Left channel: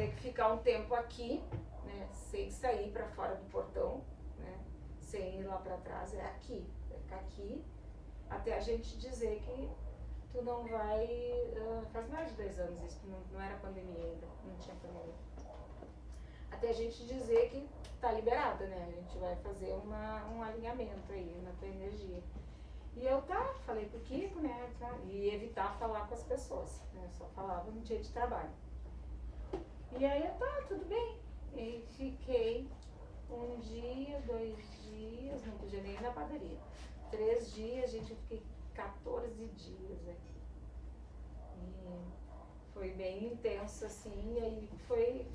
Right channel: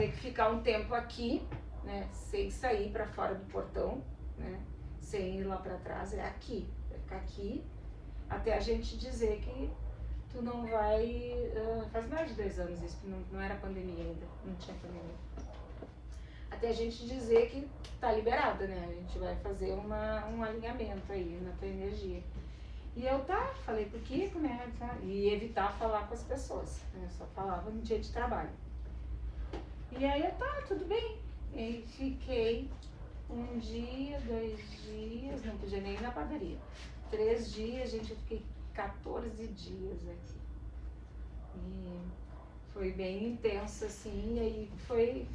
ter que ficar um tempo aqui, né, sem sair para fora do portão, né, sem ir lá para trás, é aqui, vai ficar aqui, até a gente dizer que tu não vai, faz mais de 2 anos isso, não era pandemia ainda, não tinha pandemia. Até a gente dizer que tá liberada, né, a gente vai fazer um alinhamento aí na tua energia. E eu falei pro Kiko, né, e evitar falar com as pessoas, né, só falava no dia de trabalho. E aí eu, tudo bem. E fiquei 1 dia, 2 dias, não podia nem ir na padaria. 3 dias, gente, eu fiquei 14 dias aqui. E foi bem intenso, assim, e aí foi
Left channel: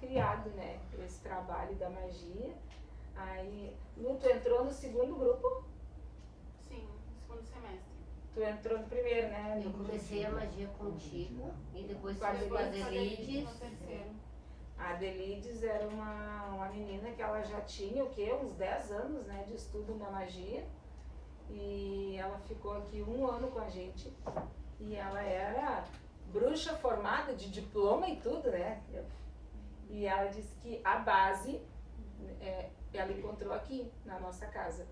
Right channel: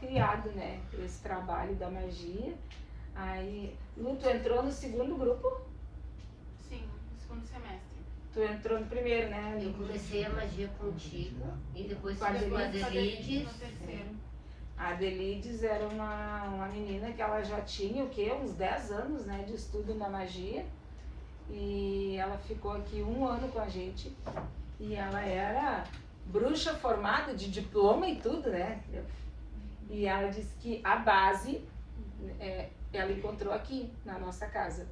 criado, né, esse trabalho da magia. Aí, Lu, tu entrou no segundo grupo? Sim, no segundo semestre. Tu entrou no primeiro, né? Eu comecei a magia contigo e depois Com a fiz com a Adelides. Adelides. A Adelides era uma menina que ela já tinha, o quê? Uns 10 anos, né, de estudo na magia. E ela ficou aqui 1 ano com a gente. E ela era bruxa formada, de diploma e tudo, né? E ela disse que a base ela encontrou aqui, na nossa casa.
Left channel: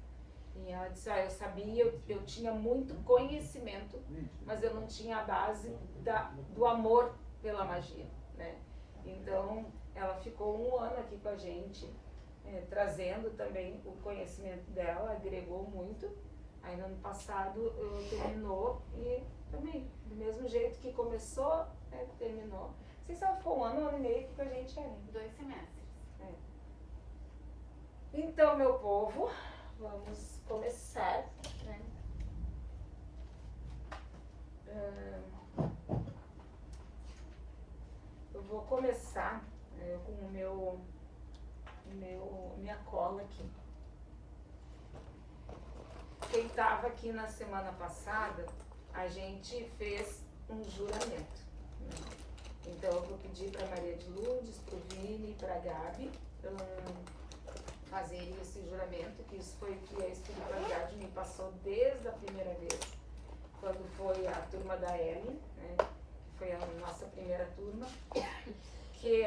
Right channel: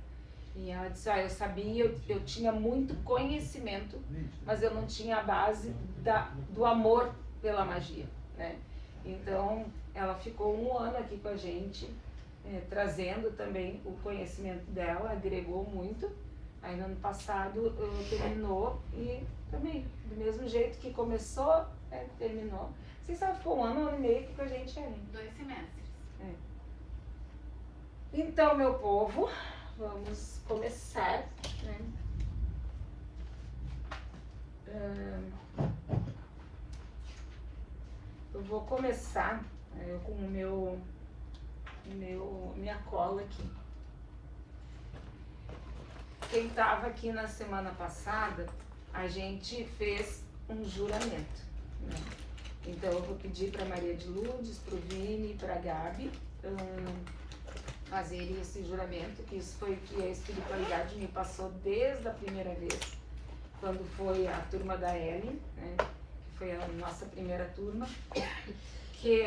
E ela disse, eu sabia, eu tinha muito conhecimento, mas eu não tinha a base do amor pela magia, né? Então, ela ficou 1 ano aqui com a gente, trazendo também o conhecimento dela, agregou muito. Aí no ano passado terminou e também, do mesmo jeito que começou, terminou. Vocês sabem, ficou 1 ano e meio aqui com a gente aí. 2 semestres. Então, meu povo, vamos começar, né? Eu vou começar com minha cola aqui. Quem estava aqui na semana passada, a gente fez um juramento, né? Então eu vou pedir para Maria de Lourdes, para o Vini e para a Gabi fazerem esse juramento, que isso foi o que a espiritualidade me passou desde a primeira vez, quando foi a turma da Ellen, né, que foi a nossa primeira turma, que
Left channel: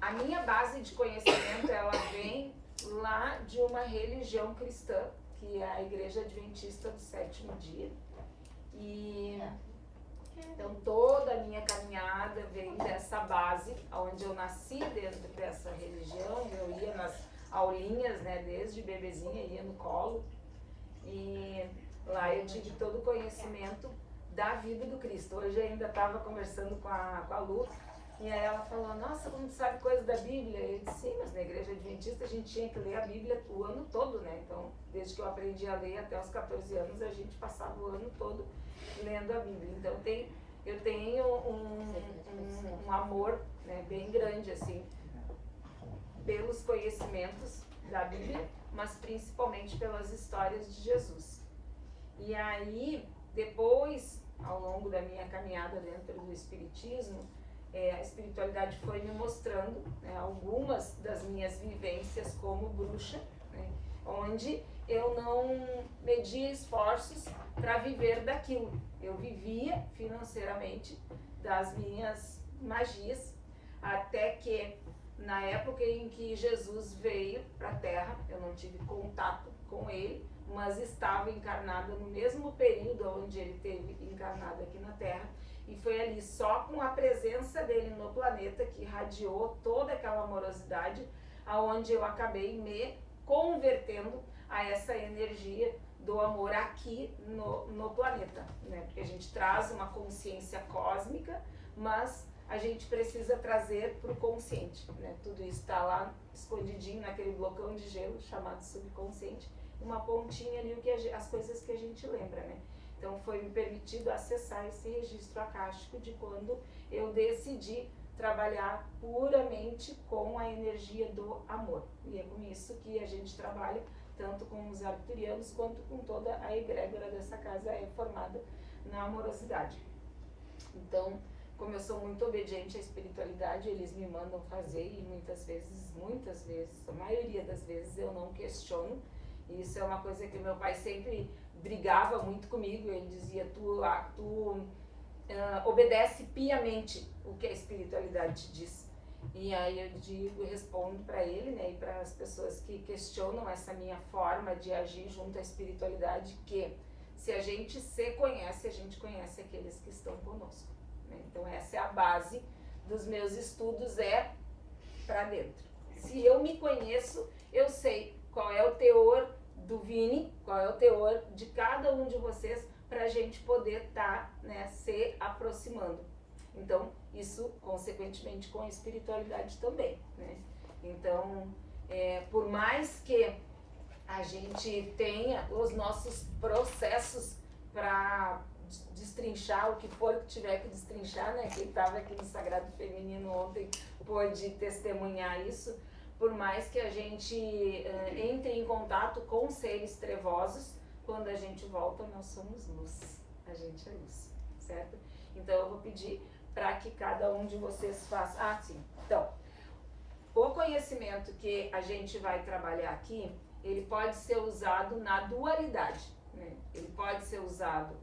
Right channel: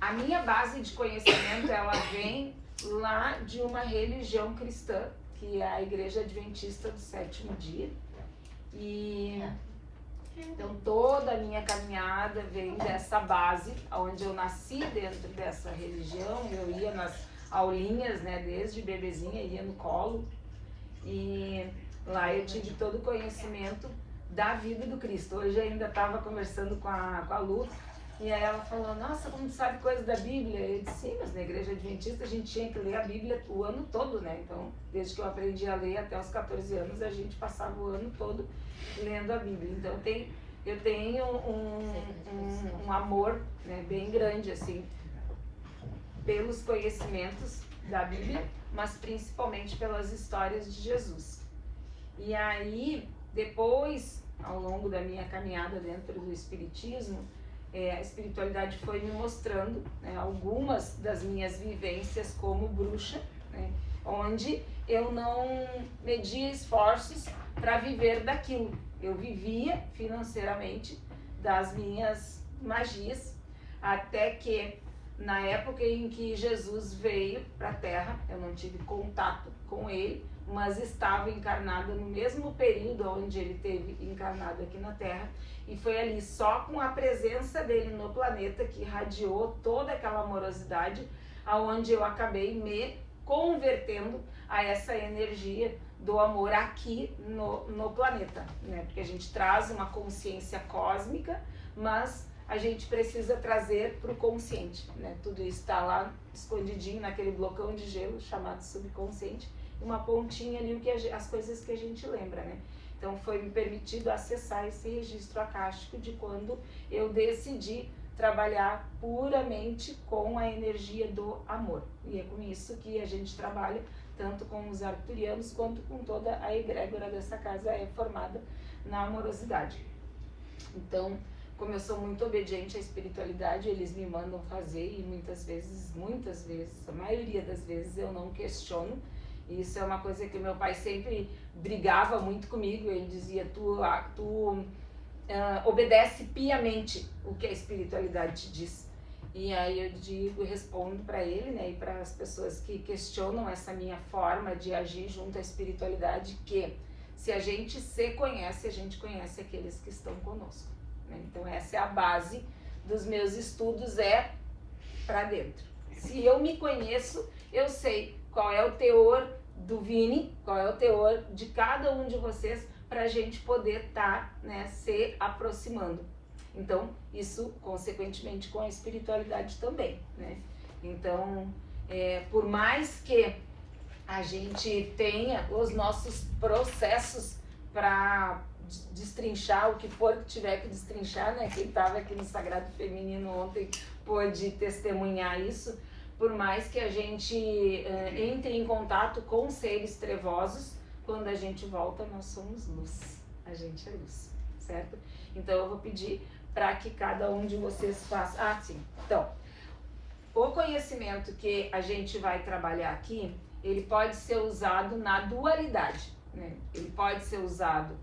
a minha base de conhecimento, ela vem lá de uma religião cristã, que é a Igreja Adventista do Sétimo Dia. E então toda a minha caminhada vem dessa base, onde eu nasci dentro dessa religião. Eu ia nas aulinhas, né, desde bebezinha, ia no colo, e lá eu tive todo o conhecimento da vida do Cristo. Hoje ainda estava conversando com a Lu, e aí ela falou, nossa, como tu sabe coisa da Bíblia? Eu disse, sim, mas na Igreja Adventista a gente tinha que ler a Bíblia o ano todo, né? Então, desde que eu aprendi a ler até os 14 anos, a gente passava o ano todo lendo a Bíblia. Então, eu tenho um amor, né, bem grande, assim, pelos conhecimentos da Bíblia, mas principalmente pelas histórias de Jesus. E aí, depois, ao longo da minha caminhada dentro do Espiritismo, a espiritualidade foi me mostrando, né, algumas das minhas vivências como bruxa, né, onde eu não media esforços para viver daquilo. Eu vivia financeiramente das minhas magias, até que na época em que Jesus veio para a Terra, eu não tive contato com ele, mas estava encarnada no mesmo período onde ele esteve encarnado aqui na Terra, e foi ali só com a presença dele no planeta que irradiou toda aquela amorosidade, aonde eu acabei me convertendo a essa energia do amor aqui no planeta, né? Porque a gente traz uma consciência cósmica, mas a gente precisa trazer para o consciente, né? Tudo isso está lá escondidinho naquele blocão de gelo chamado subconsciente, uma pontinha ali, as coisas que a gente lembra, né? Então foi me permitido acessar esse registro acástico de quando eu decidi trabalhar puramente com a energia do amor. E é com isso que a gente trabalha, tanto com os arcturianos quanto com toda a egrégora dessa casa, é formada na amorosidade. Então, como eu sou muito obediente à espiritualidade, eles me mandam fazer, e muitas vezes, a maioria das vezes eu não questiono. E isso é uma coisa que meu pai sempre brigava muito comigo. Ele dizia, tu obedece piamente o que a espiritualidade te diz. E aí eu respondo para ele, né, e para as pessoas que questionam essa minha forma de agir junto à espiritualidade, que se a gente se conhece, a gente conhece aqueles que estão conosco, né? Então essa é a base dos meus estudos, é para dentro. Se eu me conheço, eu sei qual é o teor do Vini, qual é o teor de cada um de vocês, para a gente poder estar, né, se aproximando. Então, isso, consequentemente, com a espiritualidade também, né? Então, por mais que a gente tenha os nossos processos para destrinchar o que for que tiver que destrinchar, né? Quem estava aqui no Sagrado Feminino ontem pôde testemunhar isso. Por mais que a gente entre em contato com seres trevosos, quando a gente volta, nós somos luz. A gente é luz, certo? Então, eu vou pedir para que cada um de vocês faça... Ah, sim. Então, o conhecimento que a gente vai trabalhar aqui, ele pode ser usado na dualidade, né? Ele pode ser usado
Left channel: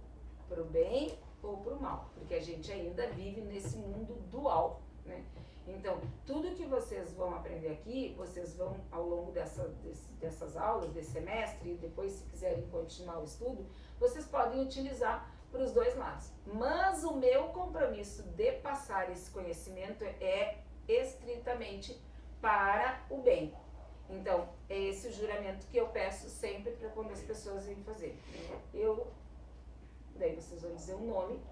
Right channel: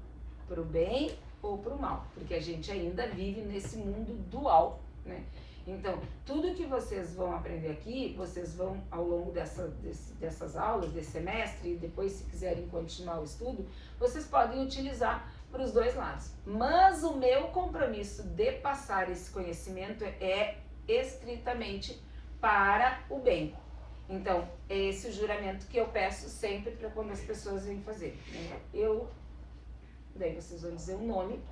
para o bem ou para o mal, porque a gente ainda vive nesse mundo dual, né? Então, tudo que vocês vão aprender aqui, vocês vão, ao longo dessas aulas, desse semestre, e depois, se quiserem continuar o estudo, vocês podem utilizar para os dois lados. Mas o meu compromisso de passar esse conhecimento é estritamente para o bem. Então, é esse o juramento que eu peço sempre para quando as pessoas vêm fazer. Daí vocês vão dizer o nome.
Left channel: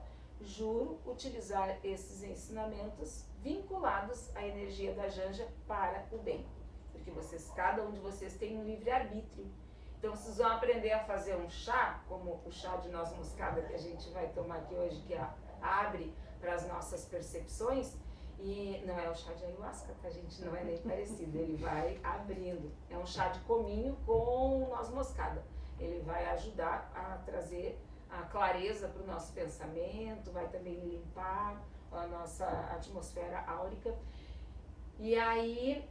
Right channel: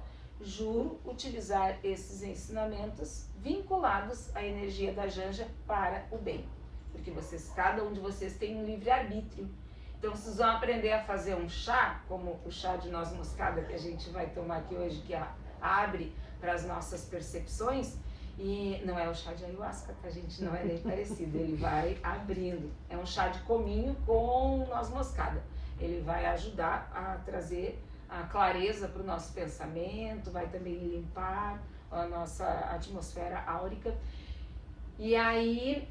Juro utilizar esses ensinamentos vinculados à energia da Janja para o bem. Porque cada um de vocês tem um livre-arbítrio. Então, vocês vão aprender a fazer um chá, como o chá de noz moscada que a gente vai tomar aqui hoje, que abre para as nossas percepções. E não é o chá de ayahuasca, tá, gente? Não é nem parecido. Ele vai abrindo. É um chá de cominho com noz moscada. Ele vai ajudar a trazer a clareza para o nosso pensamento, vai também limpar a nossa atmosfera áurica. E aí,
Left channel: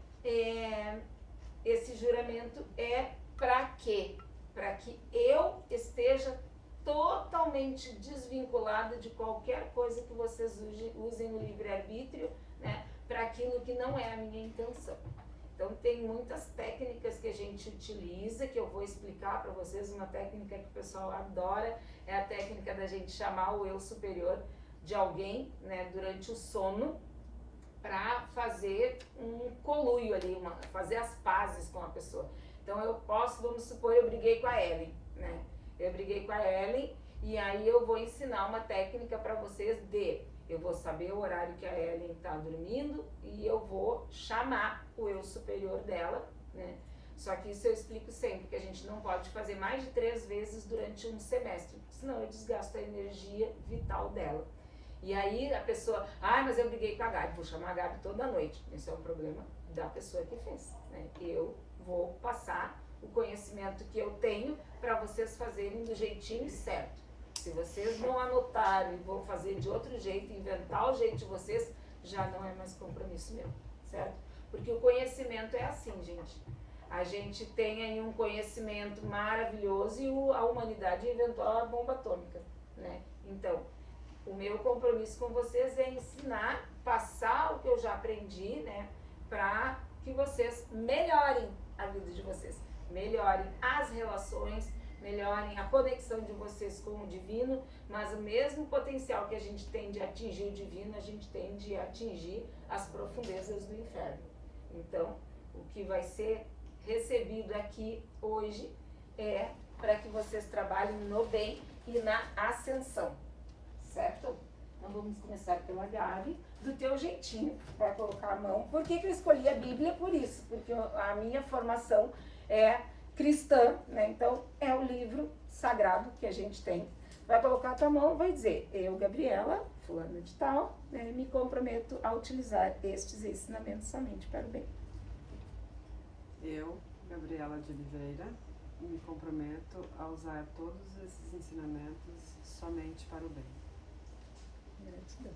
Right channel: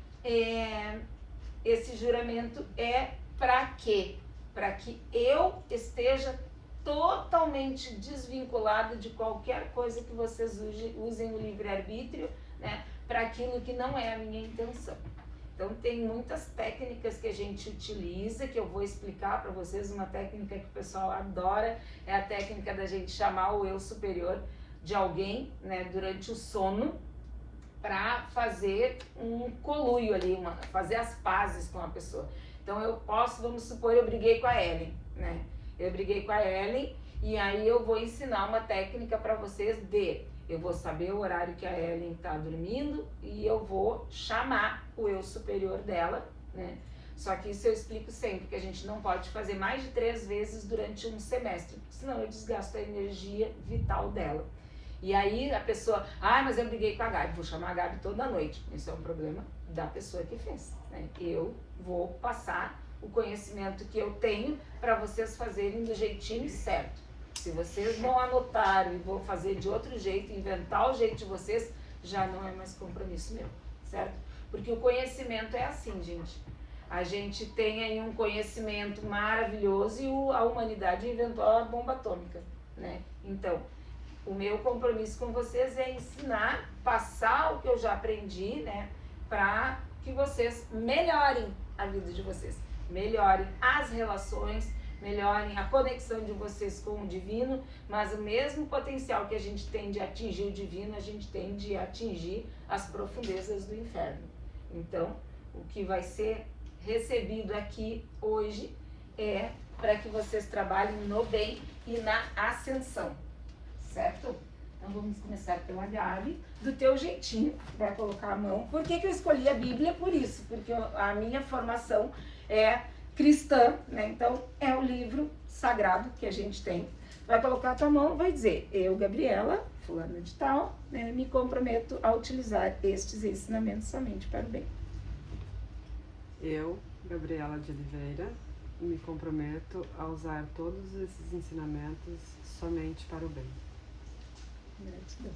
esse juramento é para quê? Para que eu esteja totalmente desvinculado de qualquer coisa que vocês usem no livre-arbítrio, né, para aquilo que não é a minha intenção. Então, tem muitas técnicas que a gente utiliza, que eu vou explicar para vocês. Uma técnica que o pessoal adora é a técnica da gente chamar o eu superior de alguém, né, durante o sono, para fazer um coluio ali, fazer as pazes com a pessoa. Então, eu posso, vamos supor, eu briguei com a Ellen, né? Eu briguei com a Ellen e aí eu vou ensinar uma técnica para vocês eu vou saber o horário que a Ellen está dormindo e eu vou chamar o eu superior dela, né? Só que isso eu explico sempre, que a gente não pode fazer mais de 3 vezes durante um semestre, senão eu desgasto a energia vital dela. E aí a pessoa, mas eu briguei com a Gabi, vou chamar a Gabi toda noite. Isso é um problema da pessoa que fez, né? Eu vou passar o conhecimento que eu tenho para vocês fazerem do jeitinho certo. Se vocês vão anotar e vão fazer de outro jeito, inventar o jeito de vocês, já não é mais compromisso meu, certo? Porque o conhecimento é assim, gente. A gente tem aí um conhecimento maravilhoso e a humanidade inventou a bomba atômica, né? Então, o meu compromisso com vocês é ensinar, passar o que eu já aprendi, né? Para que vocês melhorem a vida de vocês, melhorem as relações, melhorem a conexão de vocês com o divino, mas o mesmo potencial que a gente tem de atingir o divino, a gente tem de atingir as profundezas do inferno. Então, o que vai ser recebido aqui hoje é para que vocês trabalhem no bem e na ascensão, certo? Então vamos começar pela Gabi, do teu jeitinho, vai colocar a mão. Por que eu escolhi a Bíblia? Por isso, porque a minha formação é cristã, né? Então é o livro sagrado que a gente tem. Vai colocar a tua mão, vai dizer: eu, Gabriela, fulana de tal, né, me comprometo a utilizar estes ensinamentos somente para o bem. Eu, Gabriela de Oliveira, me comprometo a usar todos esses ensinamentos somente para o bem. Gratidão.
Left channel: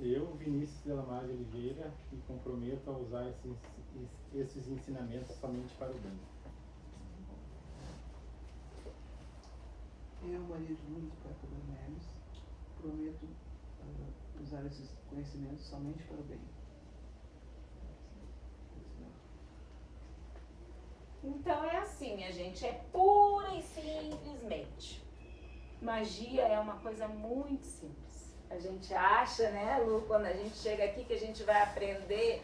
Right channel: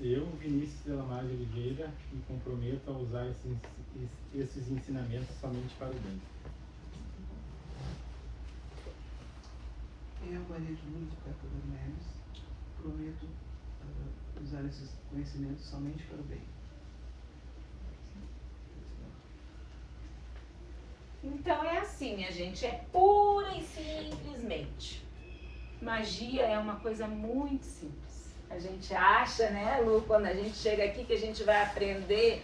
Eu, Vinícius Delamar de Oliveira, me comprometo a usar esses ensinamentos somente para o bem. Maria de Lourdes Peca Dornelles, prometo usar esses conhecimentos somente para o bem. Então é assim, minha gente, é pura e simplesmente. Magia é uma coisa muito simples. A gente acha, né, Lu, quando a gente chega aqui que a gente vai aprender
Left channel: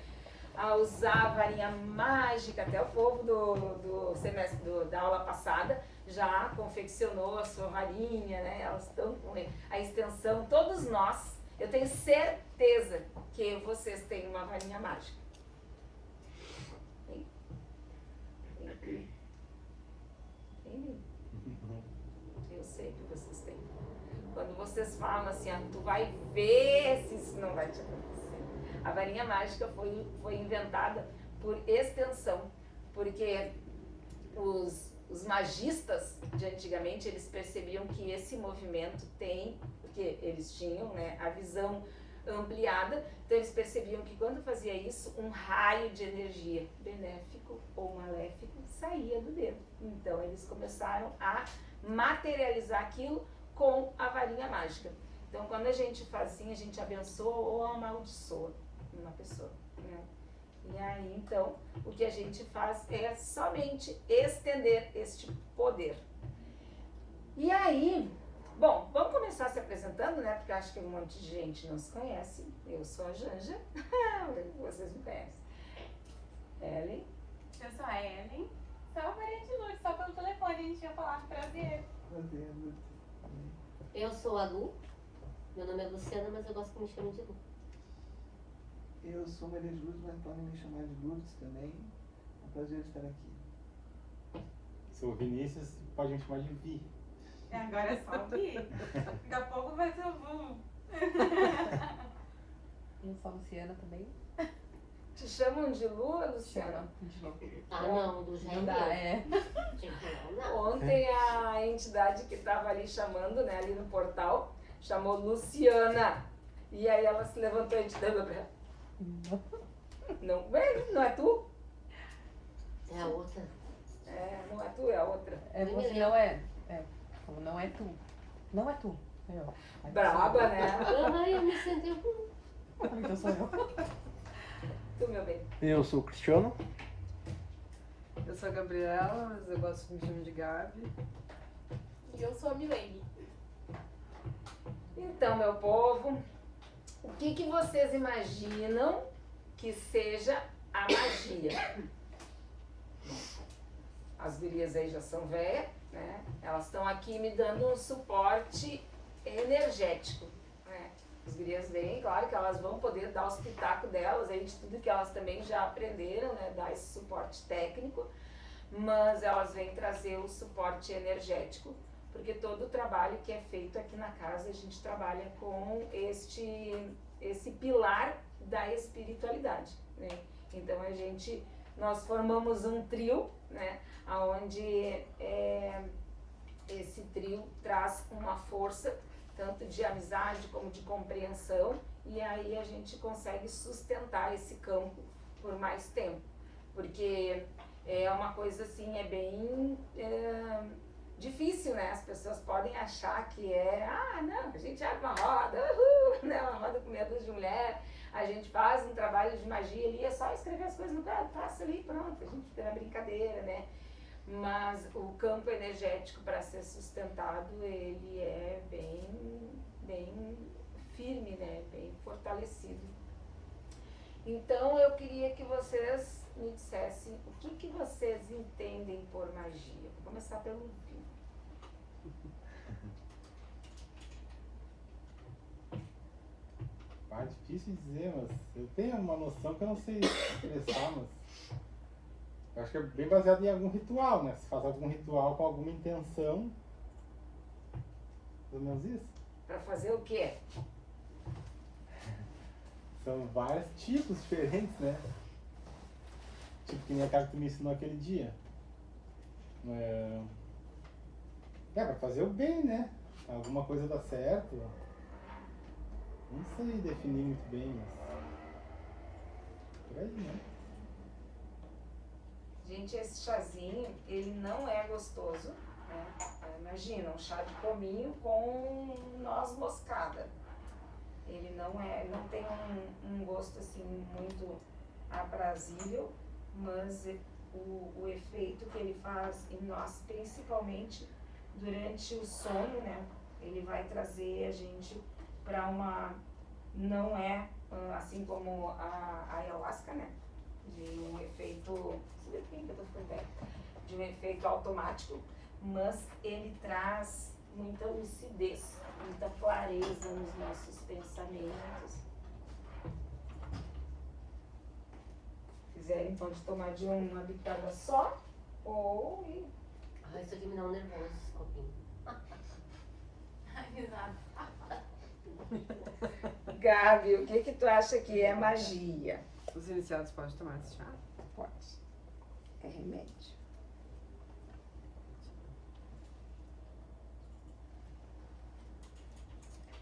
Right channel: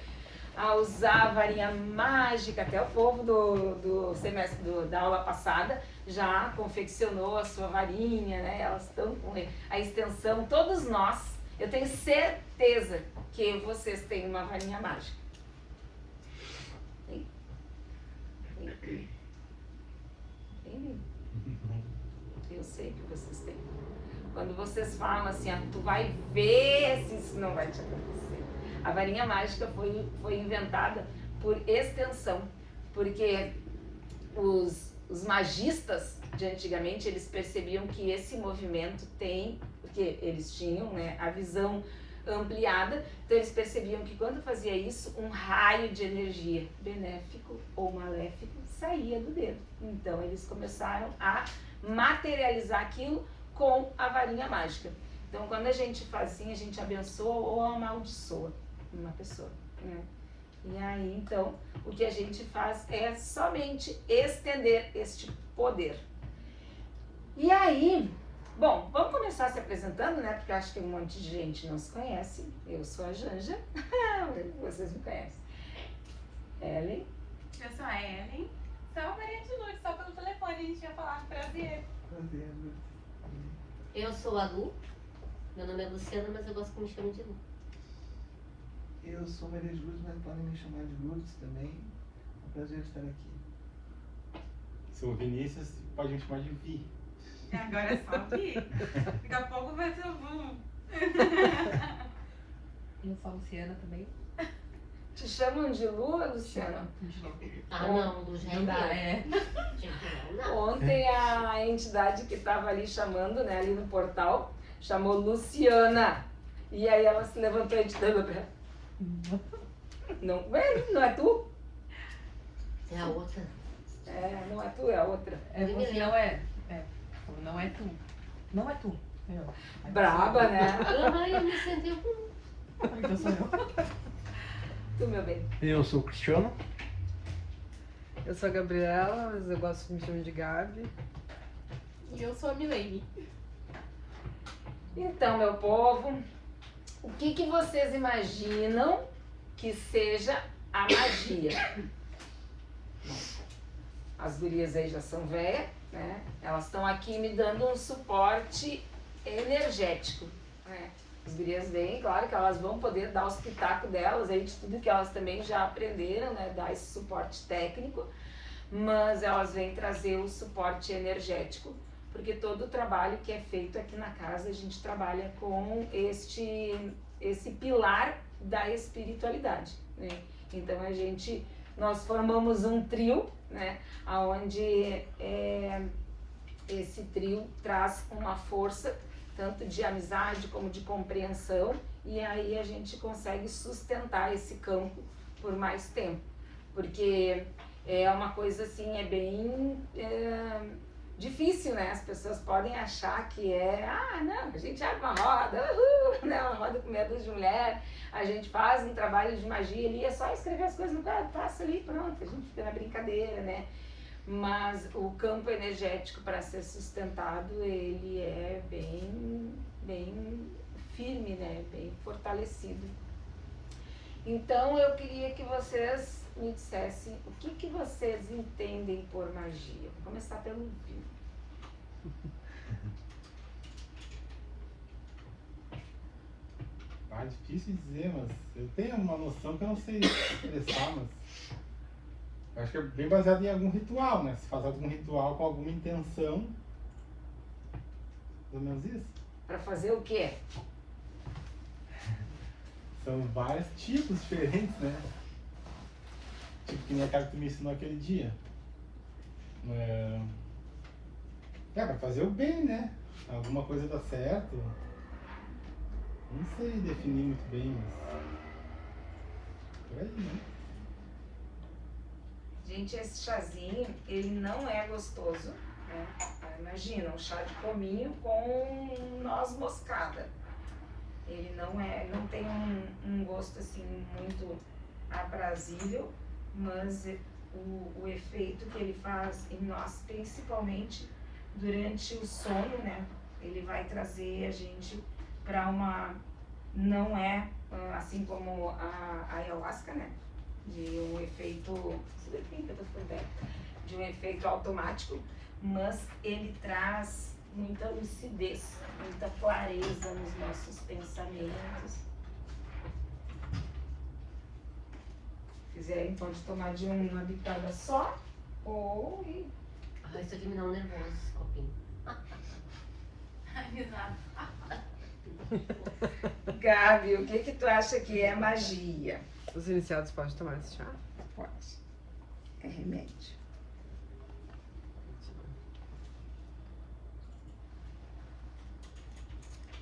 a usar a varinha mágica, até o povo do semestre da aula passada já confeccionou a sua varinha, né? Elas estão com a extensão, todos nós, eu tenho certeza que vocês têm uma varinha mágica. Eu sei que vocês têm. Quando vocês falam assim, tu vai ver se isso não vai te acontecer. A varinha mágica foi inventada por extensão, porque os magistas de antigamente, eles percebiam que esse movimento tem, porque eles tinham, né, a visão ampliada, então eles percebiam que quando fazia isso, um raio de energia, benéfico ou maléfico, saía do dedo. Então eles começaram a materializar aquilo com a varinha mágica. Então quando a gente faz assim, a gente abençoa ou amaldiçoa uma pessoa, né? E aí, então, o que a gente faz é somente estender este poder. E aí, bom, vamos começar se apresentando, né? Porque eu acho que um monte de gente não se conhece. Eu sou a Janja, vocês me conhecem. Ellen. Eu sou a Ellen. Sou a Maria de Lourdes, só pelo telefone a gente ia falar. Prazer. Prazer, Lourdes. Eu sou a Lu. Meu nome é Luciana, mas eu gosto que me chamem de Lu. Eu sou Maria de Lourdes, mas podem me chamar de Lourdes também. É um prazer estar aqui. Sou Vinícius, pode me chamar de Vi. Agora é só Vi. Daqui a pouco vai ser o boom. Eu sou a Luciana também. Te chamam de Lu, Luciana? Ah, não, do Não dá, jeito. é. Ontem a entidade que estava ali chamando, né, ali no portal, chamou Luciana. E aí ela se levantou e te deu pra ela. Não, não é tu? É a outra. É, não é tu, é a outra. É você, não é. Não é tu. Não é tu. É eu. Braba, né? Ai, eu me senti Então sou eu. Tu, meu bem. Eu sou o Cristiano. Eu sou a Gabriela, mas eu gosto de me chamar de Gabi. E eu sou a Milene. Então, meu povo, o que vocês imaginam que seja a magia? As gurias aí já são velhas, né? Elas estão aqui me dando um suporte energético, né? As gurias vêm, claro que elas vão poder dar os pitacos delas aí de tudo que elas também já aprenderam, né? Dar esse suporte técnico, mas elas vêm trazer o suporte energético, porque todo o trabalho que é feito aqui na casa, a gente trabalha com esse pilar da espiritualidade, né? Então nós formamos um trio, né? Onde esse trio traz uma força, tanto de amizade como de compreensão, e aí a gente consegue sustentar esse campo por mais tempo, porque é uma coisa assim, é bem difícil, né? As pessoas podem achar que não, a gente abre uma roda, né? Uma roda com meia dúzia de mulher, a gente faz um trabalho de magia ali, é só escrever as coisas no quadro, passa ali, pronto, a gente fica na brincadeira, né? Mas o campo energético, para ser sustentado, ele é bem firme, né? Bem fortalecido. Então eu queria que vocês me dissessem o que vocês entendem por magia. Vou começar pelo Viu. Difícil dizer, mas eu tenho uma noção que eu não sei expressar, mas eu acho que é bem baseado em algum ritual, né? Se faz algum ritual com alguma intenção, pelo menos isso. Para fazer o quê? São vários tipos diferentes, né? Tipo que nem aquela que tu me ensinou aquele dia. Pra fazer o bem, né? Alguma coisa dá certo. Não sei definir muito bem, mas por aí, né? Gente, esse chazinho, ele não é gostoso, né? Imagina, um chá de cominho com noz moscada. Ele não tem um gosto assim muito aprazível, mas o efeito que ele faz em nós, principalmente durante o sono, né? Ele vai trazer a gente para não é assim como a ayahuasca, né? De um efeito automático, mas ele traz muita lucidez, muita clareza nos nossos pensamentos. Se quiserem, pode tomar de uma bitada só ou Ah, isso aqui me dá um nervoso, esse copinho. Ai, exato. Gabi, o que tu acha que é magia? Os iniciados podem tomar esse chá? Pode. É remédio.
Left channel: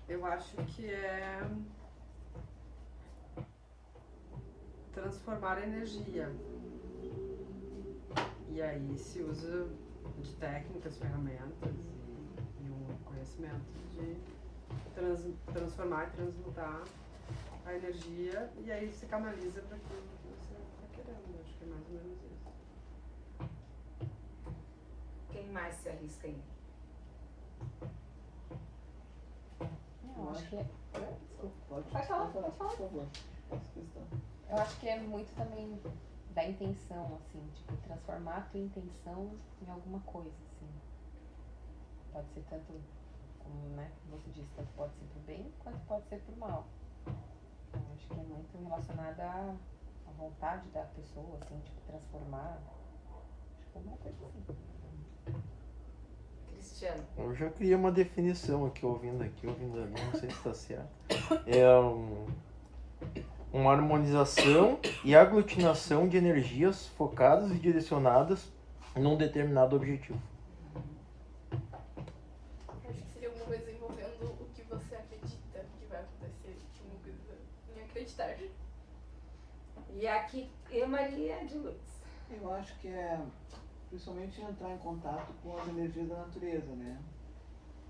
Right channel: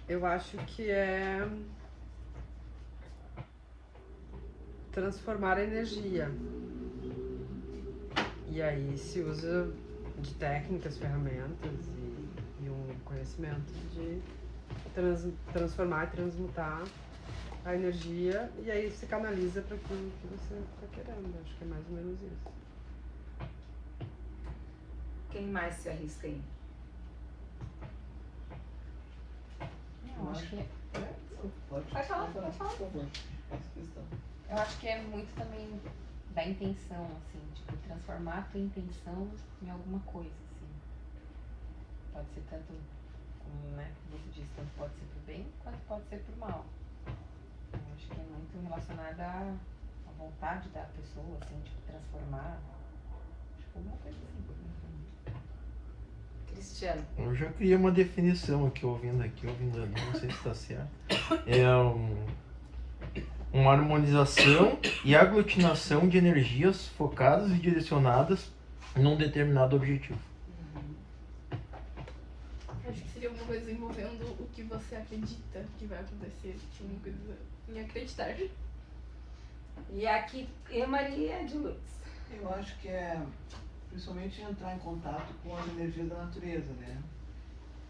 Eu acho que é transformar a energia. E aí se usa de técnicas, ferramentas e um conhecimento de transformar e transmutar a energia, e aí você canaliza para aquilo que você está querendo. Acho que é mais ou menos isso. Quem mais se arrisca aí? Eu acho que Pode Pode falar, por pode falar. favor. Essa questão. Eu acho que é muito também da intenção, assim, tipo, transformar a tua intenção em alguma coisa, assim. Pode ser tanto, como, né, como você disse, tanto pode ser pro bem, quanto pode ser pro mal. Eu acho que é muito relacionada à vontade da pessoa, assim, tipo, transformar. Acho que alguma coisa assim. Cristiano. Eu já criei uma definição ouvindo ali, não sei se está certo. É uma harmonização e aglutinação de energias focadas e direcionadas num determinado objetivo. Acho que seria uma coisa envolvendo o que você acredita que vai acontecer. Uma coisa em acreditar. E aqui, e Maria de Lourdes. Eu acho que é principalmente entrar em contato com as energias da natureza, né?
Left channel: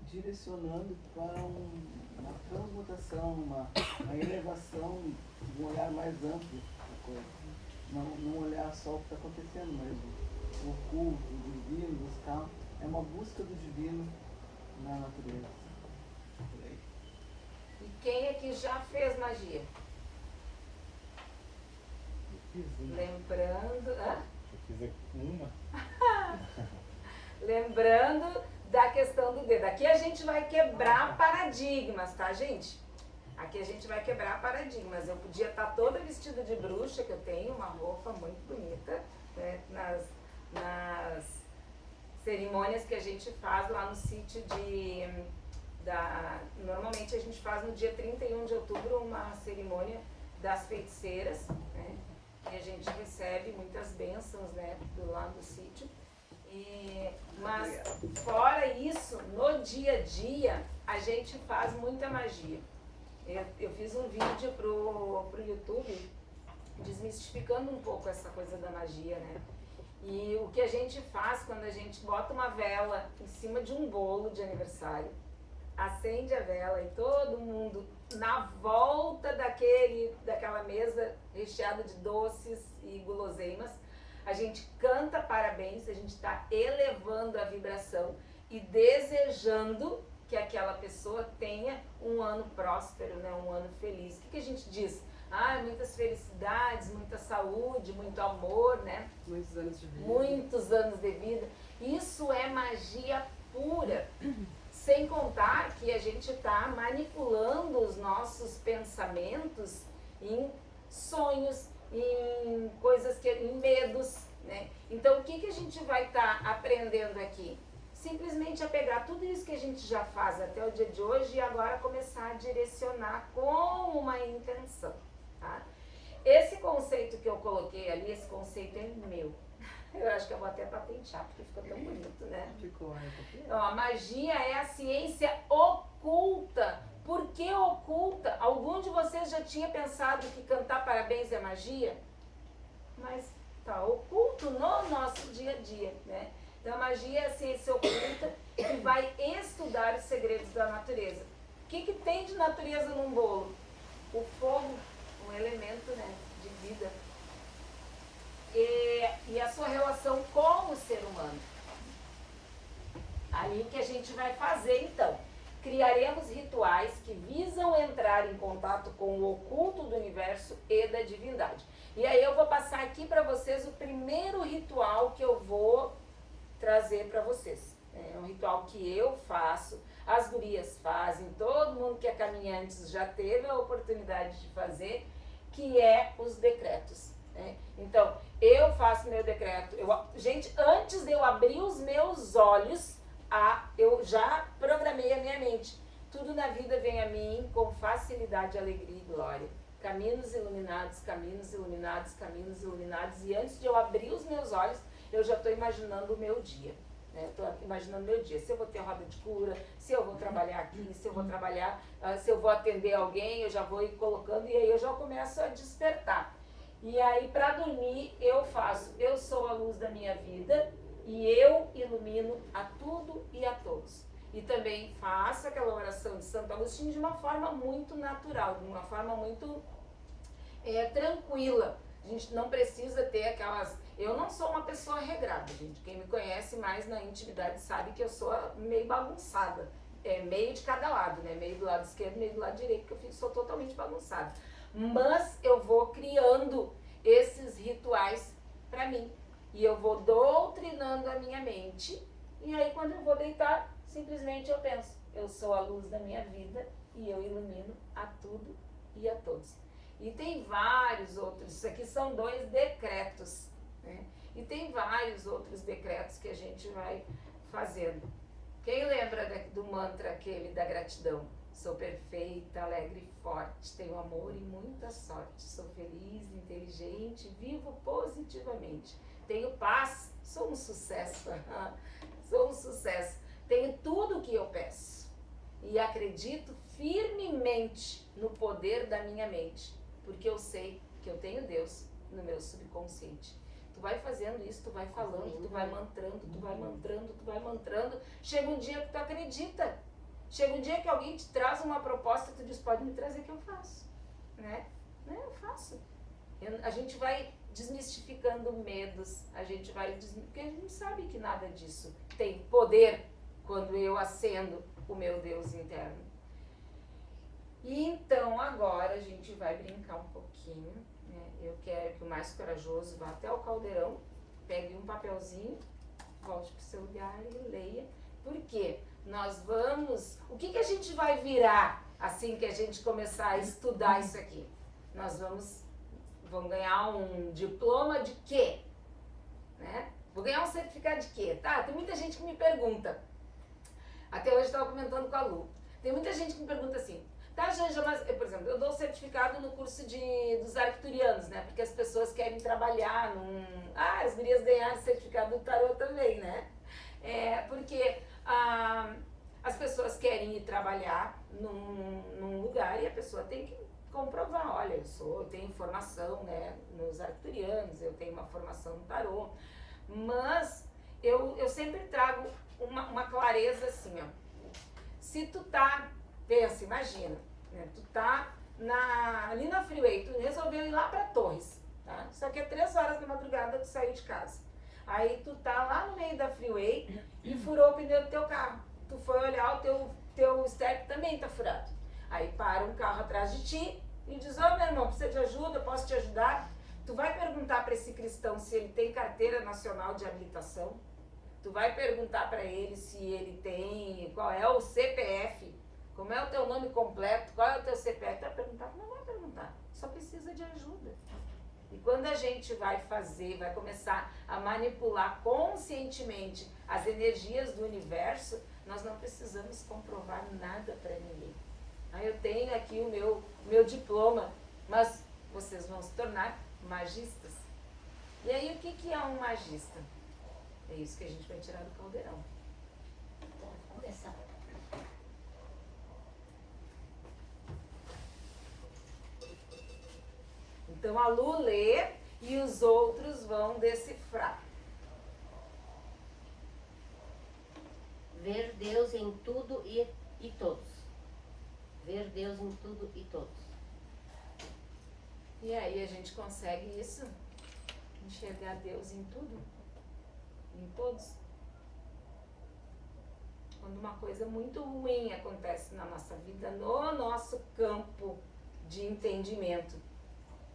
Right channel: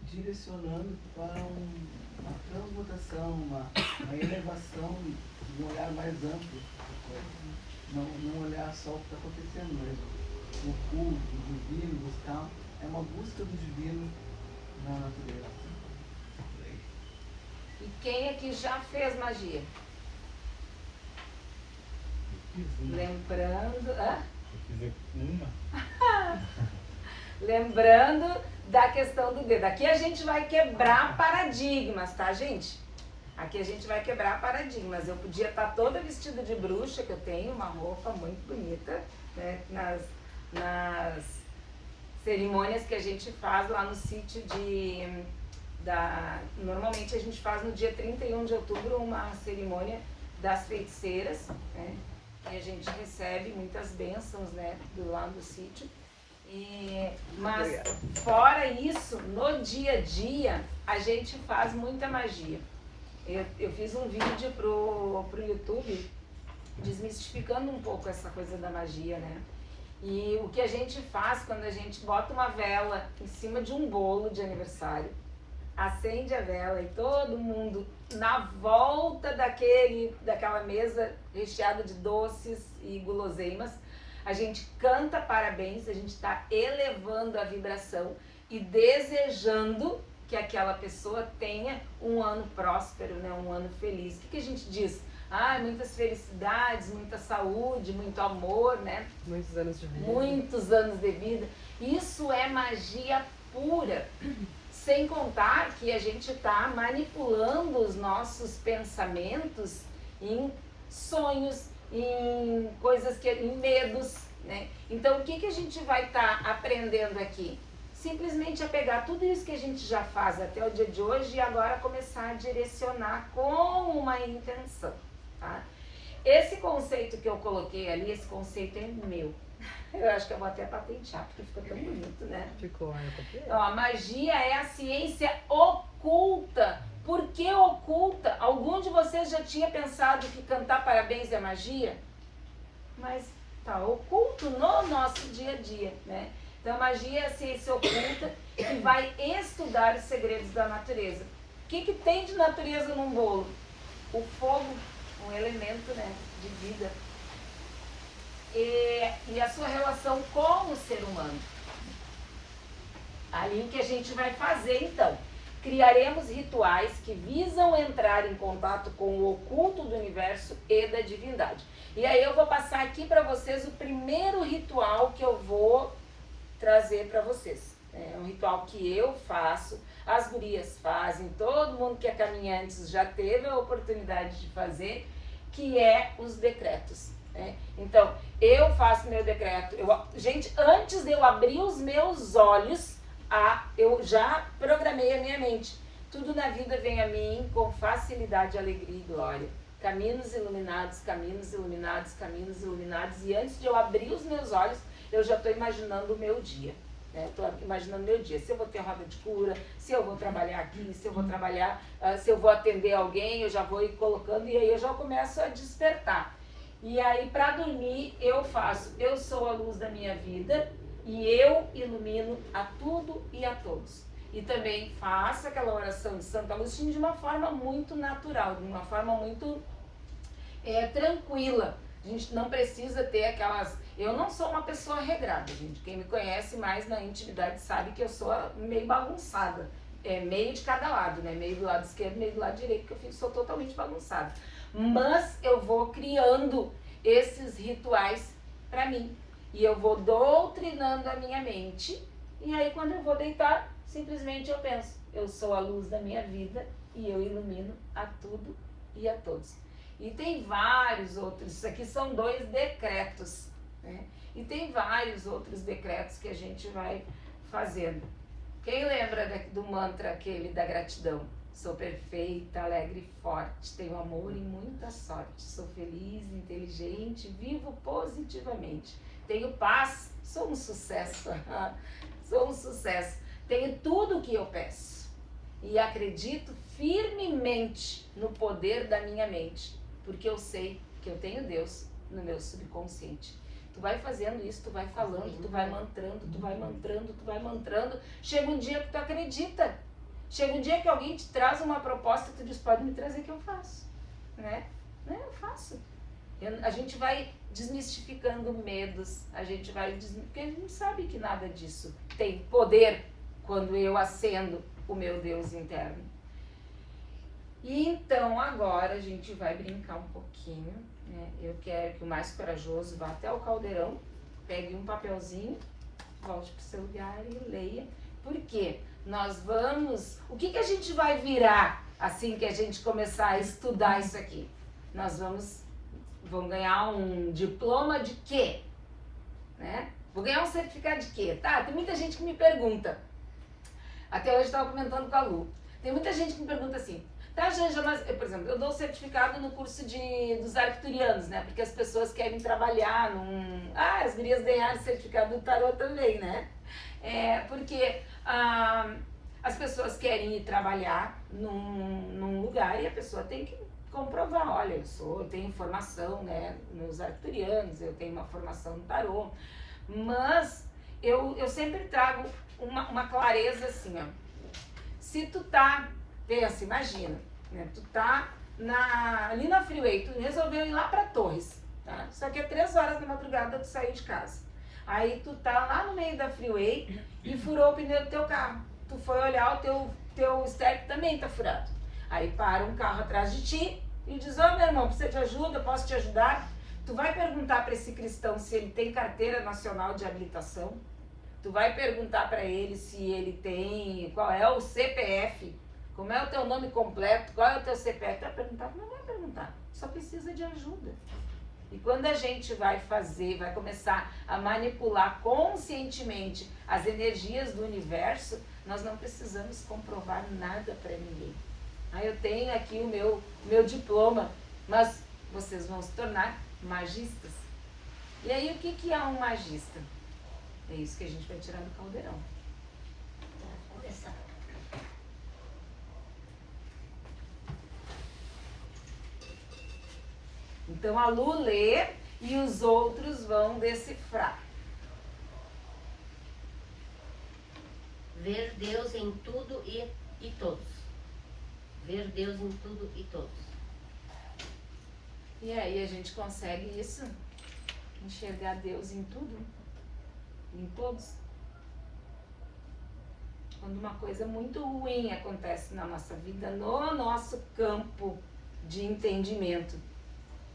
Direcionando para uma transmutação, uma elevação, um olhar mais amplo da coisa. Não olhar só o que está acontecendo, mas o oculto, o divino, buscar. É uma busca do divino na natureza. E quem é que já fez magia? Lembrando. Eu fiz uma. Lembrando da questão do dedo. Aqui a gente vai quebrar paradigmas, tá, gente? Aqui a gente vai quebrar paradigmas. Eu podia estar toda vestida de bruxa, que eu tenho uma roupa muito bonita, né, nas cerimônias que a gente faz lá no sítio normalmente a gente faz no dia 31 de outubro uma cerimônia das feiticeiras, né? E a gente recebe muitas bênçãos, né, lá do sítio. Mas fora isso, no dia a dia, a gente faz muita magia. Eu fiz um vídeo pro YouTube desmistificando um pouco essa coisa da magia, né? E o que a gente faz quando a gente bota uma vela em cima de um bolo de aniversário, acende a vela e todo mundo na volta daquela mesa recheada de doces e guloseimas, a gente canta parabéns, a gente está elevando a vibração e desejando que aquela pessoa tenha um ano próspero, né? Um ano feliz. O que a gente diz? Muitas felicidades, muita saúde, muito amor, né? Muitos anos de vida. Muitos anos de vida. Isso é magia pura. Sem contar que a gente está manipulando os nossos pensamentos em sonhos, em coisas em medos, né? Então o que a gente vai estar aprendendo aqui? Simplesmente a pegar tudo isso que a gente já faz até o dia de hoje e agora começar a direcionar com uma intenção, tá? Esse conceito que eu coloquei ali, esse conceito é meu. Eu acho que eu vou até patentear, porque ficou tão bonito, né? Ficou, Então, a magia é a ciência oculta. Por que oculta? Algum de vocês já tinha pensado que cantar parabéns é magia? Mas tá oculto no nosso dia a dia, né? Então, a magia é a ciência oculta que vai estudar os segredos da natureza. O que tem de natureza num bolo? O fogo, um elemento, né, de vida. E a sua relação com o ser humano. Aí o que a gente vai fazer então? Criaremos rituais que visam entrar em contato com o oculto do universo e da divindade. E aí eu vou passar aqui para vocês o primeiro ritual que eu vou trazer para vocês. É um ritual que eu faço, as gurias fazem, todo mundo que é caminhante já teve a oportunidade de fazer, que é os decretos. Né? Então, eu faço meu decreto. Gente, antes de eu abrir os meus olhos, eu já programei a minha mente. Tudo na vida vem a mim com facilidade, alegria e glória. Caminhos iluminados, caminhos iluminados, caminhos iluminados. E antes de eu abrir os meus olhos, eu já estou imaginando o meu dia. Estou imaginando o meu dia. Se eu vou ter roda de cura, se eu vou trabalhar aqui, se eu vou trabalhar, se eu vou atender alguém, eu já vou ir colocando e aí eu já começo a despertar. E aí, para dormir, eu faço. Eu sou a luz da minha vida e eu ilumino a tudo e a todos. E também faço aquela oração de Santo Agostinho de uma forma muito natural, de uma forma muito tranquila. A gente não precisa ter aquelas... Eu não sou uma pessoa regrada, gente. Quem me conhece mais na intimidade sabe que eu sou meio bagunçada. Meio de cada lado, né? Meio do lado esquerdo, meio do lado direito, que eu sou totalmente bagunçada. Mas eu vou criando esses rituais para mim. E eu vou doutrinando a minha mente. E aí quando eu vou deitar, simplesmente eu penso, eu sou a luz da minha vida e eu ilumino a tudo e a todos. E tem vários outros, isso aqui são 2 decretos, né? E tem vários outros decretos que a gente vai fazendo. Quem lembra do mantra aquele da gratidão? Sou perfeita, alegre e forte, tenho amor e muita sorte, sou feliz, inteligente, vivo positivamente, tenho paz, sou um sucesso, sou um sucesso, tenho tudo o que eu peço e acredito firmemente no poder da minha mente, porque eu sei que eu tenho Deus no meu subconsciente. Tu vai fazendo isso, tu vai falando, tu vai mantrando, tu vai mantrando, tu vai mantrando, chega um dia que tu acredita. Chega um dia que alguém te traz uma proposta, tu diz, pode me trazer que eu faço, né? Eu faço. A gente vai desmistificando medos, a gente vai, porque a gente sabe que nada disso tem poder quando eu acendo o meu Deus interno. E então agora a gente vai brincar um pouquinho, né? Eu quero que o mais corajoso vá até o caldeirão, pegue um papelzinho, volte para o seu lugar e leia. Por quê? Nós vamos... O que a gente vai virar assim que a gente começar a estudar isso aqui? Nós vamos ganhar um diploma de quê? Né? Vou ganhar um certificado de quê? Tá? Tem muita gente que me pergunta. Até hoje eu estava comentando com a Lu. Tem muita gente que me pergunta assim, tá, Janja, mas, por exemplo, eu dou certificado no curso dos arcturianos, né? Porque as pessoas querem trabalhar num... as gurias ganharam certificado do tarô também, né? Porque as pessoas querem ir trabalhar num lugar e a pessoa tem que comprovar, olha, eu tenho formação, né, nos arcturianos, eu tenho uma formação no tarô, mas eu sempre trago uma clareza assim, ó. Se tu tá, pensa, imagina, né, tu tá ali na freeway, tu resolveu ir lá pra Torres, tá? Isso aqui é 3 horas da madrugada tu sair de casa. Aí tu tá lá no meio da freeway e furou o pneu do teu carro. Tu foi olhar, o teu step também tá furado. Aí para um carro atrás de ti e diz, ô meu irmão, precisa de ajuda, posso te ajudar? Tu vai perguntar para esse cristão se ele tem carteira nacional de habilitação. Tu vai perguntar para ele se ele tem, qual é o CPF, como é o teu nome completo, qual é o teu CPF. Tu vai perguntar? Não vai perguntar, só precisa de ajuda. E quando a gente vai começar a manipular conscientemente as energias do universo, nós não precisamos comprovar nada para ninguém. Eu tenho aqui o meu diploma, mas vocês vão se tornar magistas. E aí o que é um magista? É isso que a gente vai tirar do caldeirão. Então a Lu lê e os outros vão decifrar. Ver ver Deus em tudo e todos. E aí a gente consegue isso? Enxergar Deus em tudo? Em todos? Quando uma coisa muito ruim acontece na nossa vida, no nosso campo de entendimento.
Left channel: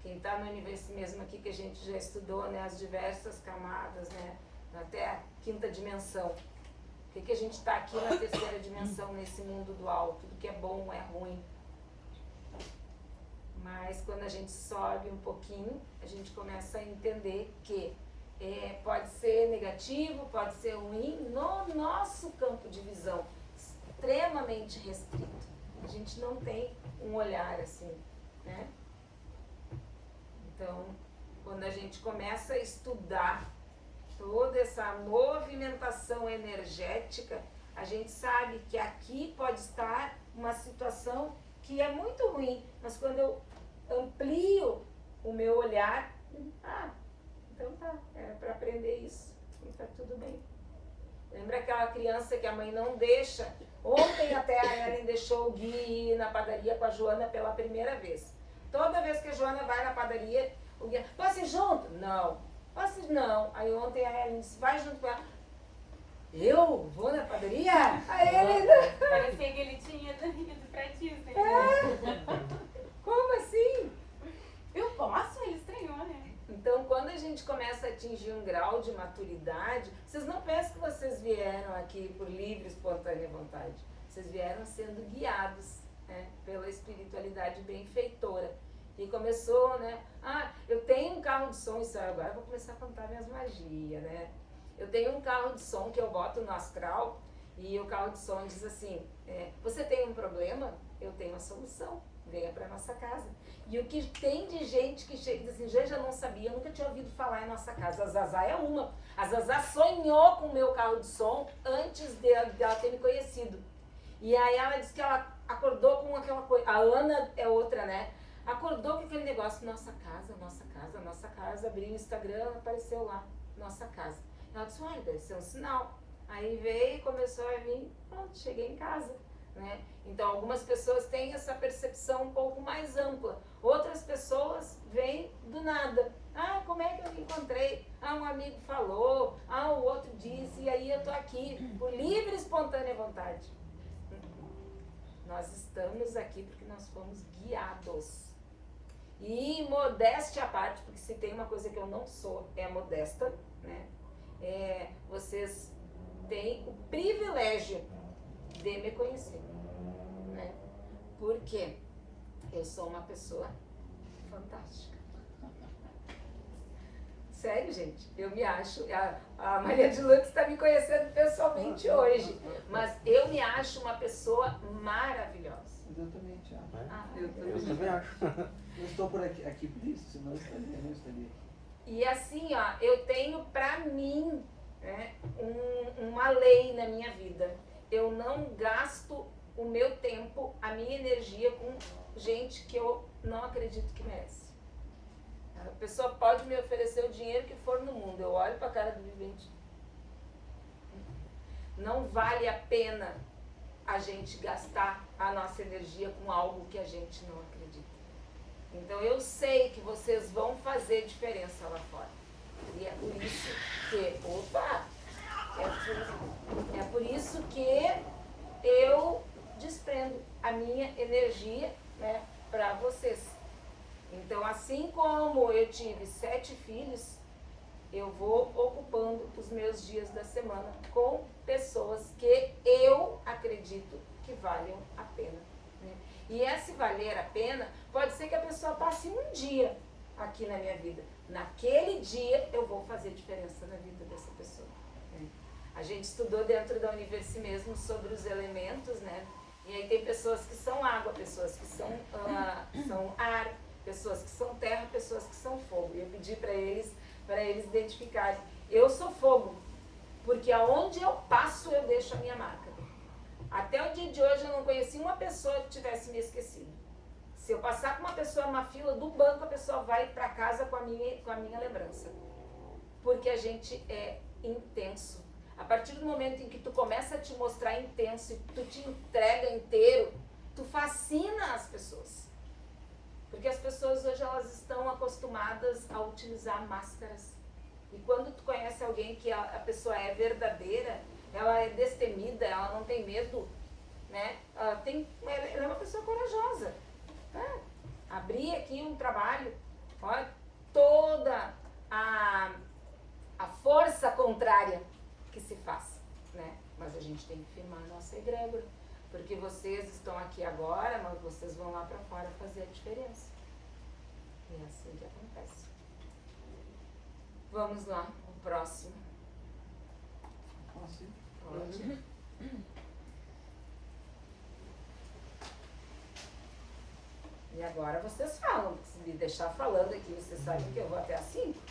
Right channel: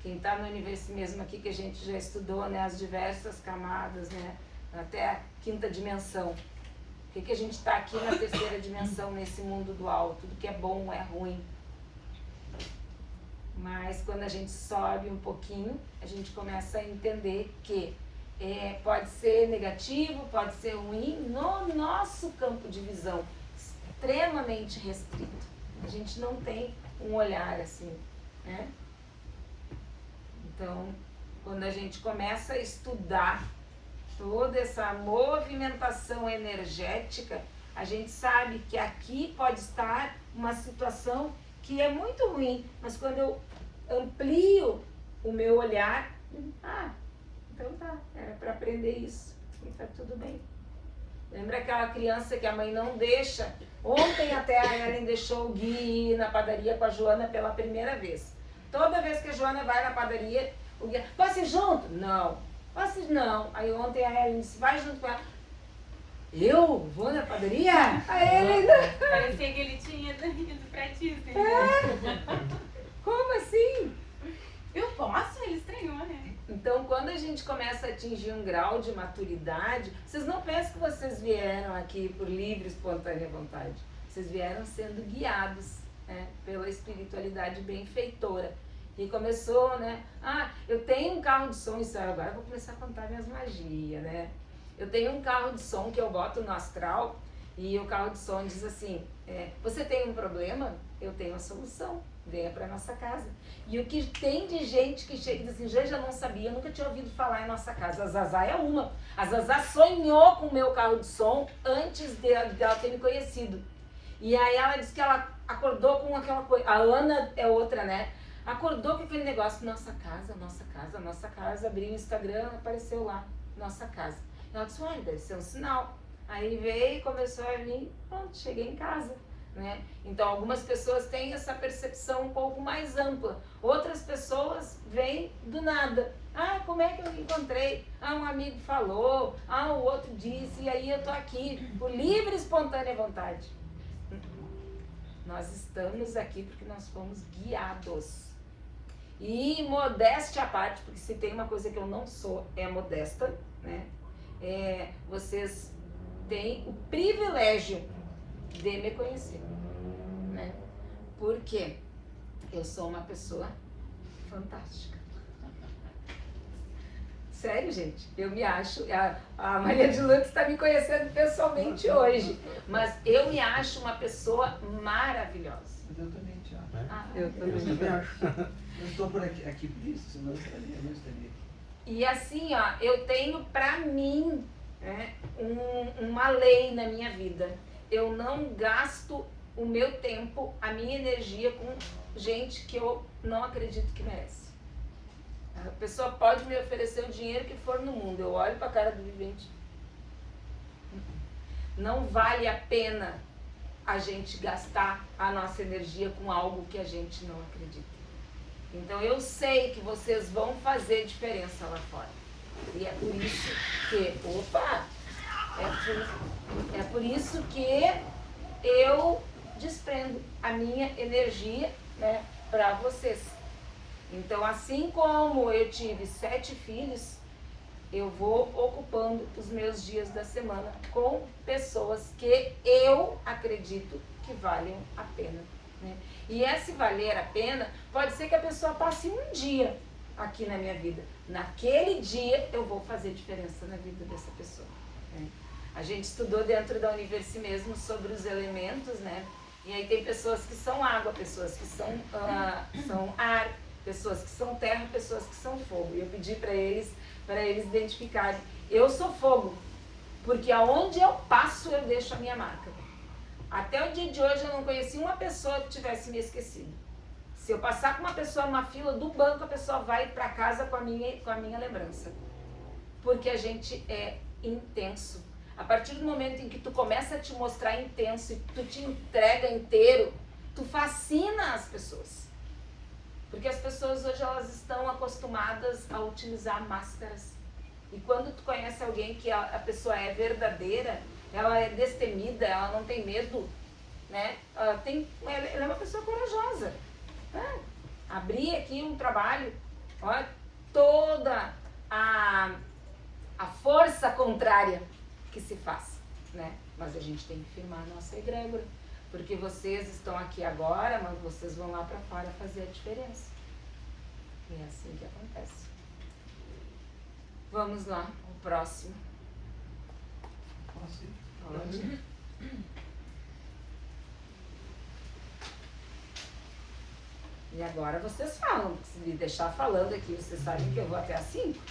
Quem está no universo mesmo aqui, que a gente já estudou, né, as diversas camadas, né, até a quinta dimensão. Por que a gente está aqui na terceira dimensão, nesse mundo dual? Tudo que é bom é ruim. Mas quando a gente sobe um pouquinho, a gente começa a entender que pode ser negativo, pode ser ruim, no nosso campo de visão, extremamente restrito. A gente não tem um olhar assim, né? Então, quando a gente começa a estudar toda essa movimentação energética, a gente sabe que aqui pode estar uma situação que é muito ruim, mas quando eu amplio o meu olhar, então tá, é para aprender isso, e tá tudo bem. Lembra aquela criança que a mãe não deixa? Ontem até a Ellen deixou o Gui ir na padaria com a Joana pela primeira vez. Toda vez que a Joana vai na padaria, o Gui, posso ir junto? Não. Posso ir? Não. Aí ontem a Ellen disse, vai junto com ela. Eu vou na padaria? A Ellen... Parecia que ele tinha ido pra ti. Como assim? Eu posso? Ele estranhou, né? Então, quando a gente começa a atingir um grau de maturidade, vocês não pensam que vocês vieram aqui por livre, espontânea vontade. Vocês vieram sendo guiados, né, pela espiritualidade benfeitora. E começou, né? Eu tenho um carro de som, isso agora eu vou começar a contar minhas magias, né? Eu tenho um carro de som que eu boto no astral e o carro de som diz assim, você tem um problema? Eu tenho a solução. Venha para nossa casa. E o que tem de gente que chega e diz assim, já não sabia, eu nunca tinha ouvido falar em nossa casa. A Zazá é uma. A Zazá sonhou com o meu carro de som antes dela ter me conhecido. E aí ela disse que ela acordou com aquela coisa. A Ana é outra, né? Acordou com aquele negócio, nossa casa, nossa casa, nossa casa. Abriu o Instagram, apareceu lá, nossa casa. Ela disse, olha, deve ser um sinal. Aí veio, começou a vir, pronto, cheguei em casa. Né? Então algumas pessoas têm essa percepção um pouco mais ampla, outras pessoas vêm do nada, como é que eu me encontrei? Um amigo falou, o outro disse, e aí eu tô aqui por livre e espontânea vontade. Nós estamos aqui porque nós fomos guiados. E modéstia à parte, porque se tem uma coisa que eu não sou, é modesta, né? Vocês têm o privilégio de me conhecer, né? Porque eu sou uma pessoa fantástica. Sério, gente, eu me acho, a Maria de Lourdes está me conhecendo pessoalmente hoje, mas eu me acho uma pessoa maravilhosa. Mas eu também te acho. Eu Eu também acho. Eu estou por aqui por isso, senão eu não estaria aqui. E assim, eu tenho pra mim, né, uma lei na minha vida. Eu não gasto o meu tempo, a minha energia com gente que eu não acredito que merece. A pessoa pode me oferecer o dinheiro que for no mundo. Eu olho pra cara do vivente. Não vale a pena a gente gastar a nossa energia com algo que a gente não acredita. Então eu sei que vocês vão fazer diferença lá fora. E é por isso que... É por isso que eu desprendo a minha energia, né, para vocês. Então, assim como eu tive 7 filhos, eu vou ocupando os meus dias da semana com pessoas que eu acredito que valham a pena, né? E esse valer a pena pode ser que a pessoa passe um dia aqui na minha vida. Naquele dia eu vou fazer diferença na vida dessa pessoa, né? A gente estudou dentro da Universo mesmo sobre os elementos, né? E aí tem pessoas que são água, pessoas que são ar, pessoas que são terra, pessoas que são fogo. E eu pedi para eles identificarem. Eu sou fogo, porque aonde eu passo eu deixo a minha marca. Até o dia de hoje eu não conheci uma pessoa que tivesse me esquecido. Se eu passar com uma pessoa numa fila do banco, a pessoa vai para casa com a minha lembrança. Porque a gente é intenso. A partir do momento em que tu começa a te mostrar intenso e tu te entrega inteiro, tu fascina as pessoas. Porque as pessoas hoje elas estão acostumadas a utilizar máscaras. E quando tu conhece alguém que a pessoa é verdadeira, ela é destemida, ela não tem medo, né? Ela é uma pessoa corajosa. Né? Abrir aqui um trabalho, olha, toda a força contrária que se faz, né? Mas a gente tem que firmar a nossa egrégora, porque vocês estão aqui agora, mas vocês vão lá para fora fazer a diferença. E é assim que acontece. Vamos lá, o próximo. Pode. E agora vocês falam, se me deixar falando aqui, vocês sabem que eu vou até às 5.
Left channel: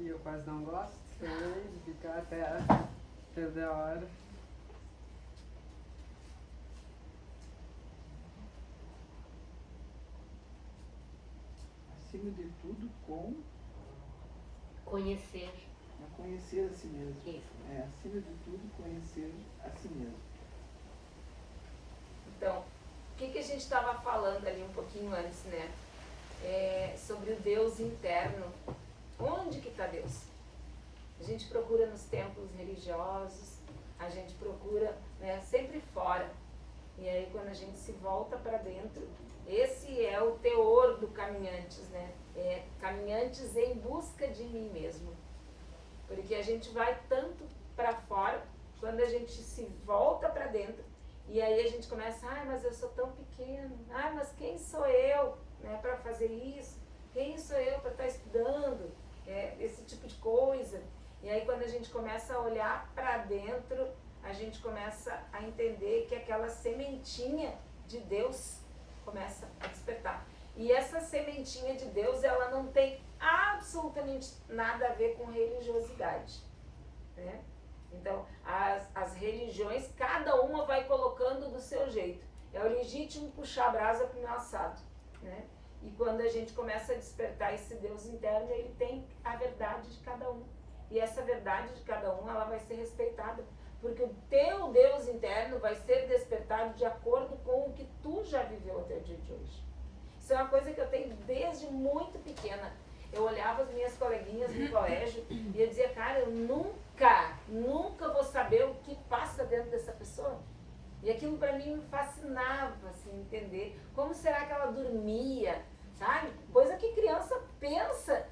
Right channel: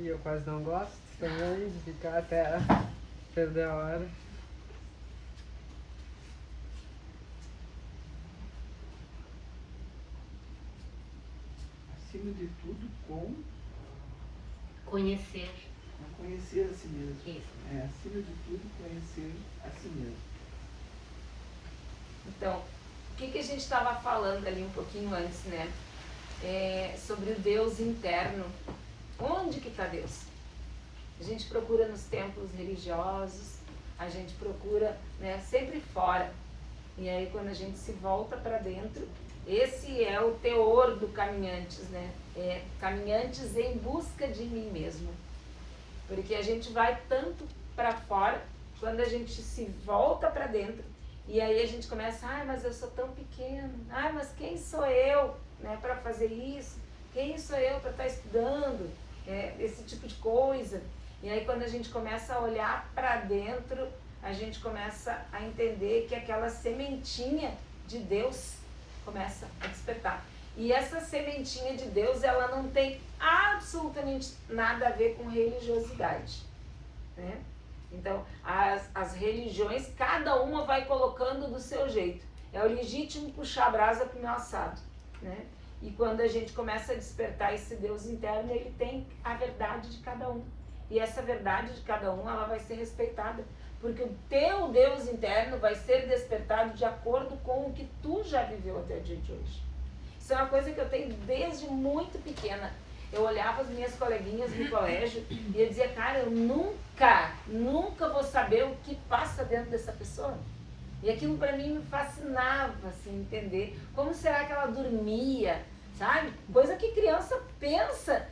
E eu quase não gosto também de ficar até perder a hora. Acima de tudo, Conhecer. conhecer a si mesmo. Isso. Acima de tudo, conhecer a si mesmo. Então, o que a gente estava falando ali um pouquinho antes, né? Sobre o Deus interno. Onde que está Deus? A gente procura nos templos religiosos, a gente procura, né, sempre fora. E aí quando a gente se volta para dentro, esse é o teor do Caminhantes, né? Caminhantes em busca de mim mesmo. Porque a gente vai tanto para fora, quando a gente se volta para dentro, e aí a gente começa, mas eu sou tão pequeno, mas quem sou eu, né, para fazer isso? Quem sou eu para estar estudando? Esse tipo de coisa. E aí quando a gente começa a olhar para dentro, a gente começa a entender que aquela sementinha de Deus começa a despertar. E essa sementinha de Deus, ela não tem absolutamente nada a ver com religiosidade, né? Então, as religiões, cada uma vai colocando do seu jeito. É o legítimo puxar a brasa para o meu assado, né? E quando a gente começa a despertar esse Deus interno, ele tem a verdade de cada um. E essa verdade de cada um, ela vai ser respeitada. Porque o teu Deus interno vai ser despertado de acordo com o que tu já viveu até o dia de hoje. Isso é uma coisa que eu tenho desde muito pequena. Eu olhava as minhas coleguinhas no colégio e eu dizia, cara, eu nunca vou saber o que passa dentro dessa pessoa. E aquilo para mim me fascinava, assim, entender como será que ela dormia, sabe? Coisa que criança pensa.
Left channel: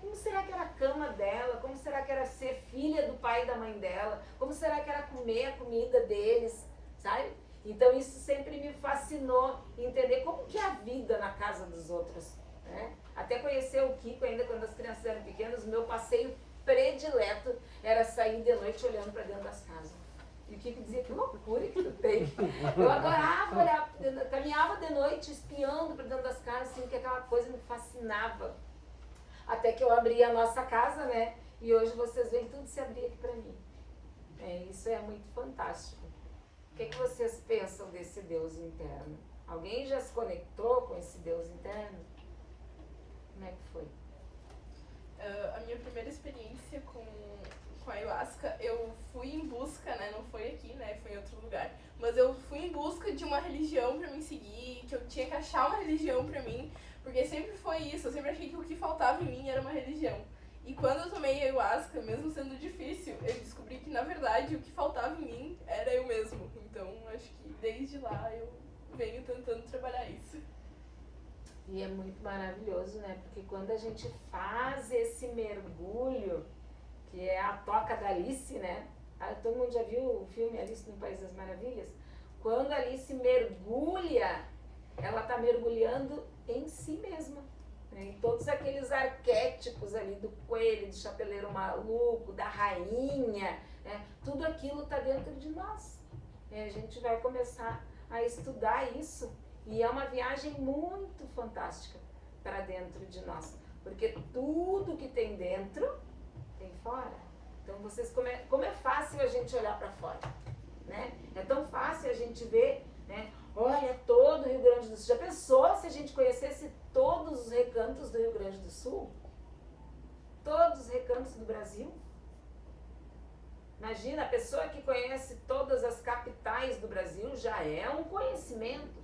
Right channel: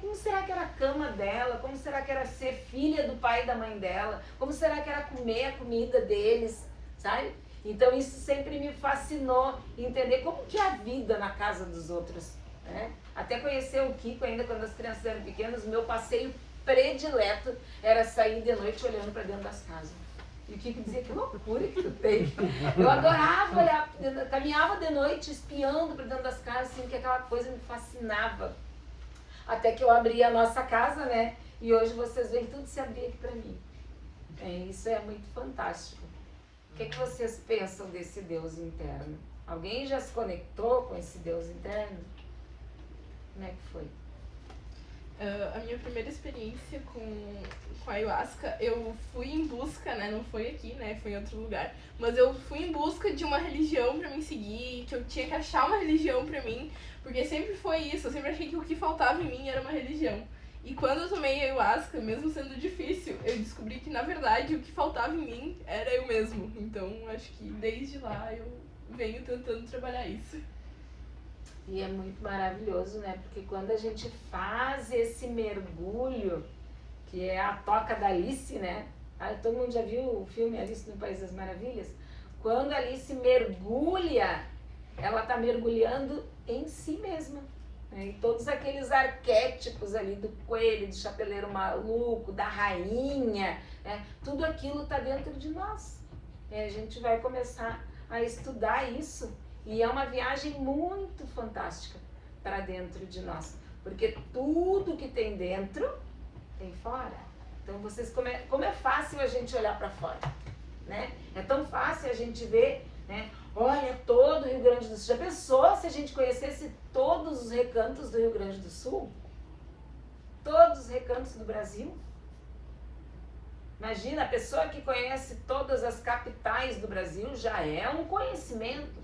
Como será que era a cama dela? Como será que era ser filha do pai e da mãe dela? Como será que era comer a comida deles, sabe? Então isso sempre me fascinou, entender como que é a vida na casa dos outros, né? Até conhecer o Kiko ainda quando as crianças eram pequenas, o meu passeio predileto era sair de noite olhando para dentro das casas. E o Kiko dizia, que loucura que tu tem. Eu adorava olhar, caminhava de noite espiando para dentro das casas, assim, que aquela coisa me fascinava. Até que eu abri a nossa casa, né? E hoje vocês veem tudo se abrir aqui para mim. Isso é muito fantástico. O que vocês pensam desse Deus interno? Alguém já se conectou com esse Deus interno? Como é que foi? A minha primeira experiência com a ayahuasca, eu fui em busca, né? Não foi aqui, né? Foi em outro lugar. Mas eu fui em busca de uma religião pra me seguir, que eu tinha que achar uma religião pra mim. Porque sempre foi isso, eu sempre achei que o que faltava em mim era uma religião. E quando eu tomei ayahuasca, mesmo sendo difícil, eu descobri que na verdade o que faltava em mim era eu mesmo. Então acho que desde lá eu venho tentando trabalhar isso. E é muito maravilhoso, né? Porque quando a gente faz esse mergulho, que é a toca da Alice, né? Todo mundo já viu o filme Alice no País das Maravilhas? Quando a Alice mergulha, ela está mergulhando em si mesma, né? E todos aqueles arquétipos ali do coelho, do chapeleiro maluco, da rainha, né? Tudo aquilo está dentro de nós. A gente vai começar a estudar isso e é uma viagem muito fantástica para dentro de nós, porque tudo que tem dentro tem fora. Então vocês como é fácil a gente olhar para fora, né? É tão fácil a gente ver, né? Olha, todo o Rio Grande do Sul. Já pensou se a gente conhecesse todos os recantos do Rio Grande do Sul? Todos os recantos do Brasil? Imagina, a pessoa que conhece todas as capitais do Brasil já é um conhecimento.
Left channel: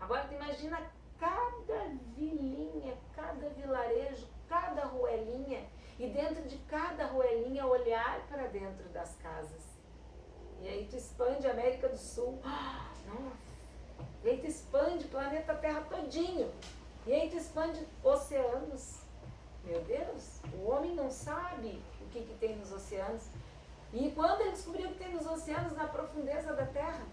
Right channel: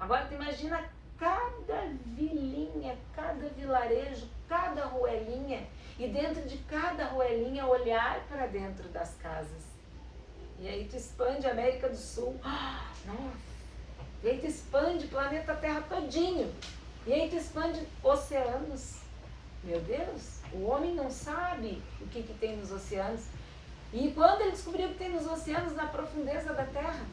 Agora, tu imagina cada vilinha, cada vilarejo, cada ruelinha, e dentro de cada ruelinha olhar para dentro das casas. E aí tu expande a América do Sul. Nossa! E aí tu expande o planeta Terra todinho. E aí tu expande oceanos. Meu Deus, o homem não sabe o que tem nos oceanos. E quando ele descobriu o que tem nos oceanos, na profundeza da Terra,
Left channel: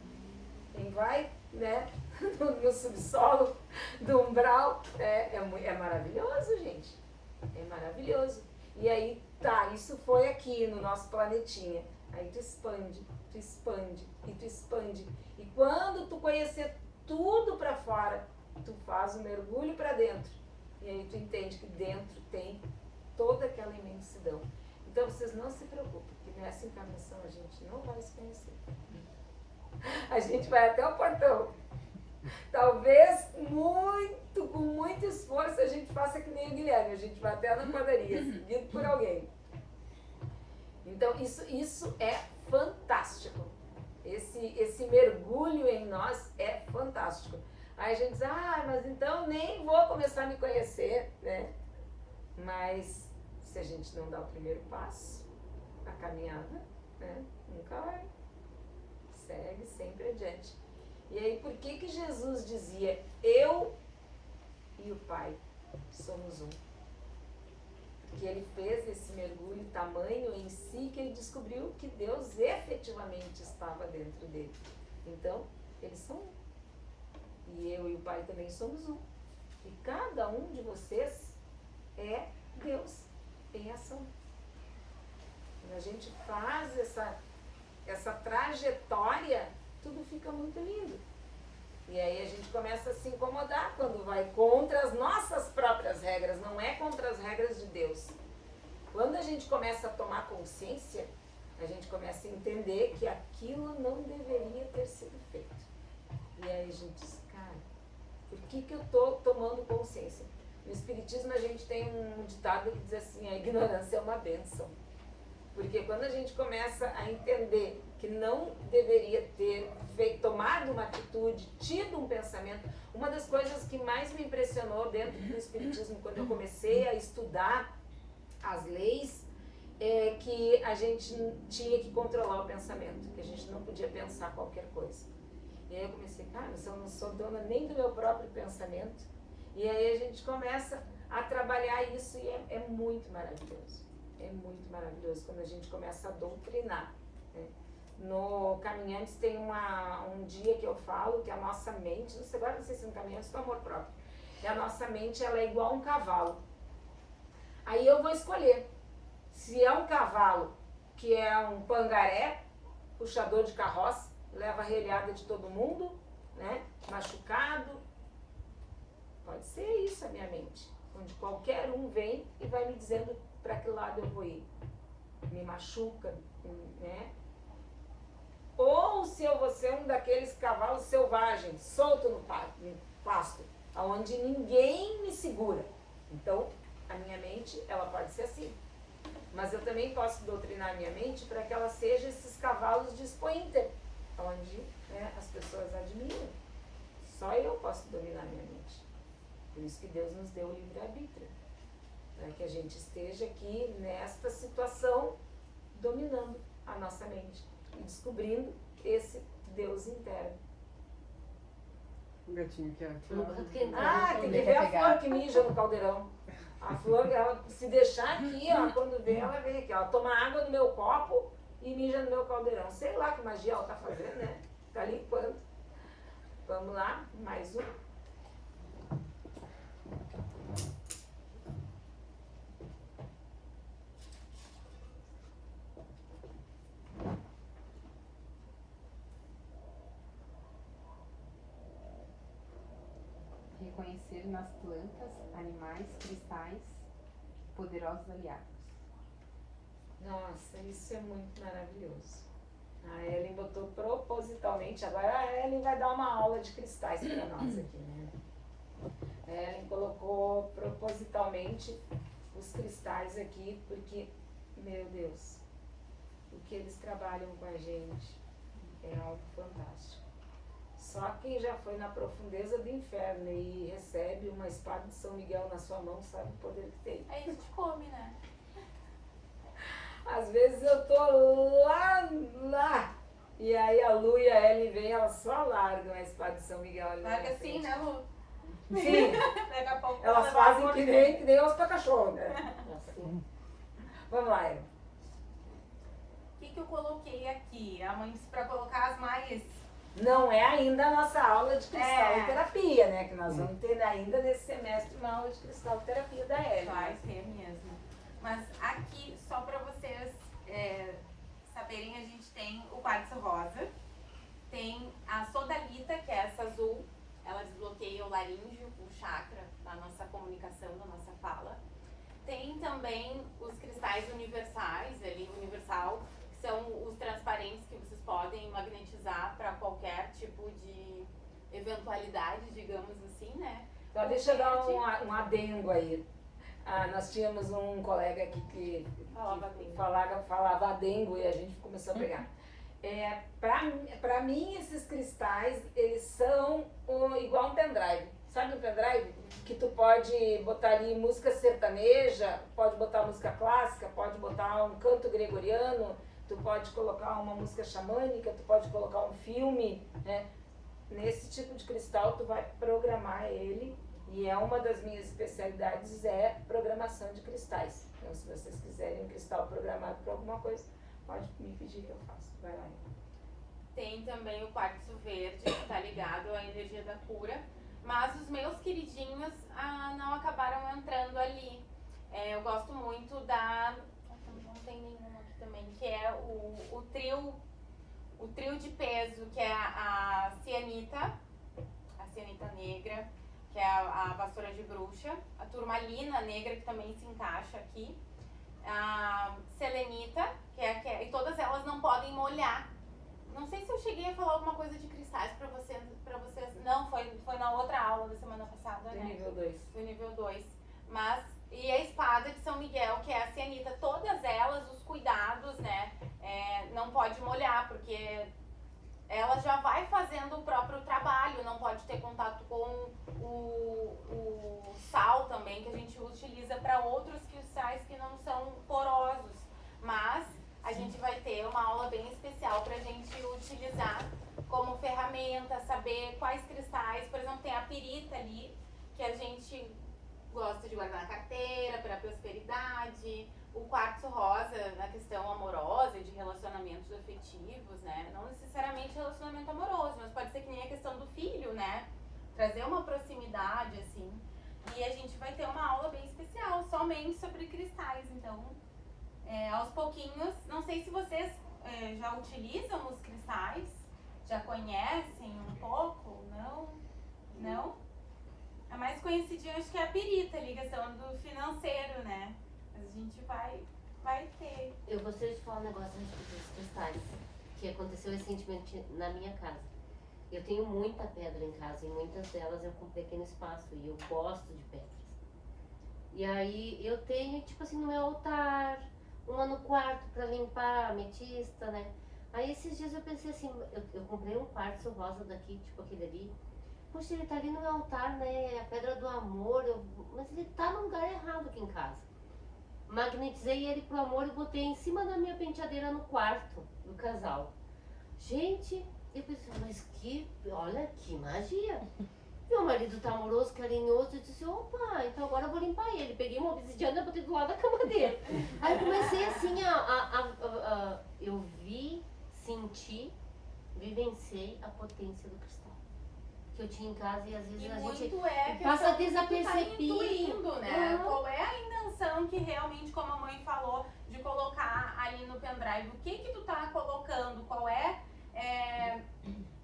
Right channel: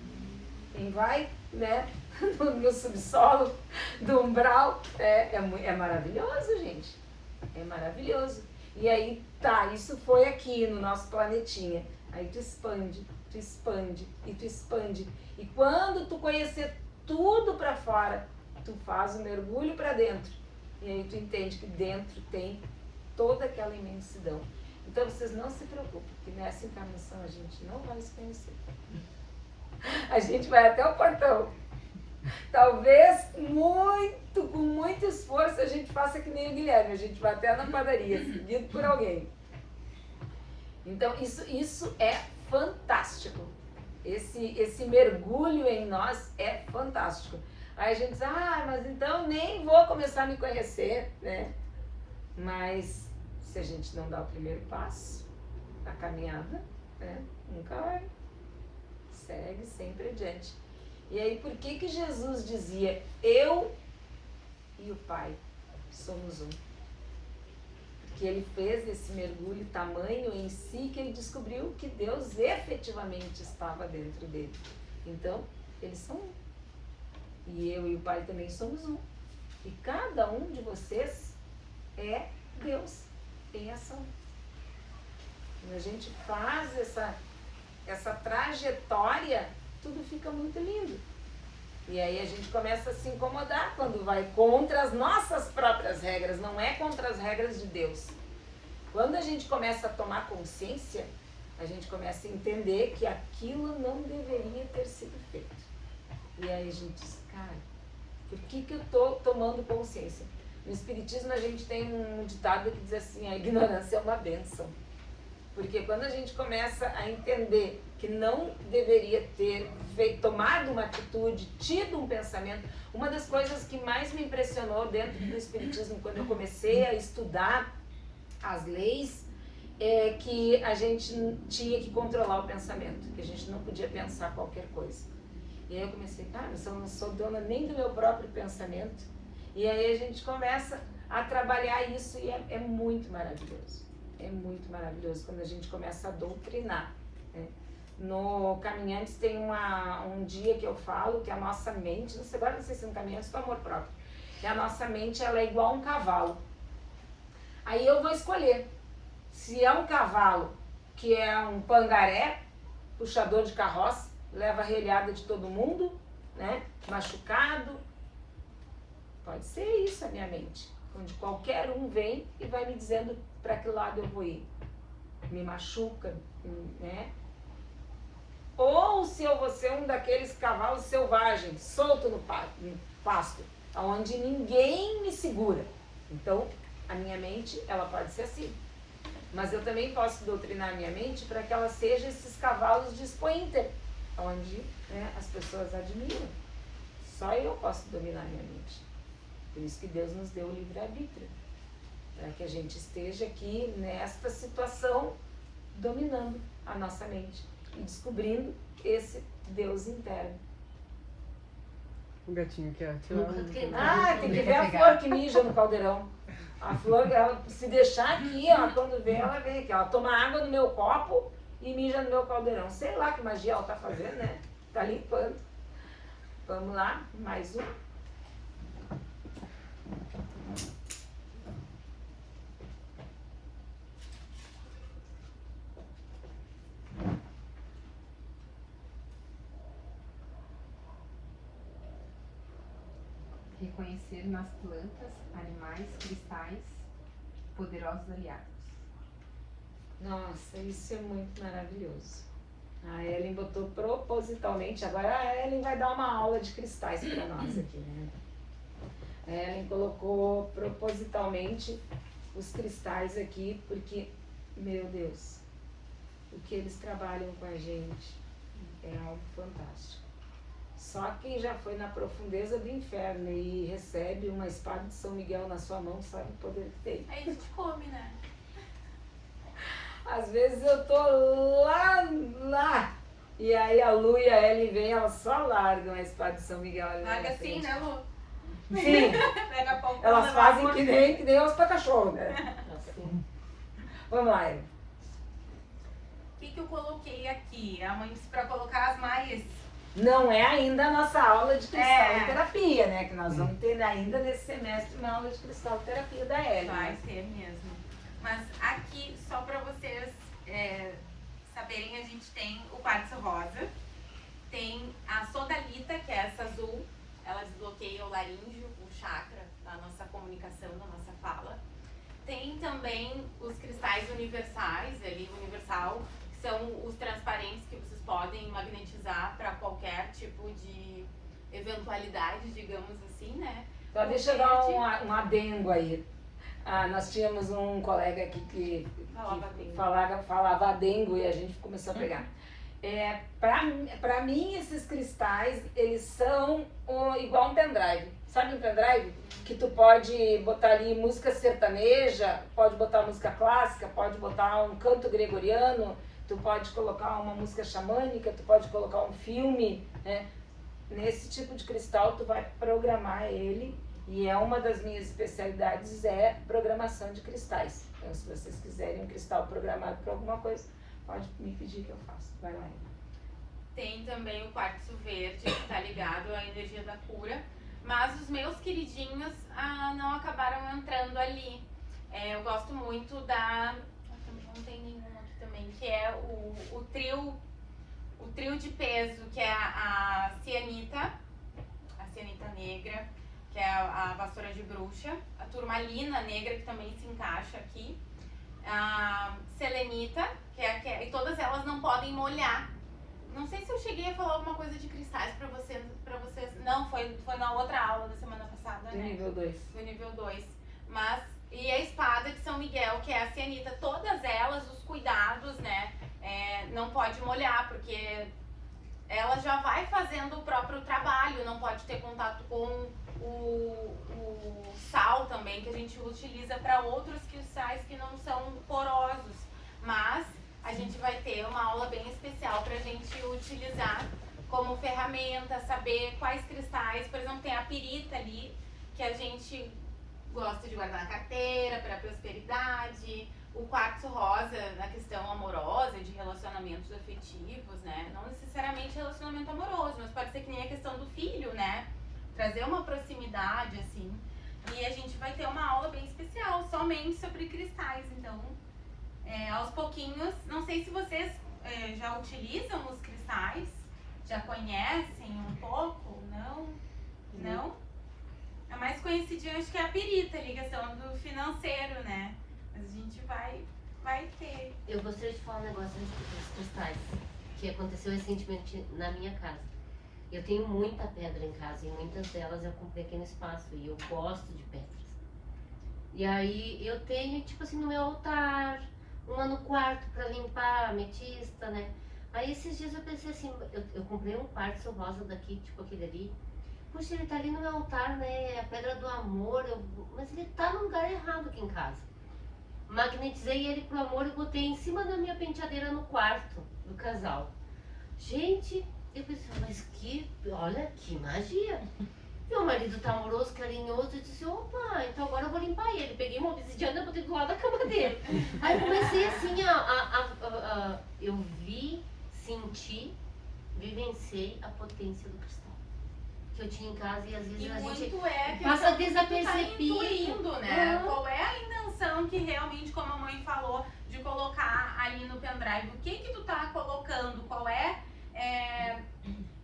quem vai, né, no subsolo, do umbral, é maravilhoso, gente. É maravilhoso. E aí, tá, isso foi aqui no nosso planetinha. Aí tu expande e tu expande. E quando tu conhecer tudo para fora, tu faz um mergulho para dentro. E aí tu entende que dentro tem toda aquela imensidão. Então vocês não se preocupem, que nessa encarnação a gente não vai se conhecer. A gente vai até o portão. Talvez com muito esforço a gente faça que nem o Guilherme, a gente vai até na padaria, seguido por alguém. Então isso é fantástico. Esse mergulho em nós é fantástico. Aí a gente diz, mas então nem vou começar a me conhecer, né? Mas se a gente não dá o primeiro passo da caminhada, né, nunca vai. Segue sempre adiante. E aí, por que Jesus dizia, eu e o Pai somos um? Porque ele fez esse mergulho tamanho em si que ele descobriu que Deus efetivamente estava dentro dele. Então, eles são um. E eu e o Pai também somos um. E cada um de vocês é Deus em ação. Quando a gente faz essa trajetória, tudo fica muito lindo. E aí a gente começa a se incomodar quando vai contra as nossas próprias regras, não é contra as regras de Deus. Quando a gente começa a tomar consciência, a gente começa a entender que aquilo não deveria ter sido feito. E aí a gente diz, cara, por que eu estou tomando consciência? No Espiritismo a gente tem um ditado que diz assim, a ignorância é uma bênção. Porque quando a gente começa a entender que não deveria ter tomado uma atitude, tido um pensamento, uma das coisas que mais me impressionou dentro do Espiritismo, quando eu comecei a estudar as leis, é que a gente tinha que controlar o pensamento, que a gente não podia pensar qualquer coisa. E aí eu comecei, cara, eu não sou dona nem do meu próprio pensamento. E aí a gente começa a trabalhar isso e é muito maravilhoso. É muito maravilhoso quando a gente começa a doutrinar, né? No Caminhantes tem um dia que eu falo que a nossa mente, agora não sei se no Caminhantes é do amor próprio, que a nossa mente ela é igual a um cavalo. Aí eu vou escolher se é um cavalo que é um pangaré, puxador de carroça, leva a relhada de todo mundo, né? Machucado. Pode ser isso a minha mente, onde qualquer um vem e vai me dizendo para que lado eu vou ir. Me machuca, né? Ou se eu vou ser um daqueles cavalos selvagens, solto no pasto, onde ninguém me segura. Então, a minha mente, ela pode ser assim. Mas eu também posso doutrinar a minha mente para que ela seja esses cavalos de Sprinter, onde, né, as pessoas admiram. Só eu posso dominar a minha mente. Por isso que Deus nos deu o livre-arbítrio. Para que a gente esteja aqui nesta situação, dominando a nossa mente e descobrindo esse Deus interno. O gatinho quer. Tem que ver a flor que mija no caldeirão. A flor, ela se deixar aqui, ó, quando vê, ela vem aqui. Ela toma água no meu copo e mija no meu caldeirão. Sei lá que magia ela tá fazendo, né? Tá limpando. Vamos lá, mais um. Reconhecer nas plantas, animais, cristais, poderosos aliados. Nossa, isso é muito maravilhoso. A Ellen botou propositalmente, agora a Ellen vai dar uma aula de cristais para nós aqui, né? A Ellen colocou propositalmente os cristais aqui, porque, meu Deus, o que eles trabalham com a gente é algo fantástico. Só quem já foi na profundeza do inferno e recebe uma espada de São Miguel na sua mão sabe o poder que tem. Aí a gente come, né? Às vezes eu tô lá, e aí a Lu e a Ellen vêm, elas só largam a espada de São Miguel ali na Larga minha assim, frente. né, Lu? Sim, Daqui a pouco elas ela vai fazem morrer. que nem os pra cachorro, né? Vamos lá, Ellen. O que eu coloquei aqui? Pra colocar as mais... Não é ainda a nossa aula de cristaloterapia, É. né? Que nós vamos ter ainda nesse semestre uma aula de cristaloterapia da Ellen. Vai ter mesmo. Mas aqui, só pra vocês saberem, a gente tem o quartzo rosa, tem a sodalita, que é essa azul, ela desbloqueia o laríngeo, o chakra da nossa comunicação, da nossa fala. Tem também os cristais universais, ali, universal, que são os transparentes que vocês podem magnetizar para qualquer tipo de eventualidade, digamos assim, né? Só deixa eu dar um adendo aí. Nós tínhamos um colega aqui que falava adengo e a gente começou a pegar. Pra mim, esses cristais, eles são igual um pendrive. Sabe um pendrive? Que tu pode botar ali música sertaneja, pode botar música clássica, pode botar um canto gregoriano, tu pode colocar uma música xamânica, tu pode colocar um filme, né? Nesse tipo de cristal tu vai programar ele, e é uma das minhas especialidades é programação de cristais. Então se vocês quiserem um cristal programado para alguma coisa, pode me pedir que eu faço. Vai lá. Tem também o quartzo verde, que está ligado à energia da cura. Mas os meus queridinhos não acabaram entrando ali. Eu gosto muito da... Não tem nenhum aqui também, que é o trio de peso, que é a cianita negra, que é a vassoura de bruxa, a turmalina negra, que também se encaixa aqui, a selenita, e todas elas não podem molhar. Não sei se eu cheguei a falar alguma coisa de cristais pra vocês. Não, foi na outra aula da semana passada, Do né? nível 2. Do nível 2. E a espada de São Miguel, que é a cianita, todas elas, os cuidados, né? Não pode molhar, porque ela já vai fazendo o próprio trabalho, não pode ter contato com o sal também, que a gente utiliza para outros cristais que não são porosos. Mas a gente vai ter uma aula bem especial para a gente utilizar como ferramenta, saber quais cristais. Por exemplo, tem a pirita ali, que a gente gosta de guardar na carteira para prosperidade. O quartzo rosa na questão amorosa, de relacionamentos afetivos, né? Não necessariamente relacionamento amoroso, mas pode ser que nem a questão do filho, né? Trazer uma proximidade, assim. E a gente vai ter uma aula bem especial, somente sobre cristais. Então, aos pouquinhos, não sei se vocês já utilizam os cristais, já conhecem um pouco, não? Não? A mais conhecidinha acho que é a pirita, a ligação do financeiro, né? Mas a gente vai ter. Eu gostaria de falar um negócio dos cristais, que aconteceu recentemente na minha casa. Eu tenho muita pedra em casa e muitas delas eu comprei aqui no espaço e eu gosto de pedras. E aí eu tenho, tipo assim, no meu altar, uma no quarto pra limpar, ametista, né? Aí esses dias eu pensei assim, eu comprei um quartzo rosa daqui, tipo aquele ali. Poxa, ele tá ali no meu altar, né? É a pedra do amor, mas ele tá no lugar errado aqui em casa. Magnetizei ele pro amor e botei em cima da minha penteadeira no quarto do casal. Gente, eu pensei, mas olha que magia. Meu marido tá amoroso, carinhoso, eu disse, opa, então agora eu vou limpar ele. Peguei uma obsidiana e botei do lado da cama dele. Aí eu comecei assim, eu vi, senti, vivenciei a potência do cristal que eu tinha em casa e às vezes a gente passa desapercebido. Tá intuindo, né? Qual é a intenção que realmente, como a mãe falou, de colocar ali no pendrive? O que tu tá colocando? Qual é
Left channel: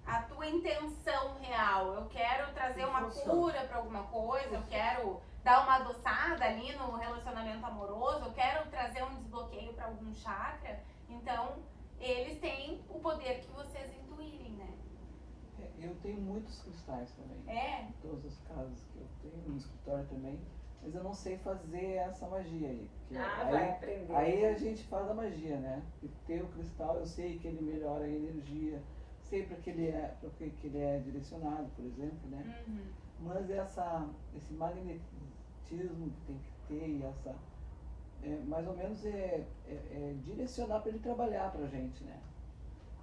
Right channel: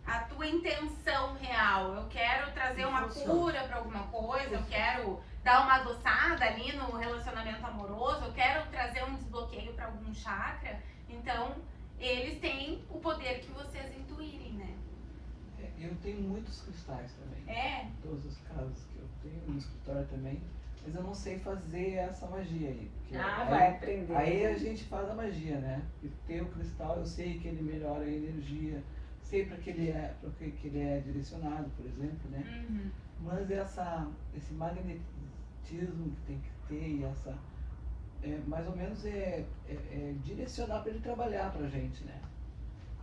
a tua intenção real? Eu quero trazer uma cura para alguma coisa, eu quero dar uma adoçada ali no relacionamento amoroso, eu quero trazer um desbloqueio para algum chakra. Então, eles têm o poder que vocês intuírem, né? Eu tenho muitos cristais também. É? Em todos os casos que eu tenho, no escritório também. mas eu não sei fazer essa magia aí. Porque Ah, aí, vai aprender. aí a gente faz a magia, né? E tem o cristal, eu sei que ele melhora a energia, sei para que ele é direcionado, por exemplo, né? Mas esse magnetismo que tem que ter e essa mais ou menos direcionar para ele trabalhar pra gente, né?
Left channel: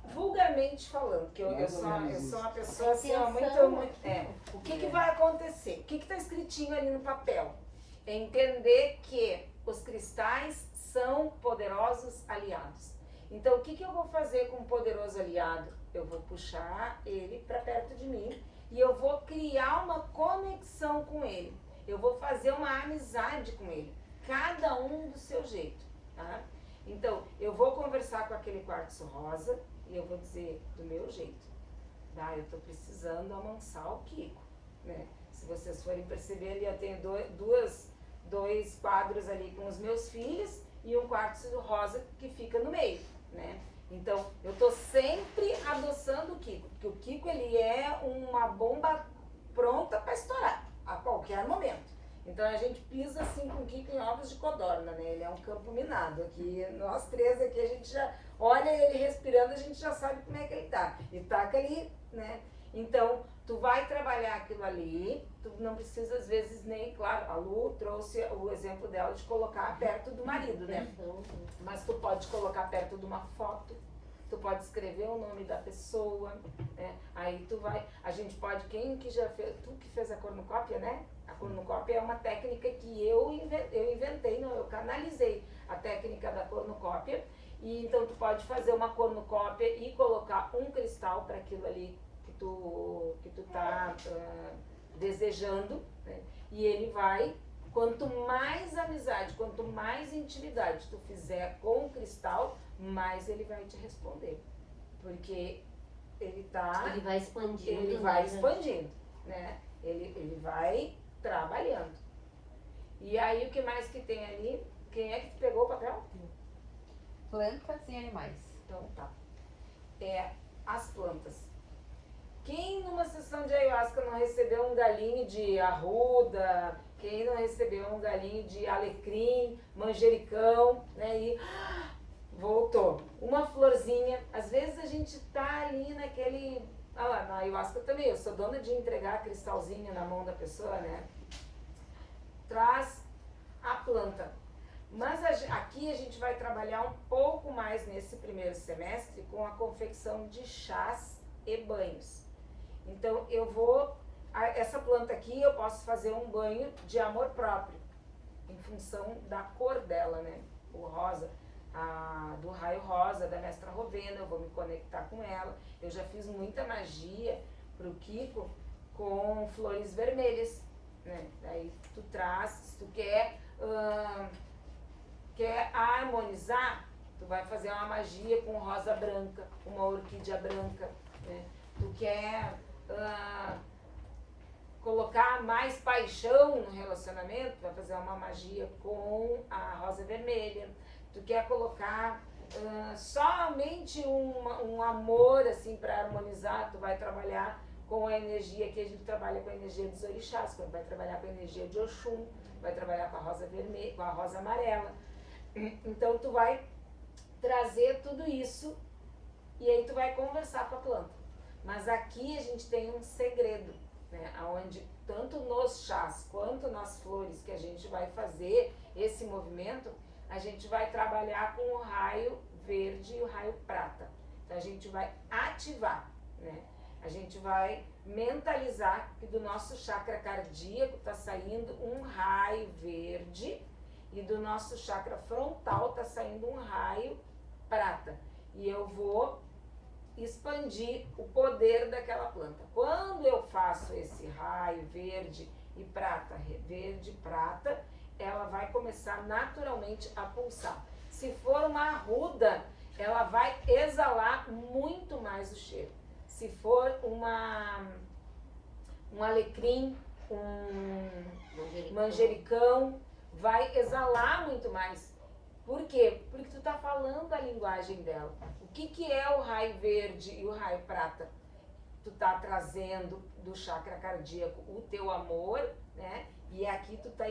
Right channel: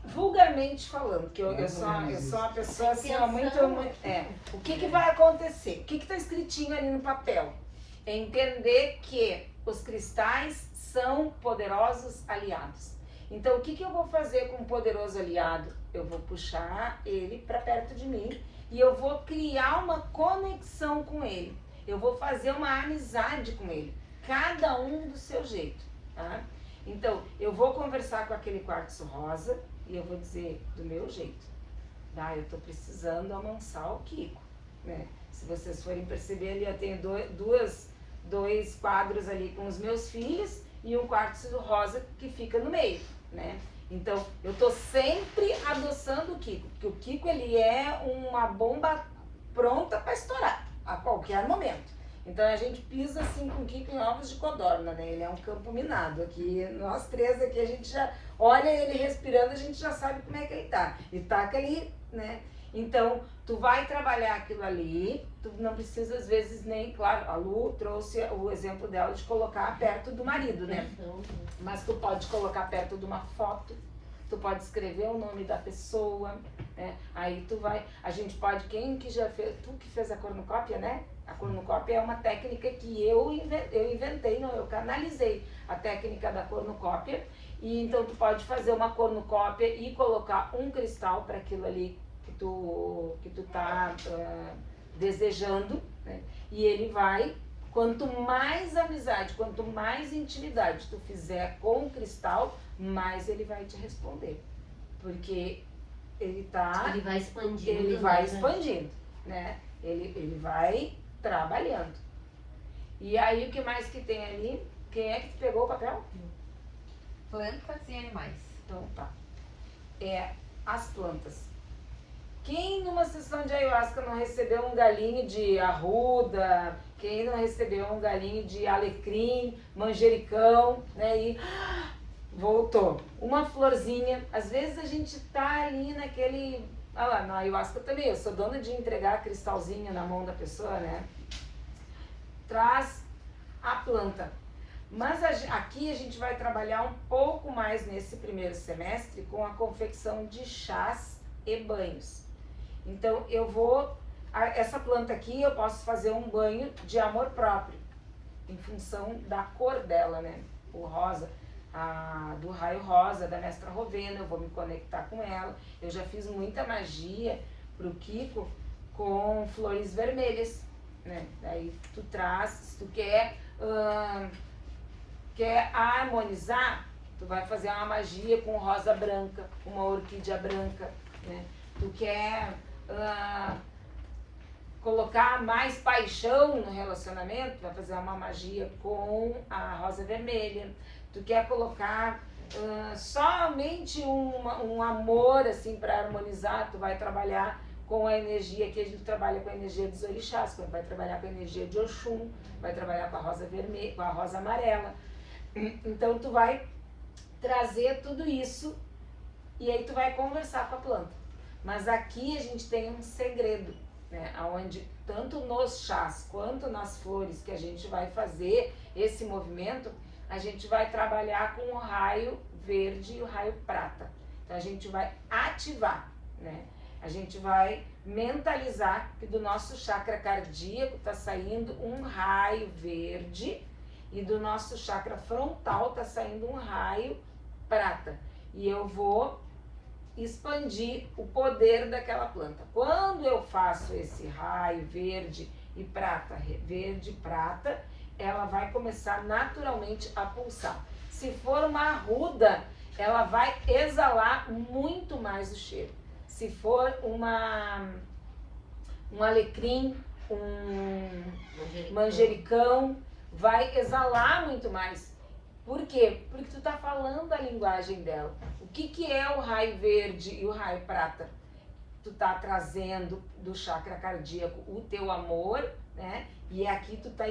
Vulgarmente falando, que eu Mais sou, ou menos eu isso. sou uma pessoa assim, ó, muito. O que vai acontecer? O que está escritinho ali no papel? É entender que os cristais são poderosos aliados. Então, o que eu vou fazer com um poderoso aliado? Eu vou puxar ele para perto de mim e eu vou criar uma conexão com ele. Eu vou fazer uma amizade com ele. Cada um do seu jeito, tá? Então, eu vou conversar com aquele quartzo rosa e eu vou dizer do meu jeito. Tá? Eu tô precisando amansar o Kiko, né? Se vocês forem perceber ali, eu tenho dois quadros ali com os meus filhos e um quartzo rosa que fica no meio, né? Então, eu tô sempre adoçando o Kiko, porque o Kiko, ele é uma bomba pronta para estourar a qualquer momento. Então, a gente pisa assim com o Kiko em ovos de codorna, né? Ele é um campo minado. Aqui, nós três aqui, a gente já olha ele respirando, a gente já sabe como é que ele tá. E taca ali, né? Então, tu vai trabalhar aquilo ali, tu não precisa às vezes nem, claro, a Lu trouxe o exemplo dela de colocar perto do marido, né? Mas tu pode colocar perto de uma foto, tu pode escrever o nome da pessoa, né? Aí tu vai, a gente pode, quem que já fez, tu que fez a cornucópia, né? A cornucópia é uma técnica que eu inventei, não, eu canalizei a técnica da cornucópia. E então tu pode fazer uma cornucópia e colocar um cristal para aquilo ali que tu tá desejando, né? E ele vai, quanto mais amizade, quanto mais intimidade tu fizer com o cristal, mais ele vai te responder. Porque ele vai expandindo. Ele vai expandindo, né? Ele vai trabalhando. E aí o que mais que tem ali? Quem é que pegou o papel? Plantas e animais. Então tá. As plantas. Quem numa sessão de ayahuasca não recebeu um galinho de arruda, quem não recebeu um galinho de alecrim, manjericão, né? E voltou. Uma florzinha. Às vezes a gente tá ali naquele... Ah lá, na ayahuasca também, eu sou dona de entregar cristalzinho na mão da pessoa, né? Traz a planta. Mas aqui a gente vai trabalhar um pouco mais nesse primeiro semestre com a confecção de chás e banhos. Então eu vou... Essa planta aqui eu posso fazer um banho de amor próprio, em função da cor dela, né? O rosa. Do raio rosa da mestra Rovena, eu vou me conectar com ela. Eu já fiz muita magia pro Kiko com flores vermelhas, né? Daí tu traz, se tu quer harmonizar, tu vai fazer uma magia com rosa branca, uma orquídea branca, né? Tu quer colocar mais paixão no relacionamento, vai fazer uma magia com a rosa vermelha. Tu quer colocar somente um amor assim para harmonizar, tu vai trabalhar com a energia que a gente trabalha com a energia dos orixás, vai trabalhar com a energia de Oxum, vai trabalhar com a rosa vermelha, com a rosa amarela. Então tu vai trazer tudo isso e aí tu vai conversar com a planta. Mas aqui a gente tem um segredo, né? Onde tanto nos chás quanto nas flores que a gente vai fazer esse movimento, a gente vai trabalhar com o raio verde e o raio prata. Então a gente vai ativar, né? A gente vai mentalizar que do nosso chakra cardíaco está saindo um raio verde e do nosso chakra frontal está saindo um raio prata. E eu vou expandir o poder daquela planta. Quando eu faço esse raio verde e prata, ela vai começar naturalmente a pulsar. Se for uma arruda, ela vai exalar muito mais o cheiro. Se for um alecrim, um manjericão, vai exalar muito mais. Por quê? Porque tu tá falando a linguagem dela. O que é o raio verde e o raio prata? Tu tá trazendo do chakra cardíaco o teu amor, né? E aqui tu tá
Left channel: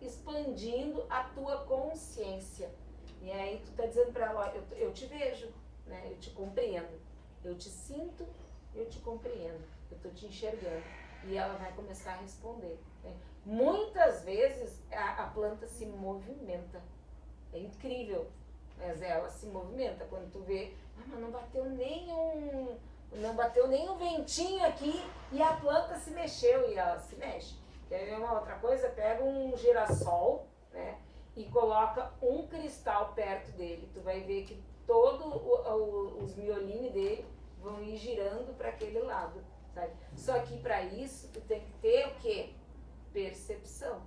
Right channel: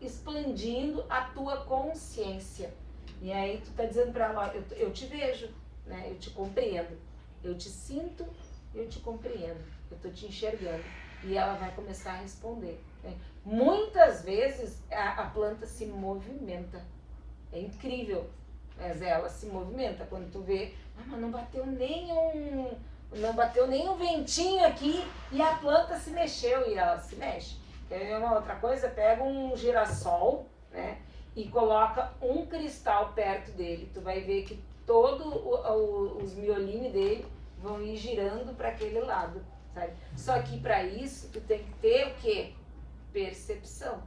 expandindo a tua consciência. E aí tu tá dizendo para ela, ó, eu te vejo, né? Eu te compreendo. Eu te sinto, eu te compreendo. Eu tô te enxergando. E ela vai começar a responder, né? Muitas vezes a planta se movimenta. É incrível. Mas ela se movimenta. Quando tu vê, mas não bateu nem um ventinho aqui e a planta se mexeu, e ela se mexe. Quer ver uma outra coisa? Pega um girassol, né, e coloca um cristal perto dele. Tu vai ver que todos os miolinhos dele vão ir girando para aquele lado, sabe? Só que para isso tu tem que ter o quê? Percepção,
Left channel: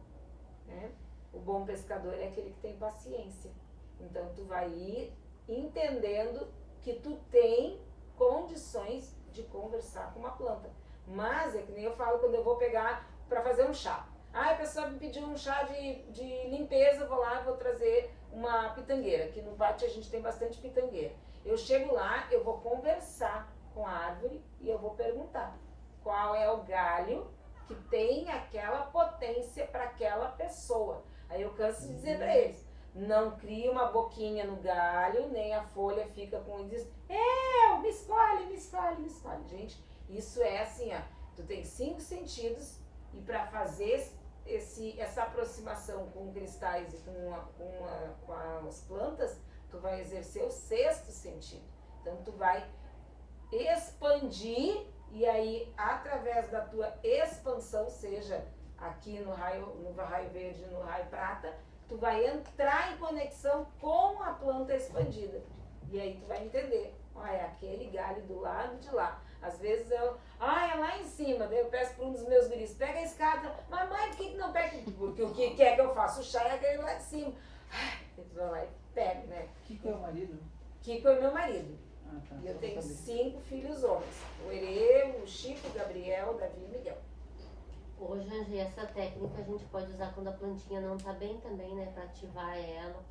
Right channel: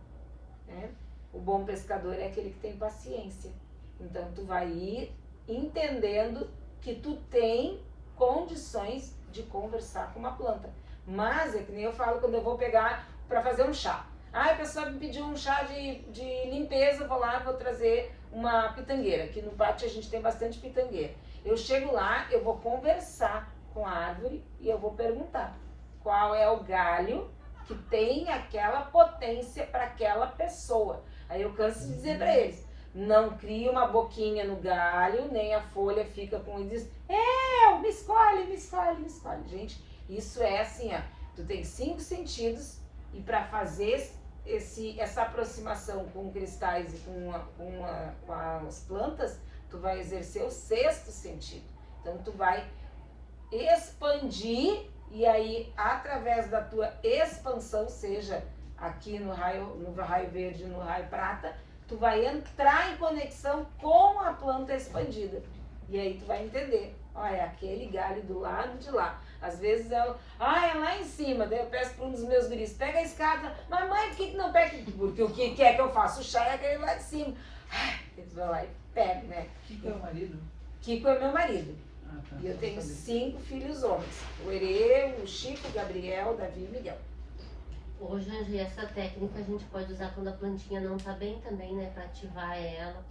né? O bom pescador é aquele que tem paciência. Então tu vai ir entendendo que tu tem condições de conversar com uma planta. Mas é que nem eu falo quando eu vou pegar para fazer um chá. Ah, a pessoa me pediu um chá de limpeza, eu vou lá e vou trazer uma pitangueira. Aqui no pátio a gente tem bastante pitangueira. Eu chego lá, eu vou conversar com a árvore e eu vou perguntar qual é o galho que tem aquela potência para aquela pessoa. Aí eu canso de dizer para eles, não cria uma boquinha no galho, nem a folha fica com e diz, me escolhe, me escolhe, me escolhe. Gente, isso é assim, ó, tu tem 5 sentidos e para fazer essa aproximação com cristais e com as plantas, tu vai exercer o 6º sentido. Então tu vai expandir e aí através da tua expansão, seja aqui no raio verde, no raio prata, tu vai entrar em conexão com a planta expandida. E aí tu vai entender, olha, aquele galho do lado de lá. Às vezes é lá em cima. Daí eu peço para um dos meus guris, pega a escada. Mamãe, por que não pega? Porque o que quer que eu faça? O chá é aquele lá de cima. Eles vão lá e pegam, né? Kiko é o marido? Kiko é meu marido. Ah, tá. E eu tenho 5 filhos homens. O Herê, o Chico, o Gabriel, o Davi e o Miguel. Hoje, Angie, essa técnica a gente pode usar quando a plantinha não tá bem também, né? Pra ativar ela,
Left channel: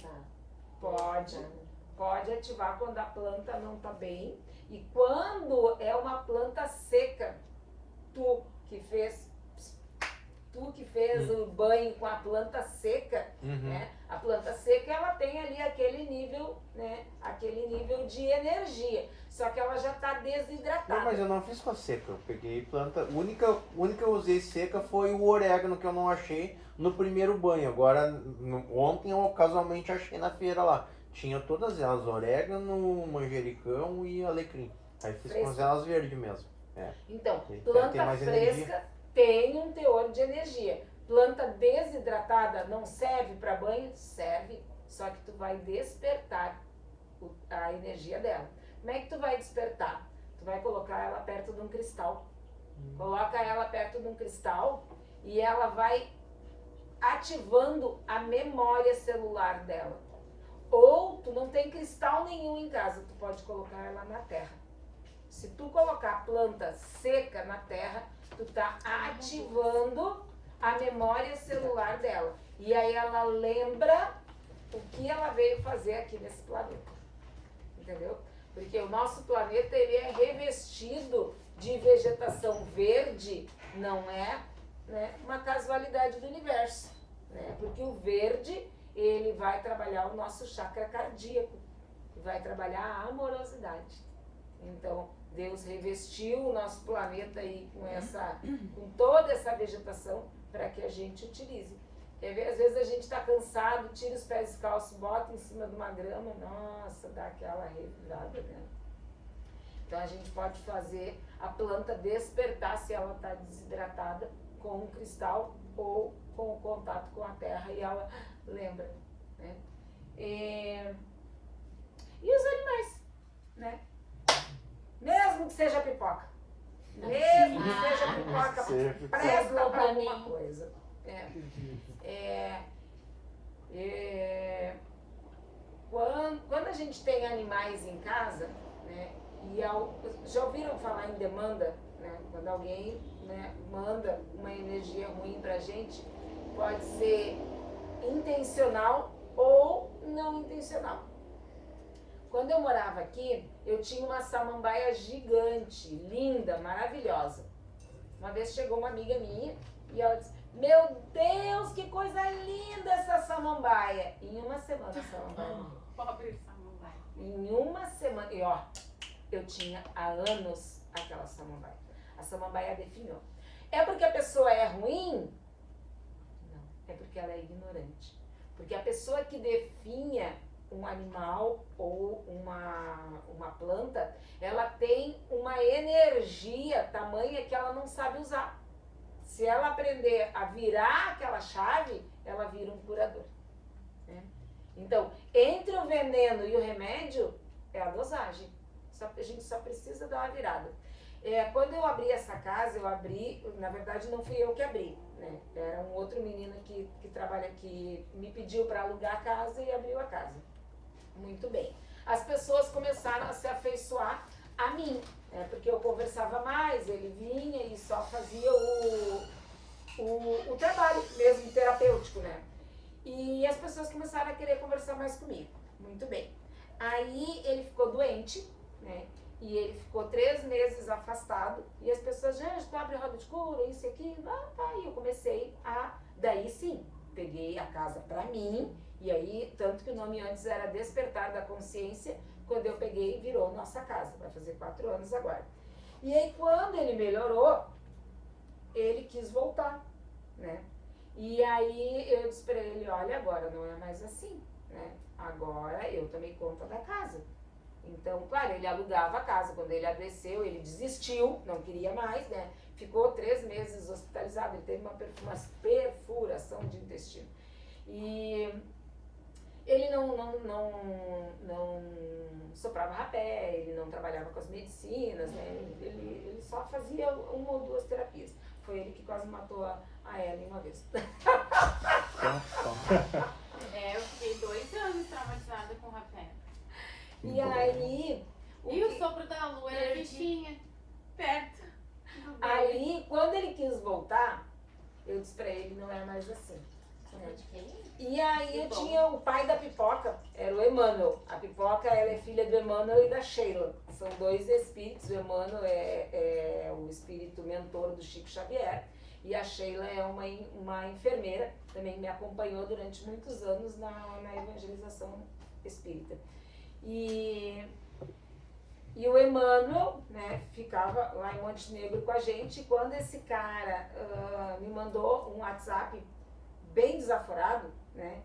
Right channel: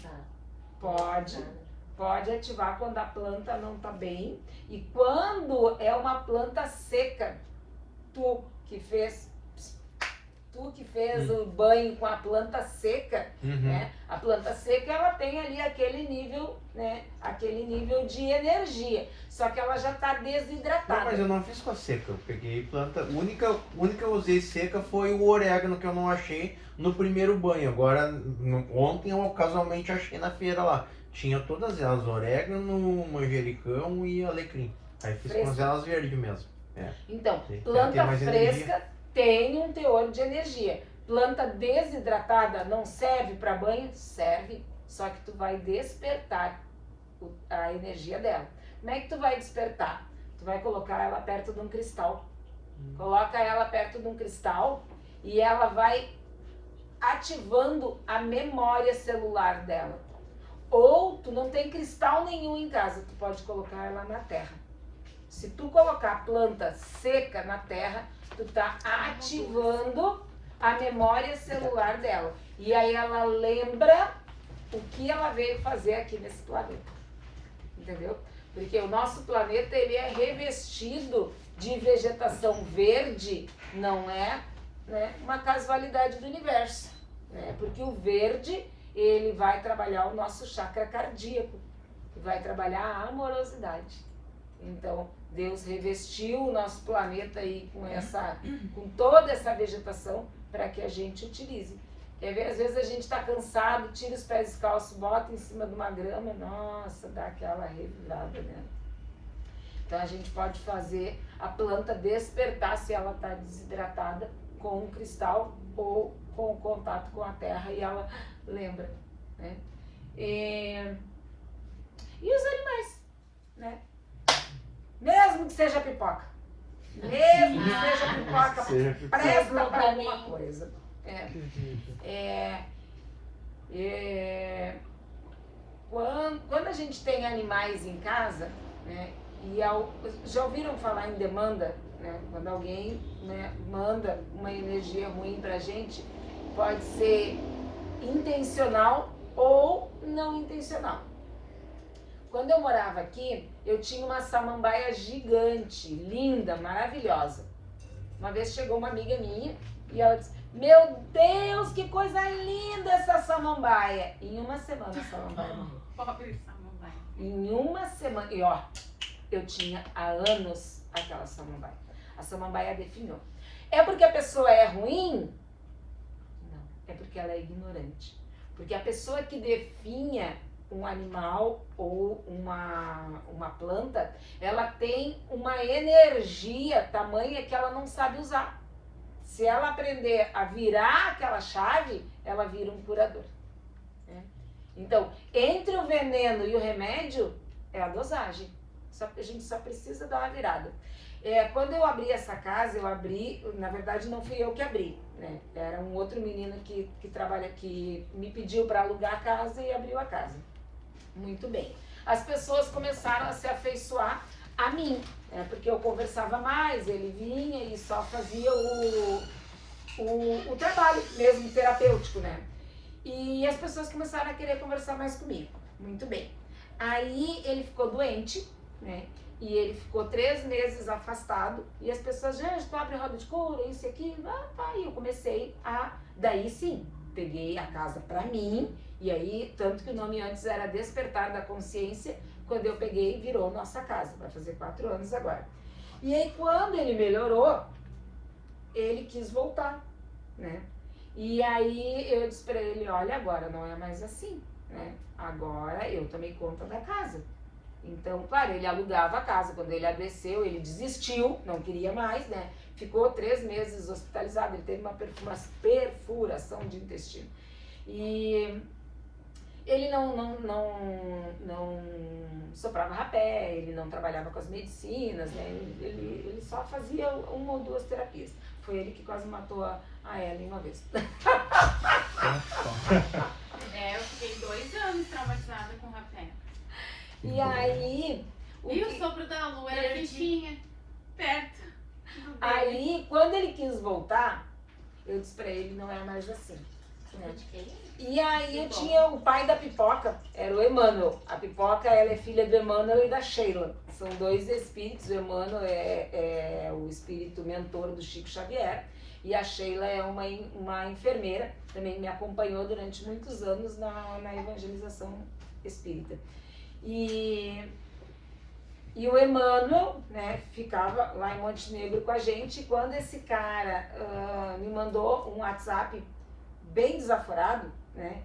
Pode ativar quando a planta não está bem. E quando é uma planta seca, tu que fez o banho com a planta seca, né? A planta seca, ela tem ali aquele nível, né? Aquele nível de energia. Só que ela já está desidratada. Não, mas eu não fiz com a seca. Eu peguei planta. A única que eu usei seca foi o orégano, que eu não achei no primeiro banho. Agora, ontem eu casualmente achei na feira lá. Tinha todas elas, orégano, manjericão e alecrim. Aí fiz com elas verdes mesmo. É. Então, Sim. planta fresca tem um teor de energia. Planta desidratada não serve para banho? Serve. Só que tu vai despertar a energia dela. Como é que tu vai despertar? Tu vai colocar ela perto de um cristal. Coloca ela perto de um cristal e ela vai ativando a memória celular dela. Ou tu não tem cristal nenhum em casa, tu pode colocar ela na terra. Se tu colocar a planta seca na terra, tu tá ativando a memória celular dela. E aí ela lembra o que ela veio fazer aqui nesse planeta. Entendeu? Porque o nosso planeta, ele é revestido de vegetação verde, não é, né, uma casualidade do universo. Né? Porque o verde, ele vai trabalhar o nosso chakra cardíaco, vai trabalhar a amorosidade. Então, Deus revestiu o nosso planeta aí com toda essa vegetação para que a gente utilize. Quer ver? Às vezes a gente está cansado, tira os pés descalços, bota em cima de uma grama, nossa, dá aquela revirada, né? Então a gente pode fazer a planta despertar se ela está desidratada com um cristal ou com o contato com a terra e ela lembra, né? E os animais, né? Mesmo que seja pipoca. Mesmo que seja pipoca, presta para alguma coisa. Quando a gente tem animais em casa, né, já ouviram falar em demanda? Né? Quando alguém, né, manda uma energia ruim pra gente, pode ser intencional ou não intencional. Quando eu morava aqui, eu tinha uma samambaia gigante, linda, maravilhosa. Uma vez chegou uma amiga minha e ela disse, Meu Deus, que coisa linda essa samambaia. Em uma semana a samambaia morreu. Pobre samambaia. Em uma semana. E ó, eu tinha há anos aquela samambaia. A samambaia definhou. É porque a pessoa é ruim? Não, é porque ela é ignorante. Porque a pessoa que definha um animal ou uma planta, ela tem uma energia tamanha que ela não sabe usar. Se ela aprender a virar aquela chave, ela vira um curador. Né? Então, entre o veneno e o remédio, é a dosagem. A gente só precisa dar uma virada. Quando eu abri essa casa, na verdade não fui eu que abri, né? Era um outro menino que trabalha aqui, me pediu para alugar a casa e abriu a casa. Muito bem. As pessoas começaram a se afeiçoar a mim, porque eu conversava mais, ele vinha e só fazia o trabalho mesmo terapêutico, né? E as pessoas começaram a querer conversar mais comigo. Muito bem. Aí ele ficou doente, né? E ele ficou 3 meses afastado. E as pessoas, gente, tu abre roda de cura, isso e aquilo. E eu comecei daí sim, peguei a casa pra mim. E aí, tanto que o nome antes era Despertar da Consciência, quando eu peguei, virou Nossa Casa. Vai fazer 4 anos agora. E aí, quando ele melhorou, ele quis voltar, né? E aí, eu disse pra ele, olha, agora não é mais assim, né? Agora eu tomei conta da casa. Então, claro, ele alugava a casa. Quando ele adoeceu, ele desistiu, não queria mais, né? Ficou 3 meses hospitalizado, ele teve uma perfuração de intestino. E ele não soprava rapé, ele não trabalhava com as medicinas, né? Ele só fazia 1 ou 2 terapias. Foi ele que quase matou a Ellen uma vez. Eu fiquei 2 anos traumatizada com rapé. E aí... O sopro da lua era fichinha, perto. Aí, quando ele quis voltar, eu disse pra ele, não é mais assim. E aí eu tinha o pai da Pipoca, era o Emmanuel. A Pipoca, ela é filha do Emmanuel e da Sheila. São 2 espíritos. O Emmanuel é o espírito mentor do Chico Xavier. E a Sheila é uma enfermeira, também me acompanhou durante muitos anos na evangelização espírita. E o Emmanuel, né, ficava lá em Montenegro com a gente. Quando esse cara me mandou um WhatsApp bem desaforado, né,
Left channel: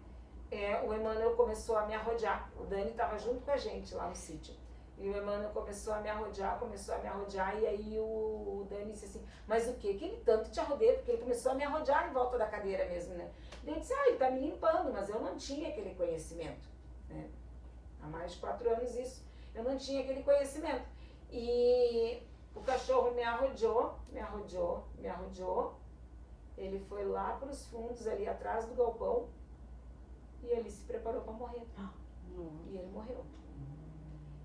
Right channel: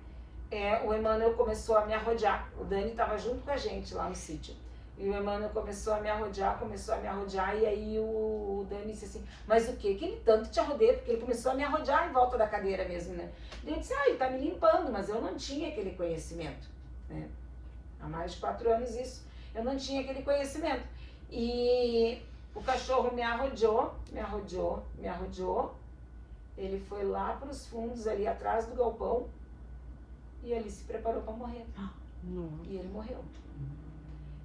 o Emmanuel começou a me arrodear. O Dani estava junto com a gente lá no sítio. E o Emmanuel começou a me arrodear, e aí o Dani disse assim, mas o que ele tanto te arrodeia? Porque ele começou a me arrodear em volta da cadeira mesmo, né? E eu disse, ele tá me limpando, mas eu não tinha aquele conhecimento, né? Há mais de 4 anos isso, eu não tinha aquele conhecimento. E o cachorro me arrodeou, ele foi lá para os fundos, ali atrás do galpão, e ele se preparou para morrer. E ele morreu.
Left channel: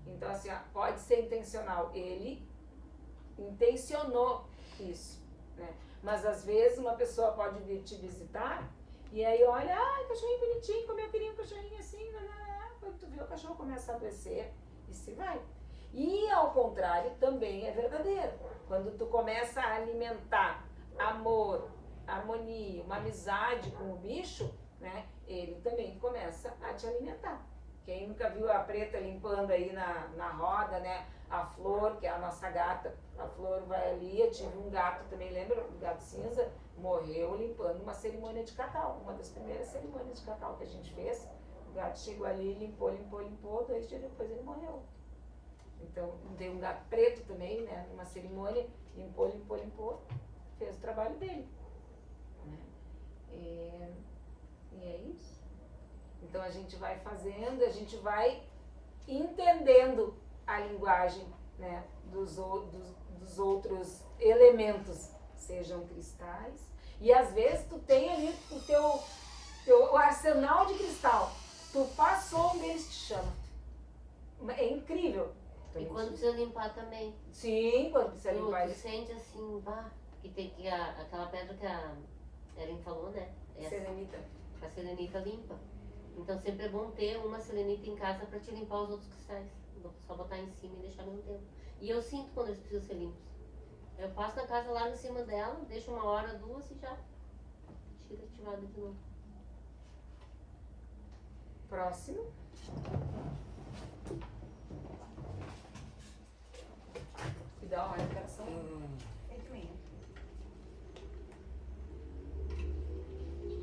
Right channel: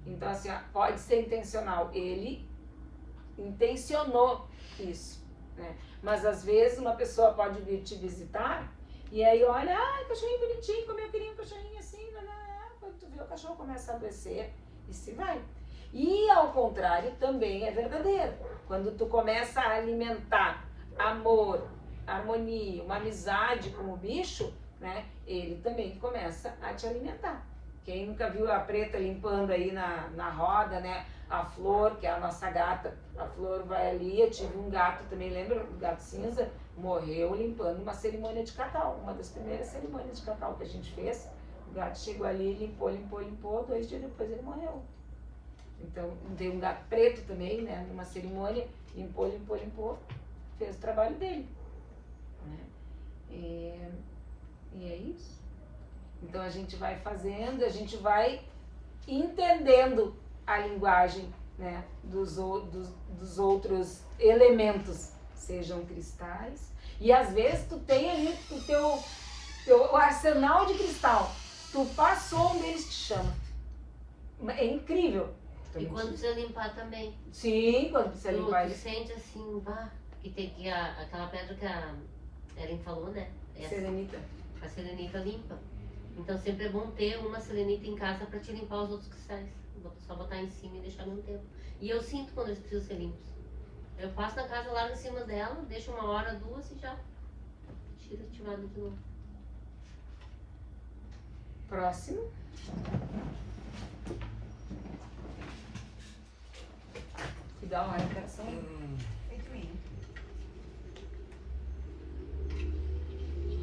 Então, assim, pode ser intencional. Ele intencionou isso, né? Mas, às vezes, uma pessoa pode vir te visitar e aí olha, cachorrinho bonitinho, como eu queria um cachorrinho assim, quando tu vê o cachorro começa a adoecer e se vai. E, ao contrário, também é verdadeiro. Quando tu começa a alimentar amor, harmonia, uma amizade com o bicho, né? Ele também começa a te alimentar. Quem nunca viu a Preta limpando aí na roda, né? A Flor, que é a nossa gata, a Flor vai ali, eu tive um gato também, lembra? O gato cinza morreu limpando uma cerimônia de cacau, uma das primeiras cerimônias de cacau que a gente fez. O gato chegou ali, limpou, 2 dias depois ele morreu. Então, tem um gato preto também, né? Numa cerimônia, limpou, fez o trabalho dele. Né? E é isso. Então a gente vai fazendo, a gente vai entendendo a linguagem, né, dos outros elementos, sejam cristais. E às vezes tu tem ali o teu arsenal de cristal, tu passou, um deles te chama. É incrível. E quando precisa limpar também. Sim, quando precisa limpar. Tu sente assim, que tem aquela pedra que a Ellen falou, né? Serenita. A serenita limpa. Então sempre é bom ter uma serenita em casa para te limpar os outros cristais. Só botar em cima e deixar no tempo. E eu sinto quando eles precisam ser limpos. Eu passo na casa, largo em cima dela, deixo 1 hora, 2 e já sentir ativado de novo. Próximo. Dá uma marcação.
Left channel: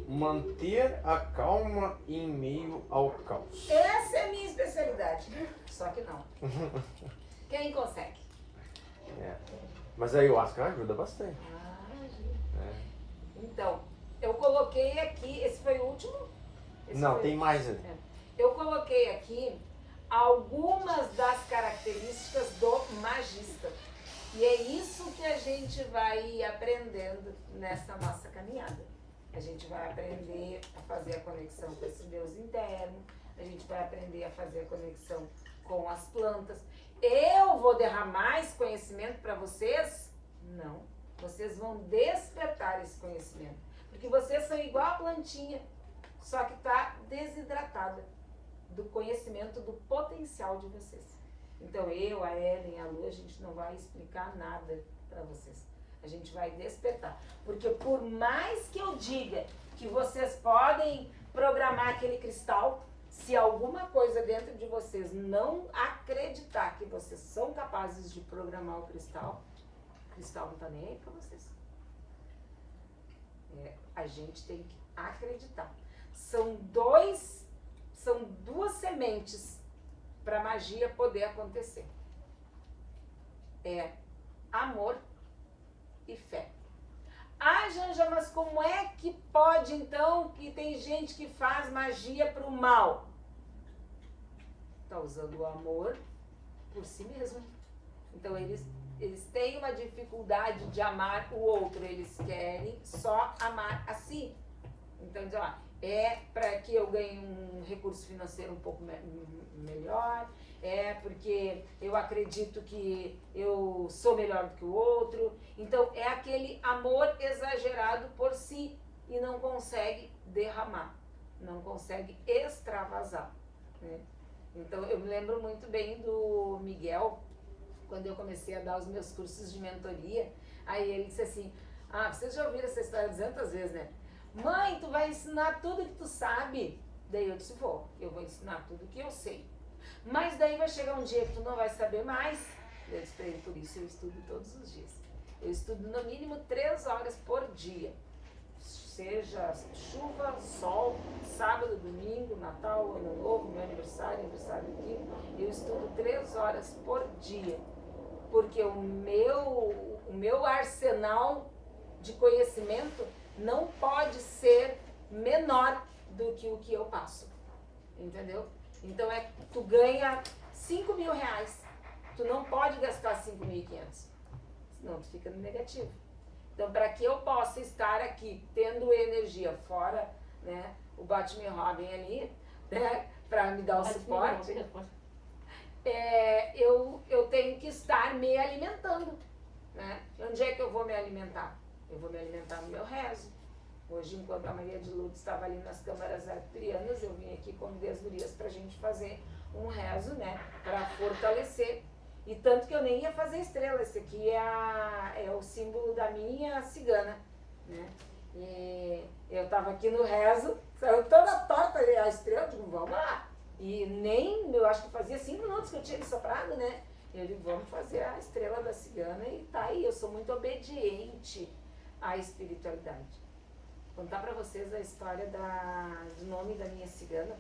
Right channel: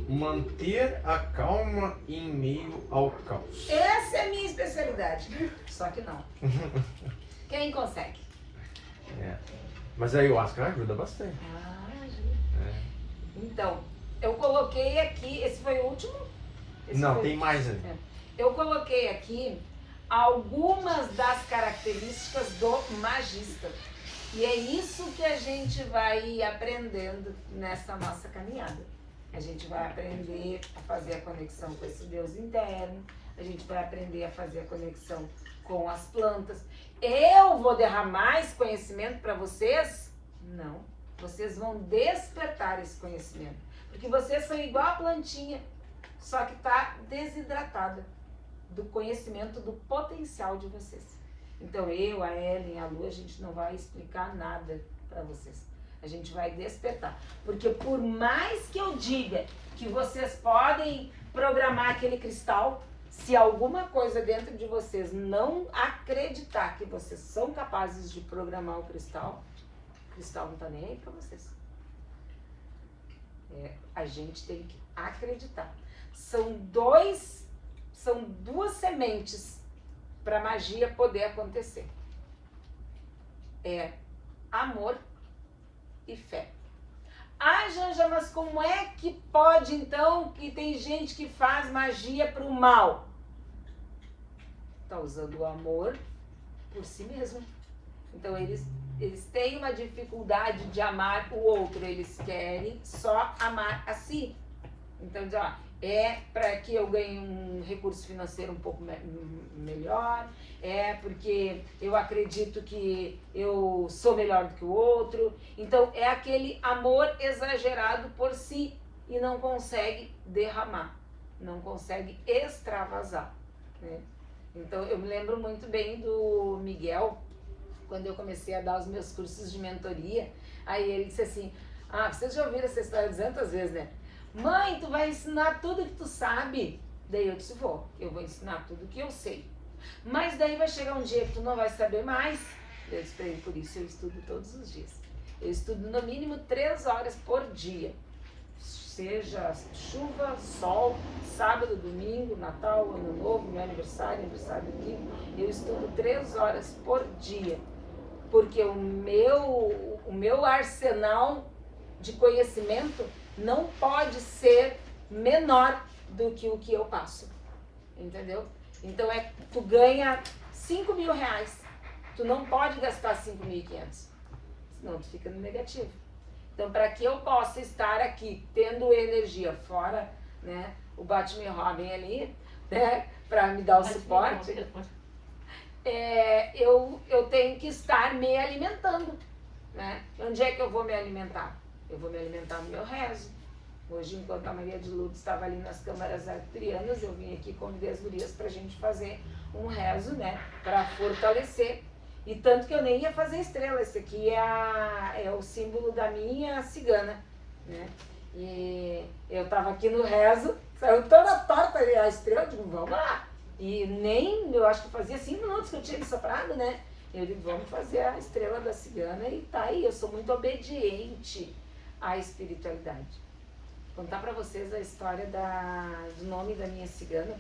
Manter a calma em meio ao caos. Essa é a minha especialidade. Só que não. Quem consegue? É. Mas a ayahuasca ajuda bastante. Então, eu coloquei aqui, esse foi o último? Esse Não, foi- tem mais ainda. Eu coloquei aqui algumas das características do magista. E é isso que a gente vai aprendendo nessa nossa caminhada. A gente vai aprender a fazer a conexão com esse Deus interno, a gente vai aprender a fazer a conexão com as plantas. Eu vou derramar esse conhecimento para vocês? Não. Vocês vão despertar esse conhecimento. Porque vocês são igual a plantinha, só que está desidratada do conhecimento do potencial de vocês. Então eu, a Ellen, a Lu, a gente não vai explicar nada para vocês. A gente vai despertar. Porque por mais que eu diga que vocês podem programar aquele cristal, se alguma coisa dentro de vocês não acreditar que vocês são capazes de programar o cristal não está nem aí para vocês. A gente tem que acreditar. São duas sementes para a magia poder acontecer. É amor e fé. Ah, Janja, mas como é que pode então que tem gente que faz magia para o mal? Está usando o amor por si mesmo. Então eles têm uma dificuldade de amar o outro, eles querem só amar a si. Então, é para que eu ganhe um recurso financeiro um pouco melhor, é porque eu acredito que eu sou melhor do que o outro. Então, é aquele amor exagerado por si e não consegue derramar, não consegue extravasar, né? Então, eu me lembro muito bem do Miguel, quando eu comecei a dar os meus cursos de mentoria. Aí ele disse assim, vocês já ouviram essa história 200 vezes, né? Mãe, tu vai ensinar tudo que tu sabe? Daí eu disse, eu vou ensinar tudo que eu sei. Mas daí vai chegar um dia que tu não vai saber mais. Eu disse pra ele, por isso eu estudo todos os dias. Eu estudo no mínimo 3 horas por dia. Seja chuva, sol, sábado, domingo, Natal, Ano Novo, meu aniversário do Kiko. Eu estudo 3 horas por dia. Porque o meu arsenal de conhecimento não pode ser menor do que o que eu passo, entendeu? Então tu ganha 5 mil reais, tu não pode gastar 5.500, senão tu fica no negativo. Então, para que eu possa estar aqui tendo energia fora, né, o Batman Robin ali, né, para me dar o suporte, eu tenho que estar me alimentando, né? Onde é que eu vou me alimentar? Eu vou me alimentar no meu rezo. Hoje, enquanto a Maria de Lourdes estava ali nas câmaras arcturianas, eu vim aqui convidar as gurias para a gente fazer um rezo, né, para fortalecer. E tanto que eu nem ia fazer estrela. Esse aqui é o símbolo da minha cigana, né? E eu estava aqui no rezo, saiu toda torta a estrela, eu digo, vamos lá. E eu acho que fazia 5 minutos que eu tinha me soprado, né? Eu digo, vamos fazer a estrela da cigana e tá aí. Eu sou muito obediente à espiritualidade. Vou contar para vocês a história do nome da minha cigana.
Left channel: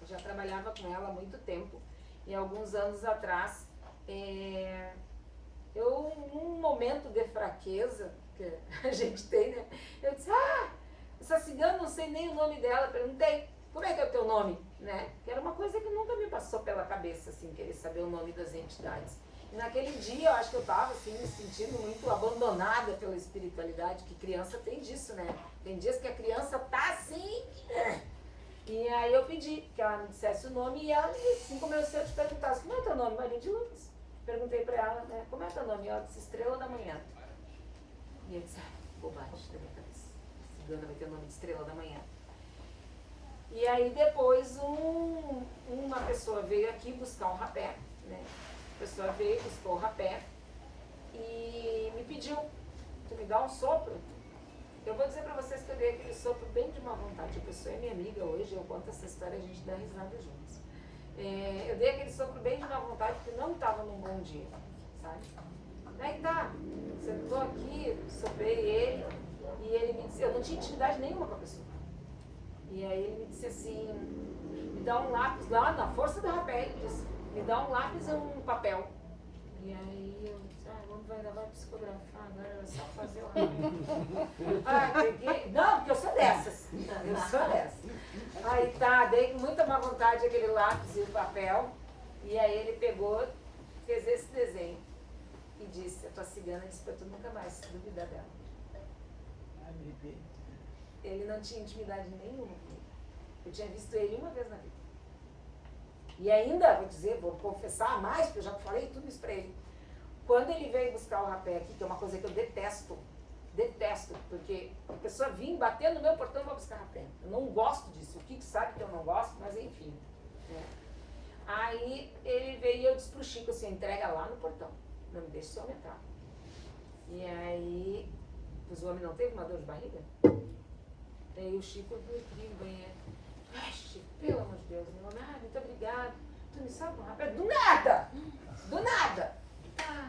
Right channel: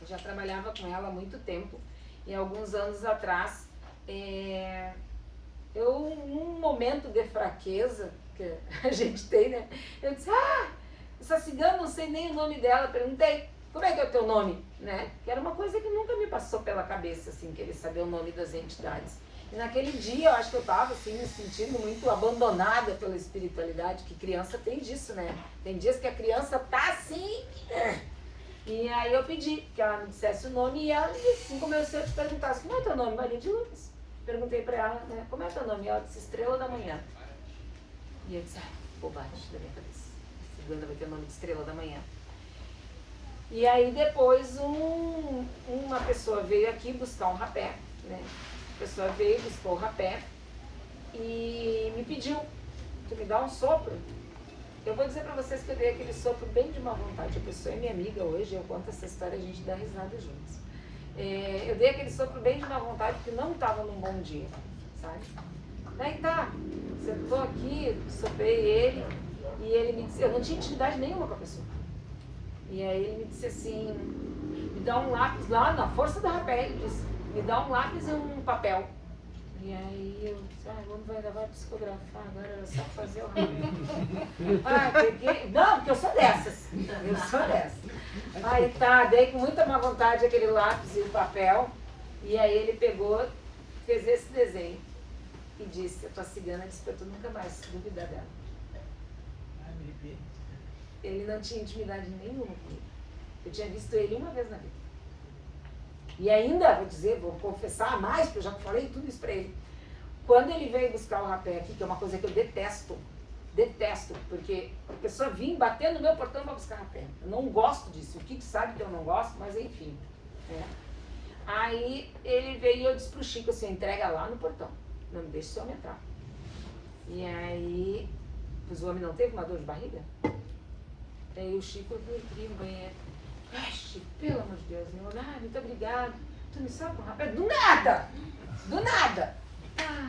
Eu já trabalhava com ela há muito tempo. E alguns anos atrás, num momento de fraqueza que a gente tem, né? Eu disse, essa cigana, não sei nem o nome dela. Perguntei, como é que é o teu nome? Né? Que era uma coisa que nunca me passou pela cabeça, assim, querer saber o nome das entidades. E naquele dia, eu acho que eu estava assim, me sentindo muito abandonada pela espiritualidade, que criança tem disso, né? Tem dias que a criança tá assim. E aí eu pedi que ela me dissesse o nome e ela me disse, assim como eu te perguntasse, como é teu nome? Maria de Lourdes. Perguntei pra ela, né, como é teu nome? E ela disse, Estrela da Manhã. E eu disse, bobagem da minha cabeça. A cigana vai ter o nome de Estrela da Manhã. E aí depois uma pessoa veio aqui buscar um rapé, né? A pessoa veio, buscou o rapé e me pediu, tu me dá um sopro? Eu vou dizer pra vocês que eu dei aquele sopro bem de má vontade. A pessoa é minha amiga hoje, eu conto essa história, a gente dá risada juntos. Eu dei aquele sopro bem de má vontade porque não estava num bom dia, sabe? Daí tá, sentou aqui, soprei ele e ele me disse, eu não tinha intimidade nenhuma com a pessoa. E aí ele me disse assim, me dá um lápis lá, na força do rapé, ele disse, me dá um lápis e um papel. E aí eu disse, vamos vai psicografar agora, era só fazer o rapé. Peguei, não, porque eu sou dessas. Eu sou dessas. Aí tá, dei com muita má vontade aquele lápis e o papel. E aí ele pegou, fez esse desenho. E disse, a tua cigana disse pra tu nunca mais duvidar dela. Ele não tinha intimidade nenhuma comigo. Eu tinha visto ele uma vez na vida. E ainda, vou dizer, vou confessar mais, porque eu já falei tudo isso pra ele. Quando ele veio buscar o rapé aqui, que é uma coisa que eu detesto, porque a pessoa vinha bater no meu portão para buscar rapé. Eu não gosto disso. O Kiko sabe que eu não gosto, mas enfim. Né? Aí ele veio e eu disse pro Chico assim, entrega lá no portão. Não me deixe esse homem entrar. E aí, pois o homem não teve uma dor de barriga? Aí o Chico veio no banheiro. Chico, pelo amor de Deus, meu, muito obrigado. Tu me salva com rapé? Do nada! Do nada!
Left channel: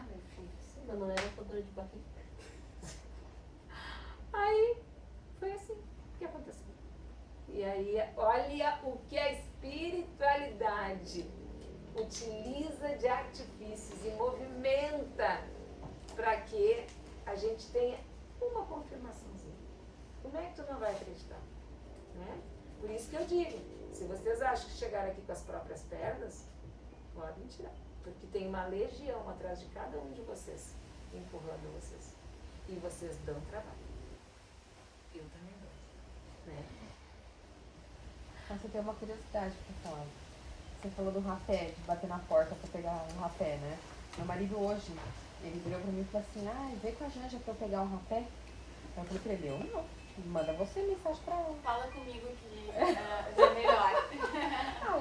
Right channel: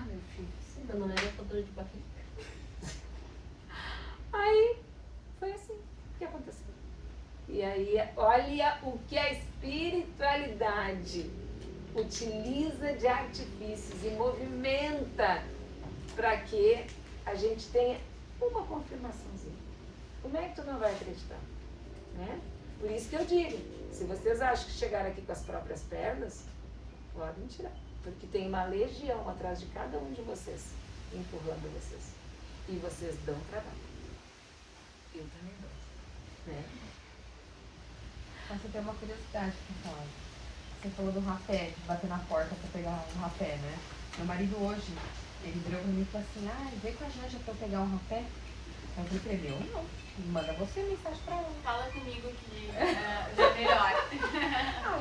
Meu filho. Mas não era com dor de barriga. Aí, foi assim que aconteceu. E aí, olha o que a espiritualidade utiliza de artifícios e movimenta para que a gente tenha uma confirmaçãozinha. Como é que tu não vai acreditar? Né? Por isso que eu digo, se vocês acham que chegaram aqui com as próprias pernas, podem tirar. Porque tem uma legião atrás de cada um de vocês, empurrando vocês. E vocês dão trabalho. Eu também dou. Né? Mas eu tenho uma curiosidade pra falar. Você falou do rapé, de bater na porta pra pegar um rapé, né? Meu marido hoje, ele virou pra mim e falou assim, vem com a Janja pra pegar um rapé. Eu falei pra ele, não, manda você mensagem pra ela. Fala comigo que já melhora.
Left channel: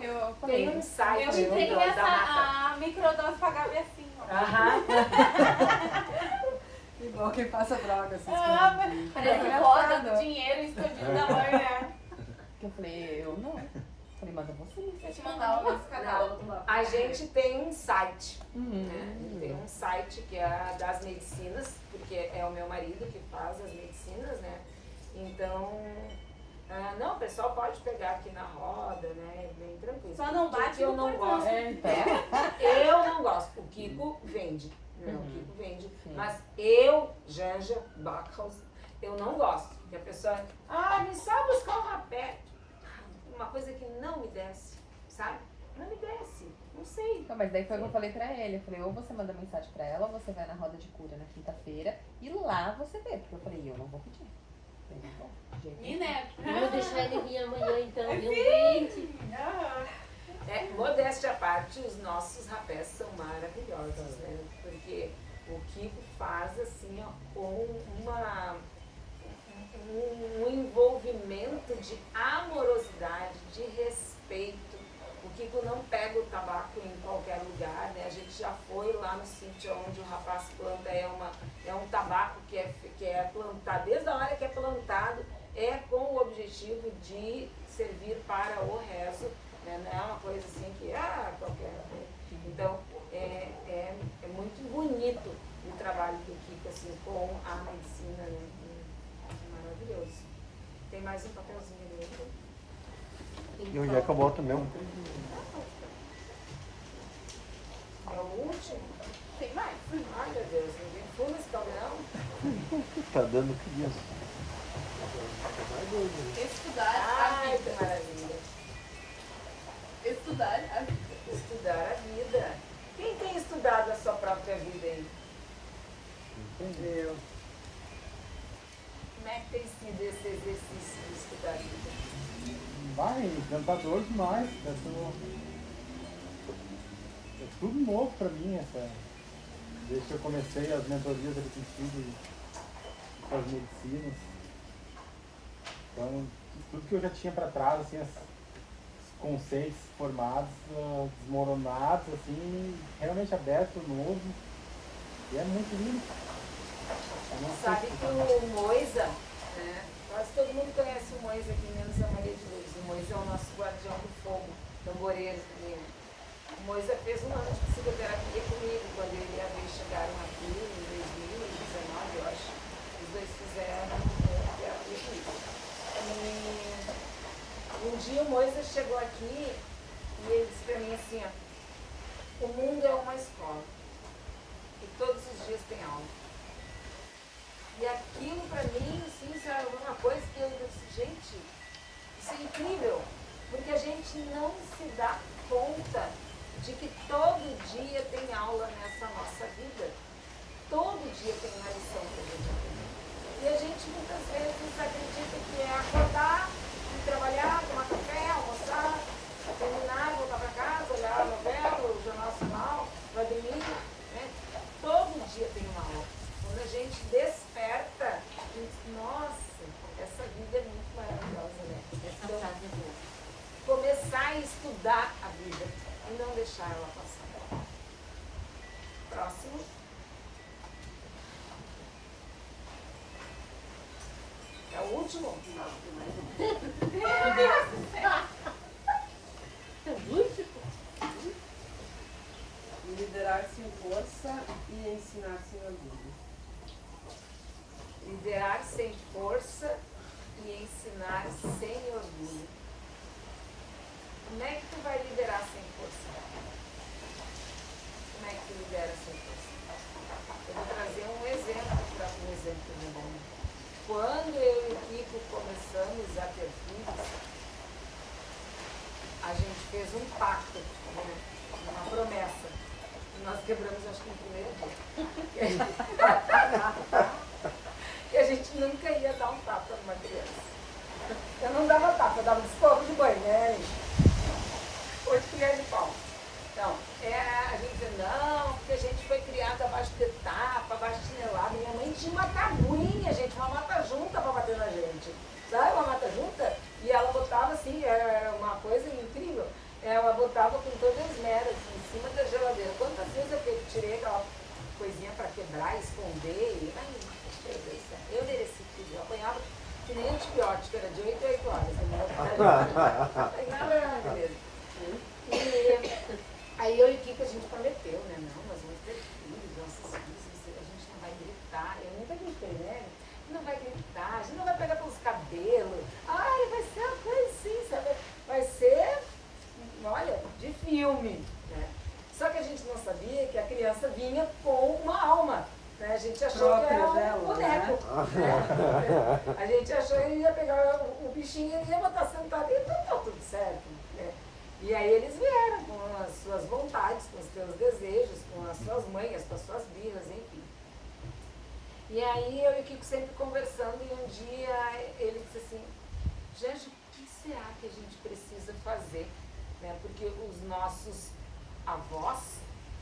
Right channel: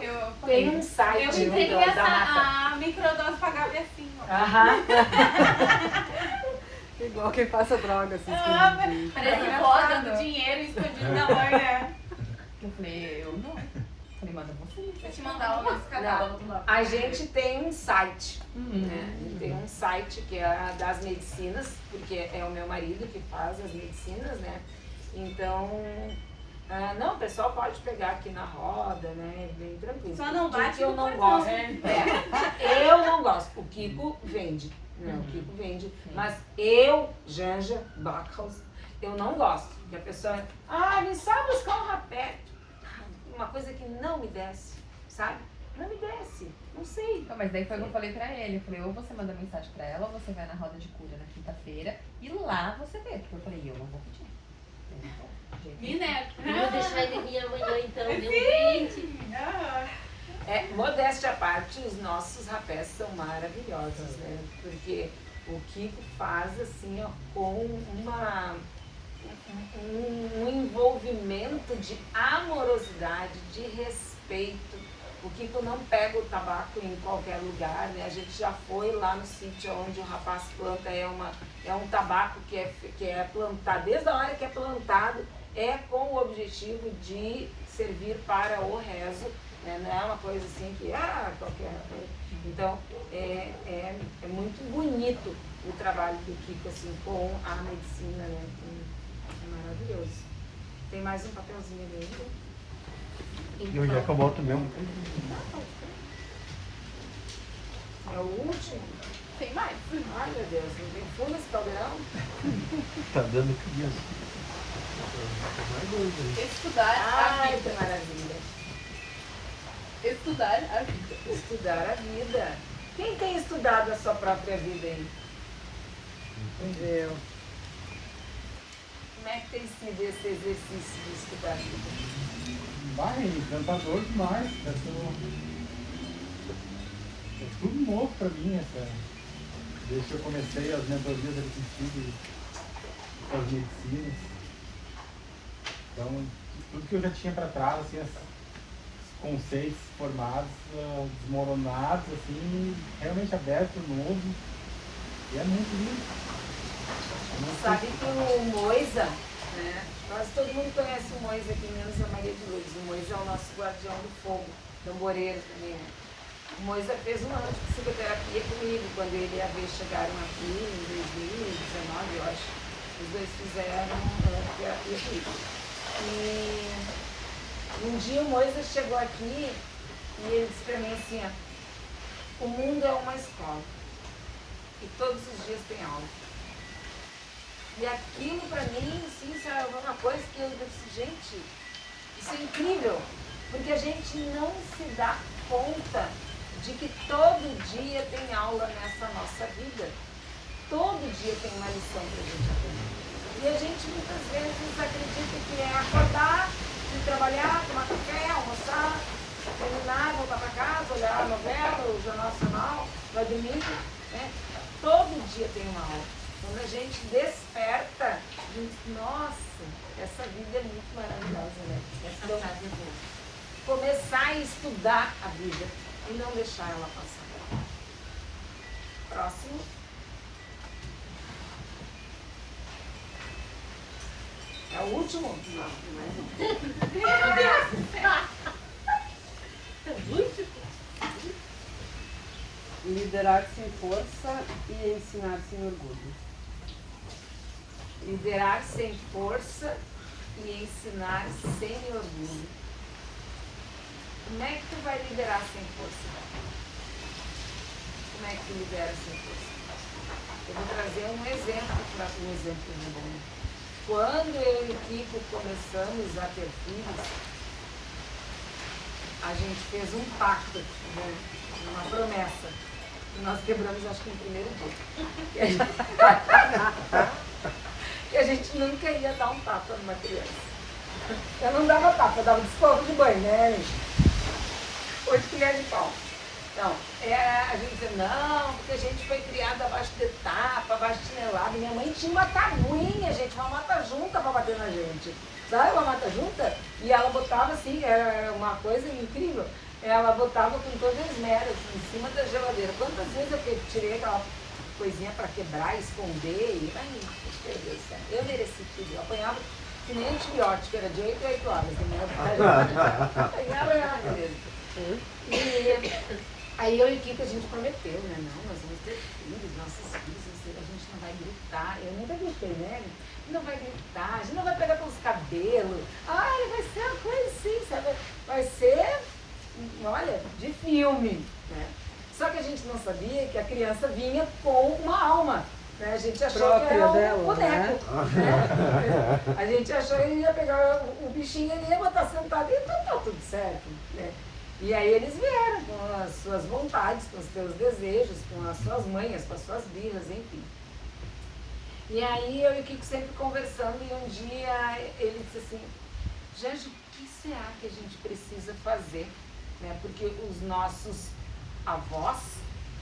Eu Tem um site, Eu entreguei da Mata. a microdose pra Gabi assim. Aham. Igual quem passa droga, assim. Parece foda do dinheiro escondido da mãe, né? Eu falei, eu não. Eu falei, manda você. Vou te mandar o nosso catálogo lá. A gente tem um site. Né? Tem um site que é das medicinas, porque é o meu marido que faz as medicinas, né? Então, não, o pessoal pode pegar aqui na roda, né? Bem tranquilo. Só não bate que eu no não cartão. gosto. Eu não gosto. O Kiko vende. Né? O Kiko vende. Mas eu, Janja, Backhaus, eu não gosto. Porque a pessoa, me sabe buscar um rapé. Uma coisa que não me desce, sabe? Não me desce. Não sei. Não, mas daí foi o que eu falei pra ele. Eu falei, ou você manda mensagem pra ela, ou você vai na roda de cura na quinta-feira e lá você vê. Porque eu falei, eu não vou pedir. Mineco. Vou deixar ele vir amanhã então, meu gente. Modéstia à parte, os nossos rapés são maravilhosos, né? Porque o Kiko faz assim, ó, com um envolvimento de amorosidade, de respeito. O Kiko não pega o tabaco em qualquer lugar, né? A gente já foi lá no sítio onde o rapaz planta, é um tabaco que é plantado, desde a hora que é plantado, é com o objetivo de servir para o rezo, né? Não é uma coisa assim que, qualquer coisa. Então, é muito bonito o trabalho do Kiko, assim, com a medicina, né? É maravilhoso. Tem mais um papelzinho ali ainda? Eu já acabou também. É o último? Tem mais. Ai, meu Deus, não tem fundo esse caldeirão? Tá dando criança. Mais dois aí. Estudar Ai, a que vida. maravilha. Estudar a vida. Estudar a vida. Quem tem estudado a sua própria vida aí? Entendeu? Como é que tem sido esse exercício de estudar a vida? Vai, encantador demais. É tudo novo pra mim, desde que eu comecei as mentorias assistivas com as medicinas. Então, tudo que eu já tinha para trás, assim, os conceitos formados, desmoronados, assim, realmente abertos, novo. E é muito lindo. Sabe que o Moisa, né? Quase todo mundo conhece o Mois aqui, menos a Maria de Lourdes. O Mois é o nosso guardião do fogo, tamboreiro também, né? O Mois fez uma noite de psicoterapia comigo, quando ele e a Vê chegaram aqui em 2019, eu acho. Os dois fizeram terapia comigo. E um dia o Moisés chegou aqui e ele disse pra mim assim, ó, o mundo é uma escola e todos os dias tem aula. E aquilo pra mim, assim, sabe, é uma coisa que eu disse, gente, isso é incrível, porque a gente não se dá conta de que todo dia tem aula nessa nossa vida. Todo dia tem uma lição pra gente aprender. E a gente muitas vezes acredita que é acordar, ir trabalhar, tomar café, almoçar, terminar, voltar para casa, olhar a novela, o Jornal Nacional, vai dormir, né? Todo dia tem uma aula. Quando a gente desperta, a gente diz, nossa, essa vida é muito maravilhosa, né? Então, começar a estudar a vida e não deixar ela passar. Próximo. É o último? Não, não é não. É o último? Liderar sem força e ensinar sem orgulho. Liderar sem força e ensinar sem orgulho. Como é que tu vai liderar sem força? Como é que tu lidera sem força? Eu vou trazer um exemplo para um exemplo de bom. Quando eu e o Kiko começamos a ter filhos, a gente fez um pacto, né? Uma promessa. E nós quebramos, acho que no primeiro dia. Que a gente nunca ia dar um tapa numa criança. Eu não dava tapa, eu dava desconto de banho, né? 8 colheres de pau. Então, a gente dizia, não, porque a gente foi criada abaixo de tapa, abaixo de chinelada. Minha mãe tinha uma tabuinha, gente, uma mata junta pra bater na gente. Sabe, uma mata junta? E ela botava assim, era uma coisa incrível. Ela botava com todas as meras em cima da geladeira. Quantas vezes eu tirei aquela coisinha pra quebrar, esconder? E, ai, meu Deus do céu, eu mereci tudo. Eu apanhava que nem antibiótico, era de 8 a 8 horas. Apanhava, beleza. E aí eu e o Kiko, a gente prometeu, né? Não, nós vamos ter filhos, nossos filhos, a gente não vai gritar. Eu nunca gritei, né? Não vai gritar, a gente não vai pegar pelos cabelos. Ai, vai ser uma coisa assim, sabe? Vai ser, olha, de filme, né? Só que a gente não sabia que a criança vinha com uma alma. Né? A gente achou que era um boneco. Né? A gente achou que ele ia pegar o bichinho e ia botar sentado e então tá tudo certo. Né? E aí eles vieram com as suas vontades, com os seus desejos, com as suas manhas, com as suas birras, enfim. E aí eu e o Kiko sempre conversando e um dia ele disse assim, Janja, o que será que a gente precisa fazer? Né? Porque os nossos avós,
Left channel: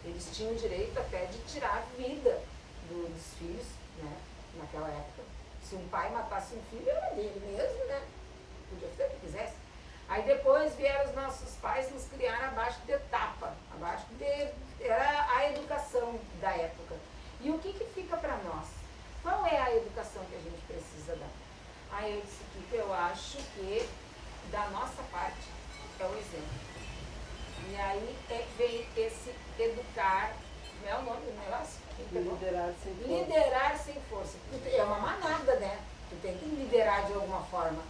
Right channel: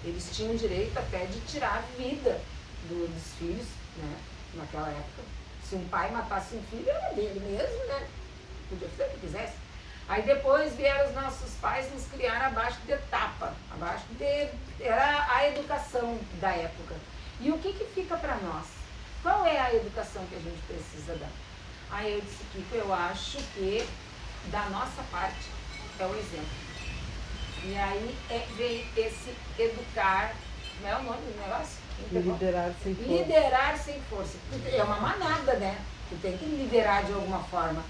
eles tinham direito até de tirar a vida dos filhos, né? Naquela época. Se um pai matasse um filho, era dele mesmo, né? Podia fazer o que quisesse. Aí depois vieram os nossos pais nos criar abaixo de tapa, abaixo de... Era a educação da época. E o que fica para nós? Qual é a educação que a gente precisa dar? Aí eu disse, Kiko, eu acho que da nossa parte é o exemplo. E aí vem esse educar, como é o nome do negócio? Liderar sem força. Liderar sem força. É uma manada, né? Tu tem que liderar de alguma forma.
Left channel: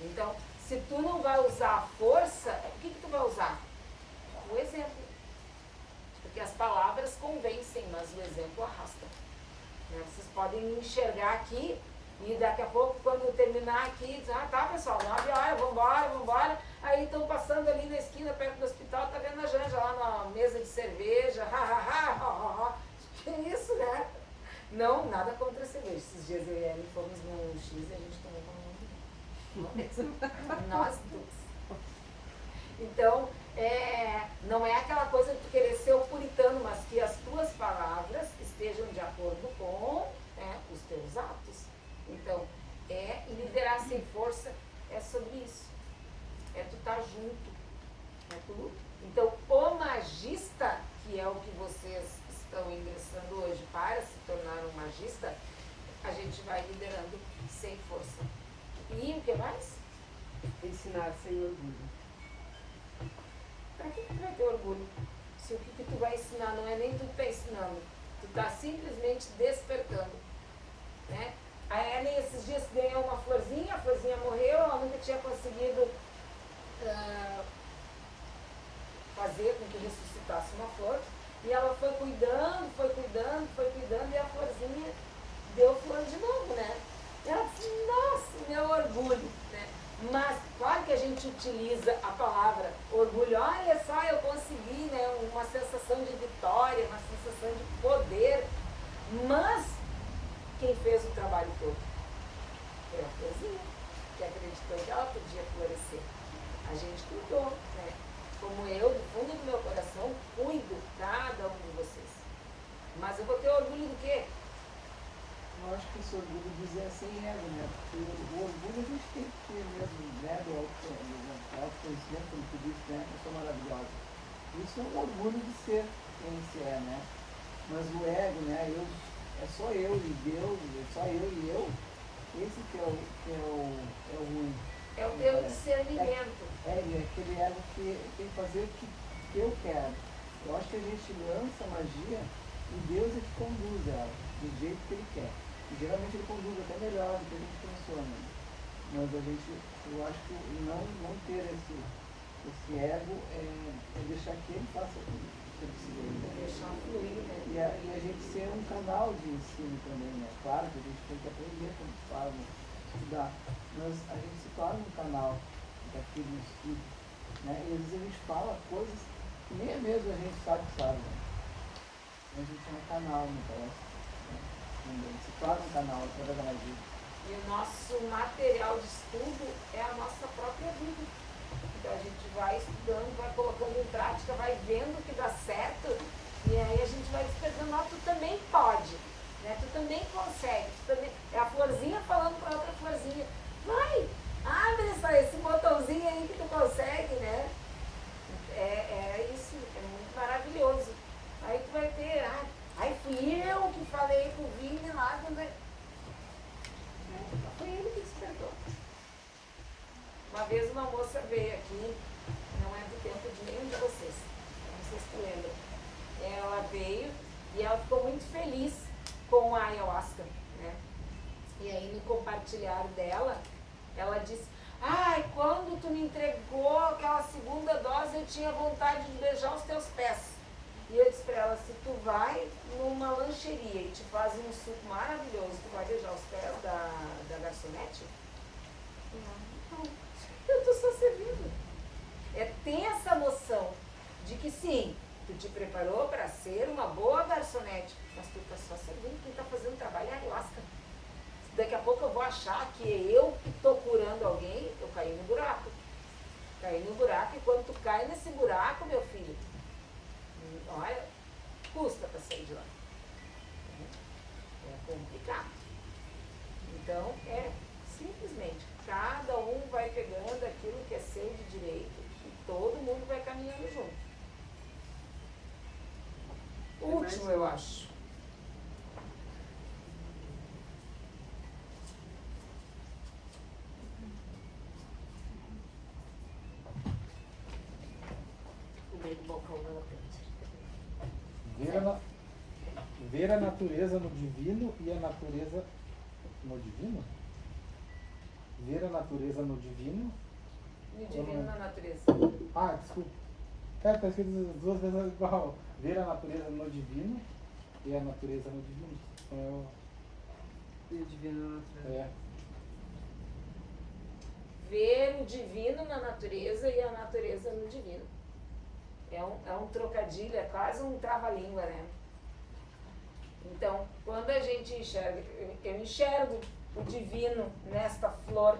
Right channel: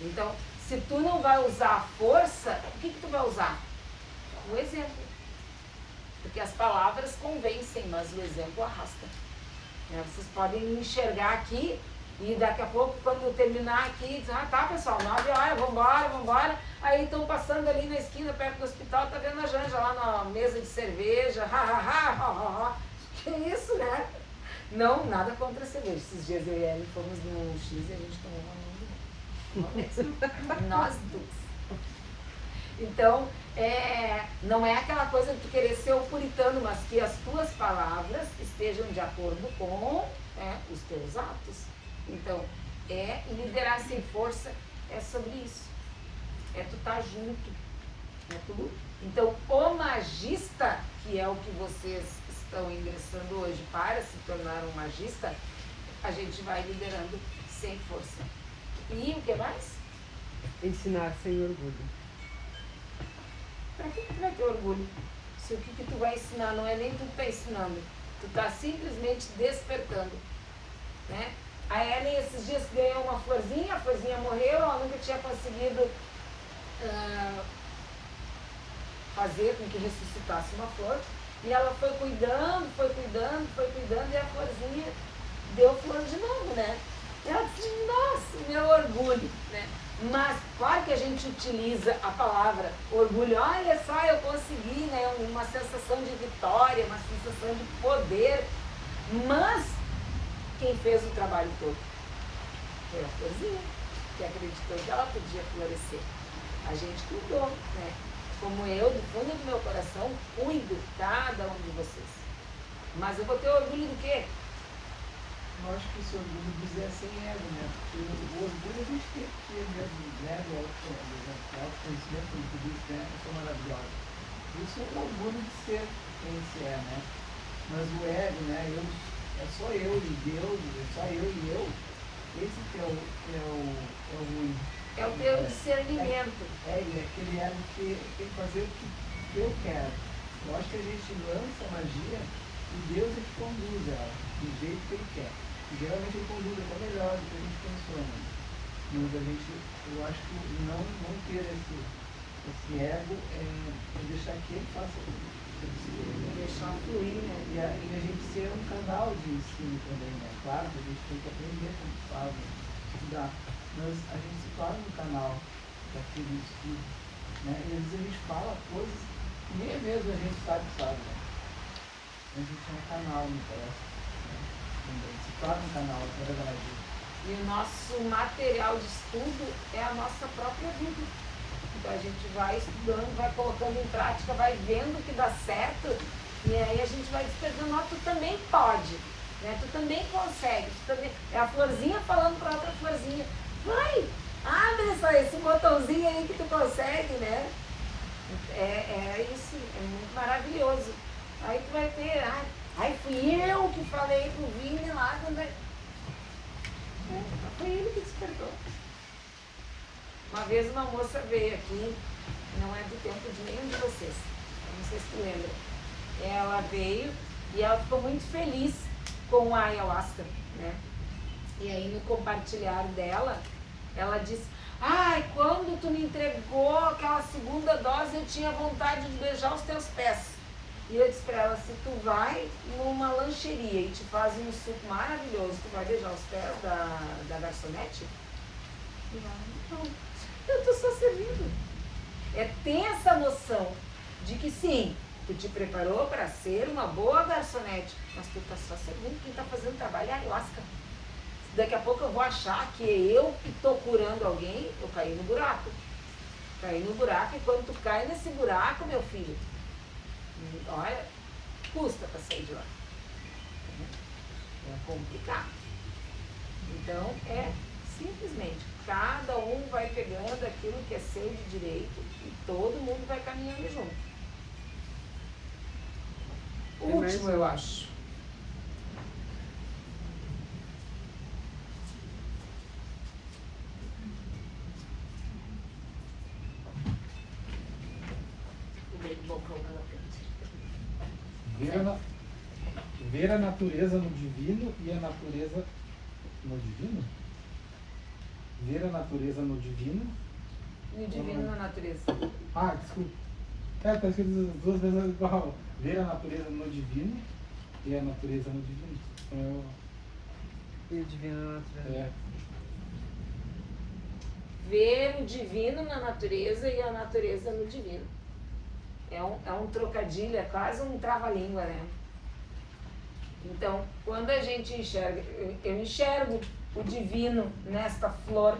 Então, se tu não vai usar a força, o que tu vai usar? O exemplo. Porque as palavras convencem, mas o exemplo arrasta. Vocês podem me enxergar aqui e daqui a pouco, quando eu terminar aqui, dizer, tá pessoal, 9 horas, vambora. Aí estão passando ali na esquina, perto do hospital, tá vendo a Janja lá na mesa de cerveja, que isso, né? Não, nada contra a cerveja. Esses dias eu e a Ellen fomos no X e a gente tomou uma mesmo. Nós duas. Então, não é aquela coisa de tu querer ser o puritano, mas que as tuas palavras estejam de acordo com os teus atos. Então, liderar sem força é sobre isso. É tu estar junto. Então, o magista, que é o que vocês estão ingressando hoje para se tornar um magista, a gente vai liderando sem força. E o que mais? Ensinar sem orgulho. Pra que tu vai ter orgulho? Se o que tu vai ensinar não é nem tu que tá ensinando, tu tá simplesmente despertando, né? A Ellen esses dias ganhou uma florzinha, a florzinha morreu, ela nunca tinha conseguido fazer com que ressuscitasse uma flor, e ela foi cuidando, e a florzinha deu flor de novo, né? E ela disse, nossa, meu orgulho, né? Mas, claro que a gente utiliza a palavra orgulho, olha só, eu consegui, né? Uma sensação de vitória, uma sensação de poder, mas quem fez o trabalho todo foi a florzinha, que acreditou que ela podia florescer. A gente cuidou, né? Como eu, do fundo do meu coração, cuido cada um de vocês. Mas eu vou ter orgulho do quê? Eu acho que esse orgulho dizer sem ego, né? Porque o orgulho a gente tem que ter mesmo, né? Do autoconhecimento, como tu disse, né? Isso é maravilhoso. Isso é o orgulho de ser quem se é, né? Mas o ego, né? É só eu e Deus, é só eu e eu. Esse que é o ruim. É o teu discernimento. É aquele ego que tem que fazer o que eu quero. Eu acho que a gente lança a magia e Deus ele conduz ela do jeito que ele quer. E geralmente ele conduz até melhor do que a gente pensou. Né? Mas a gente, eu acho que não ter esse ego é deixar que ele faça o que ele precisa. Deixar fluir, né? E a gente ser um canal de ensino também, né? Claro que a gente tem que aprender como faz, estudar. Mas a gente se torna o canal daquele estudo. Né? E às vezes a gente fala coisas que nem mesmo a gente sabe. Né? A gente é um canal no coração. Se torna um canal através disso. E o nosso material de estudo é a nossa própria vida. Então a gente vai estudando, vai colocando em prática, vai vendo que dá certo, e aí a gente vai despertando, ó, tu também pode, né? Tu também consegue, tu também... É a florzinha falando para outra florzinha, vai, abre esse botãozinho aí que tu consegue, né? É isso, é muito maravilhoso. Aí tu vai ter, ai, fui eu que falei pro Vini lá quando... Foi ele que despertou. Uma vez uma moça veio aqui, não é do tempo de nenhum de vocês, não sei se tu lembra. Ela veio e ela ficou muito feliz com a ayahuasca, né? E aí no compartilhar dela, ela disse, quando tu me entregou aquela segunda dose, eu tinha vontade de beijar os teus pés. E eu disse pra ela, se tu vai numa lancheria e te fazem um suco maravilhoso, tu vai beijar os pés da garçonete? Não, eu tô só servindo. É ter essa noção de que sim, tu te preparou para ser uma boa garçonete, mas tu tá só servindo, quem tá fazendo trabalho é a ayahuasca. Daqui a pouco eu vou achar que eu que tô curando alguém, eu caí no buraco. Caí no buraco e quando tu cai nesse buraco, meu filho, olha, custa para sair de lá. É complicado. Então, é simplesmente, cada um vai pegando aquilo que é seu de direito e todo mundo vai caminhando junto. O último, eu acho. Ver a natureza no divino e a natureza no divino? Ver a natureza no divino? E o divino na natureza. Desculpa. Tá escrito duas vezes igual. Ver a natureza no divino e a natureza no divino. Então, E divino na natureza. Ver o divino na natureza e a natureza no divino. É um trocadilho, é quase um trava-língua, né? Então, quando a gente enxerga, eu enxergo o divino nesta flor,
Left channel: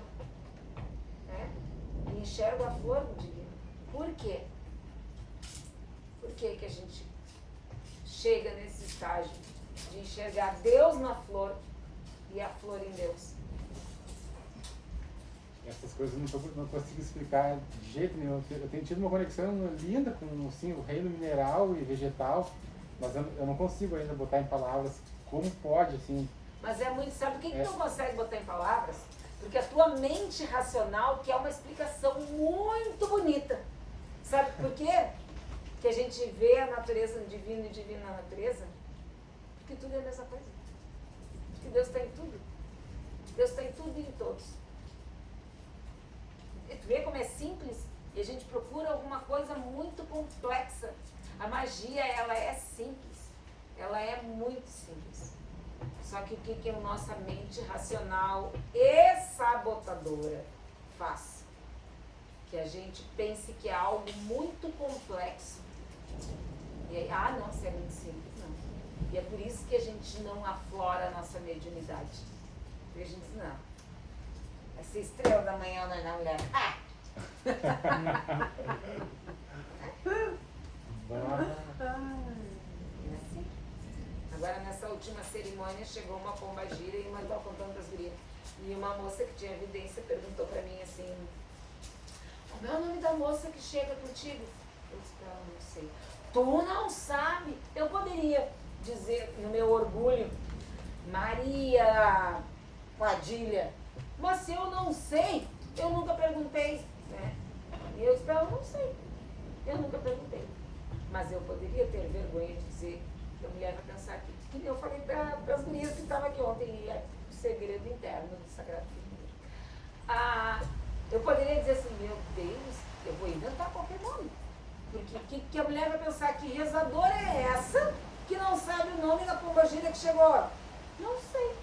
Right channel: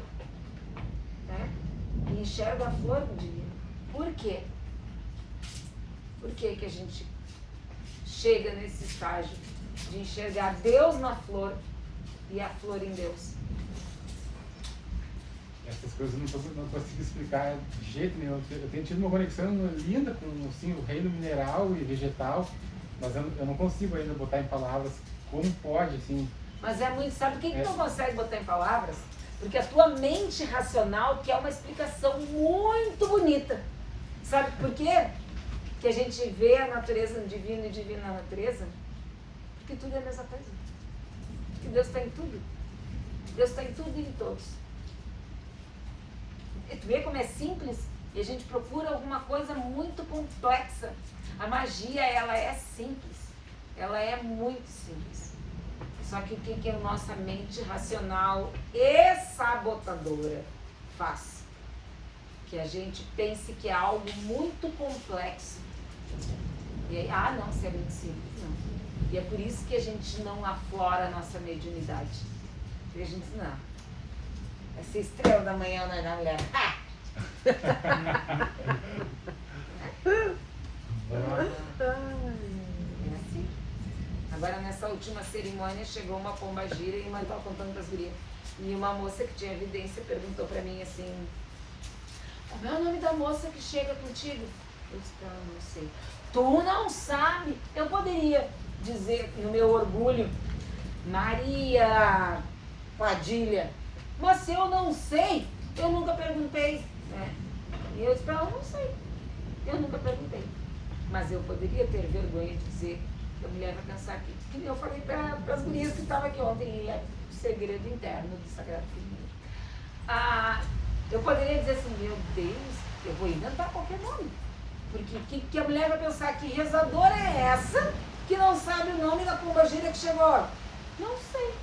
né? E enxergo a flor do divino. Por quê? Por que que a gente chega nesse estágio de enxergar Deus na flor e a flor em Deus? essas coisas eu não consigo explicar de jeito nenhum. Eu tenho tido uma conexão linda com assim, o reino mineral e vegetal, mas eu não consigo ainda botar em palavras como pode assim, Mas é muito, sabe o que não consegue botar em palavras? Porque a tua mente racional quer uma explicação muito bonita. Sabe por quê? Que a gente vê a natureza no divino e o divino na natureza? Porque tudo é a mesma coisa. Porque Deus está em tudo. Deus está em tudo e em todos. E tu vê como é simples? E a gente procura alguma coisa muito complexa. A magia, ela é simples. Ela é muito simples. Só que o que a nossa mente racional e sabotadora faz? Que a gente pense que é algo muito complexo. E aí, não, se é muito simples, não. E é por isso que a gente não aflora a nossa mediunidade. Porque a gente diz, não. Vai ser estrela da manhã, né, mulher? É assim. Agora, nessa última cerimônia, chegou uma pombagira e uma estava contando para as gurias. E uma moça que tinha evidência perguntou para mim assim: qual é o nome da moça que chega contigo? Eu disse para ela: não sei. Tu não sabe? Eu poderia dizer, no meu orgulho, Maria Padilha. Mas se eu não sei, eu nunca perguntei. Né? E eu disse para ela: não sei. Eu nunca perguntei. Mas eu poderia ter vergonha de dizer que a mulher vai pensar aqui. Que eu falei para as gurias que estavam aqui ontem, e é o segredo interno do Sagrado Feminino. Eu poderia dizer assim: meu Deus, eu vou inventar qualquer nome. Porque que a mulher vai pensar que rezadora é essa que não sabe o nome da pombagira que chegou? Não sei.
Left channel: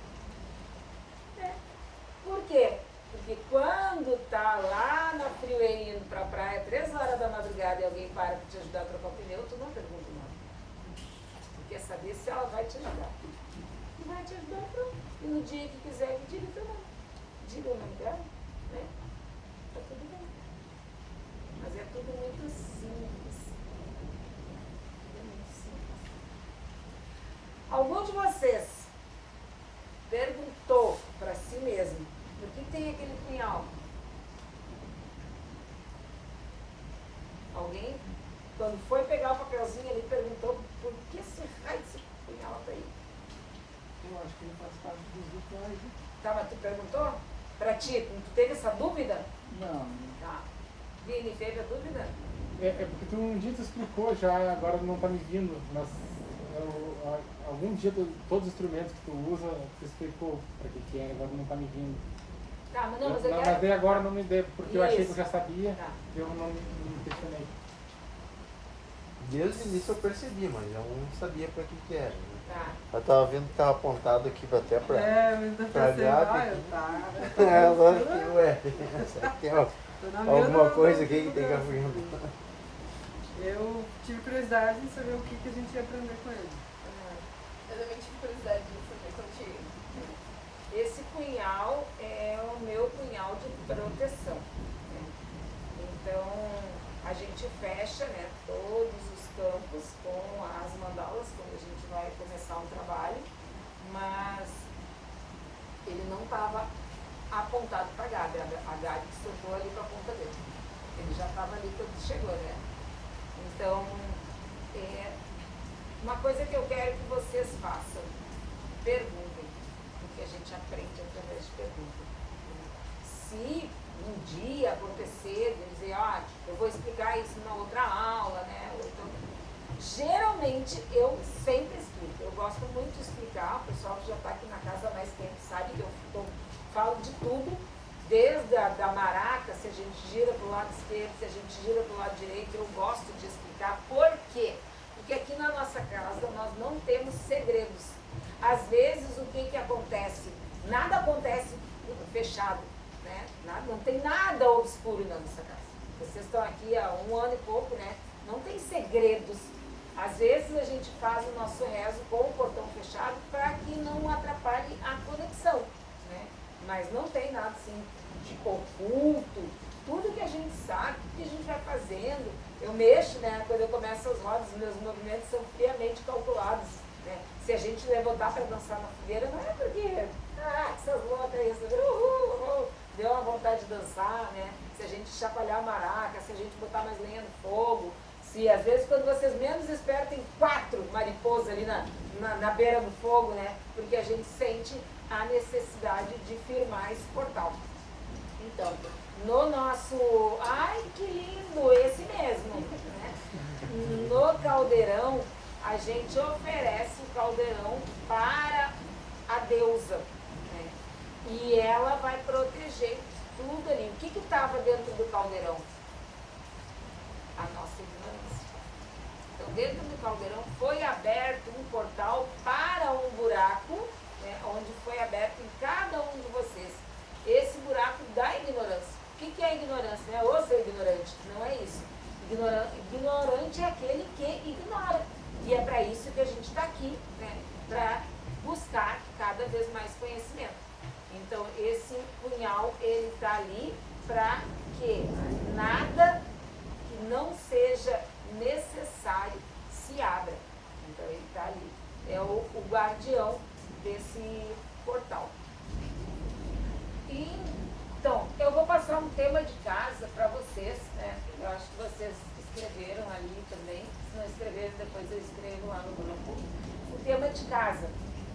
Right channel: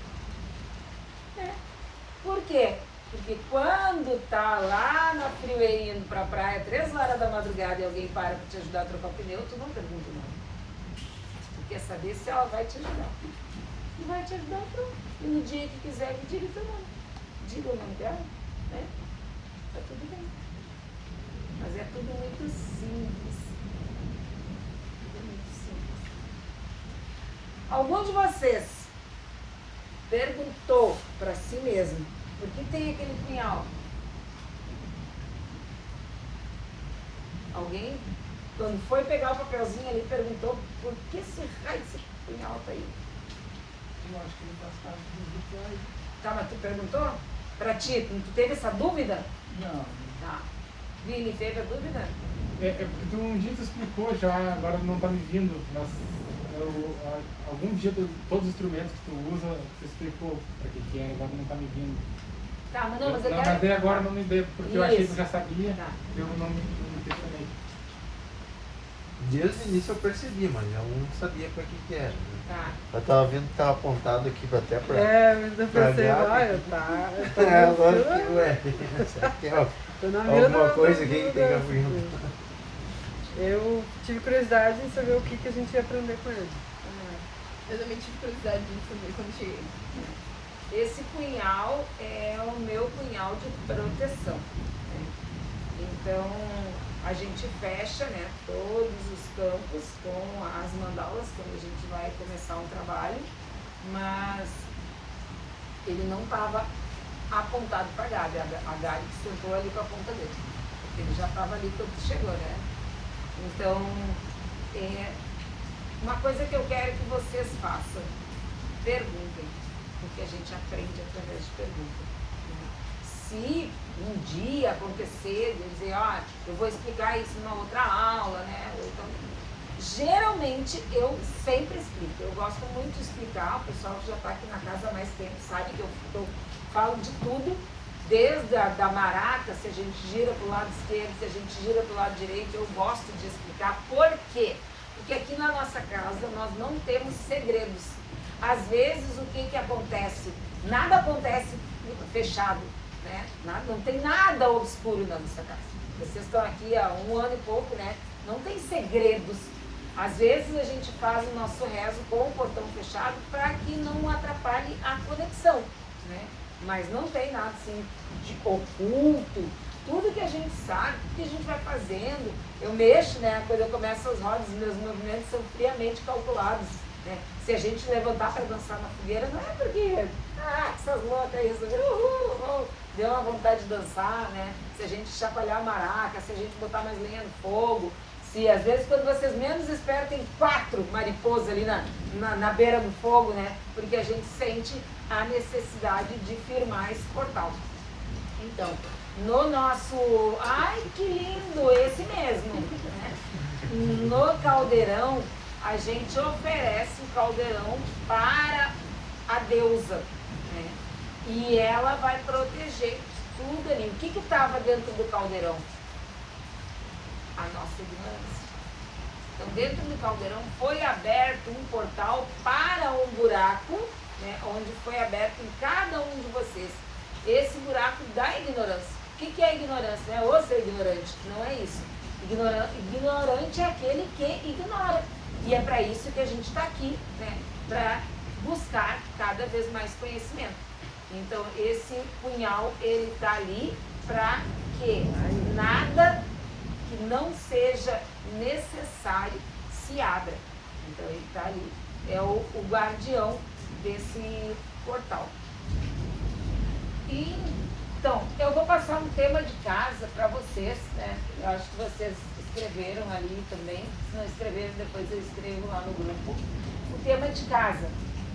Por quê? Porque quando tá lá na freeway indo pra praia, 3 horas da madrugada, e alguém para te ajudar a trocar o pneu, tu não pergunta o nome. Tu quer saber se ela vai te ajudar. E vai te ajudar, pronto. E no dia que quiser, me diga o teu nome. Diga o nome dela, né? Tá tudo bem. Mas é tudo muito simples. Tudo muito simples. Algum de vocês perguntou para si mesmo: por que tem aquele punhal? Alguém, quando foi pegar o papelzinho ali, perguntou: por que esse raio desse punhal tá aí? Eu acho que ele faz parte dos rituais. Tá, mas tu perguntou? Pra ti, tu teve essa dúvida? Não. Tá. Vini, teve a dúvida? Então, um dia tu explicou já, agora não tá me vindo, mas algum dia todos os instrumentos que tu usa, tu explicou pra que é, agora não tá me vindo. Tá, mas não, mas eu Não, quero... mas daí agora não me deu, porque eu Isso. achei que eu já sabia, Tá. eu não me questionei. Desde o início eu percebi, mas eu não sabia pra que era. Né? Tá. Eu tava vendo que tava apontado aqui até pra... Mas eu pensei, Aliado. olha, tá. Ué, será que é Eu não vi, alguma não, coisa não, aqui que não, tem que não. apresentar? Eu tive curiosidade em saber o que a gente ia aprender com ele. Eu também tive curiosidade de saber quando cheguei. Esse punhal é o meu punhal de proteção. Né? Então, a gente fecha, né, todos os campos com as mandalas quando a gente vai começar um trabalho, mas ele não estava apontado para a Gabi. A Gabi sentou ali para a ponta dele. Ele já estava ali quando chegou, né? Então, uma coisa que eu quero que vocês façam: perguntem, porque a gente aprende através de perguntas. Né? Se um dia acontecer de dizer: eu vou explicar isso na outra aula, né? Ou então, geralmente eu sempre explico. Eu gosto muito de explicar. O pessoal que já está aqui na casa há mais tempo sabe que eu falo de tudo, desde da maraca, se a gente gira para o lado esquerdo, se a gente gira para o lado direito. Eu gosto de explicar. Por quê? Porque aqui na nossa casa nós não temos segredos. Às vezes o que acontece? Nada acontece fechado, né? Não tem nada obscuro na nossa casa. Vocês estão aqui há 1 ano e pouco, né? Não tem segredos. Às vezes a gente faz o nosso rezo com o portão fechado para que não atrapalhe a conexão, né? Mas não tem nada assim de oculto. Tudo que a gente sabe, tudo que a gente vai fazendo, eu mexo, né? Quando eu começo as rodas, meus movimentos são friamente calculados, né? Se a gente levantar para dançar na fogueira, não é porque, essas loucas aí, deu uma vontade de dançar, né? Se a gente chacoalhar a maraca, se a gente botar mais lenha no fogo, se às vezes quando vocês menos esperam tem 4 mariposas ali na beira do fogo, né? Porque a gente sente a necessidade de firmar esse portal. Então, no nosso... Ai, que lindo! Esse mesmo! Né? No caldeirão, a gente oferece o caldeirão para a deusa, né? E ela vai proteger tudo ali. O que estava dentro do caldeirão? A nossa ignorância. Então, dentro do caldeirão foi aberto um portal para um buraco, né, onde foi aberto em cada um de vocês esse buraco da ignorância. O que é ignorância? Não é ou ser ignorante, não é isso. Ignorante é aquele que ignora. E é para isso que a gente está aqui, né, para buscar cada vez mais conhecimento. Então, esse punhal, ele está ali para que nada que não seja necessário se abra. Então, ele está ali. É o guardião desse portal. E, então, eu vou passar um tema de casa para vocês, né? Eu acho que vocês escreveram ali também. Se não escreveram, depois eu escrevo lá no grupo. O tema de casa.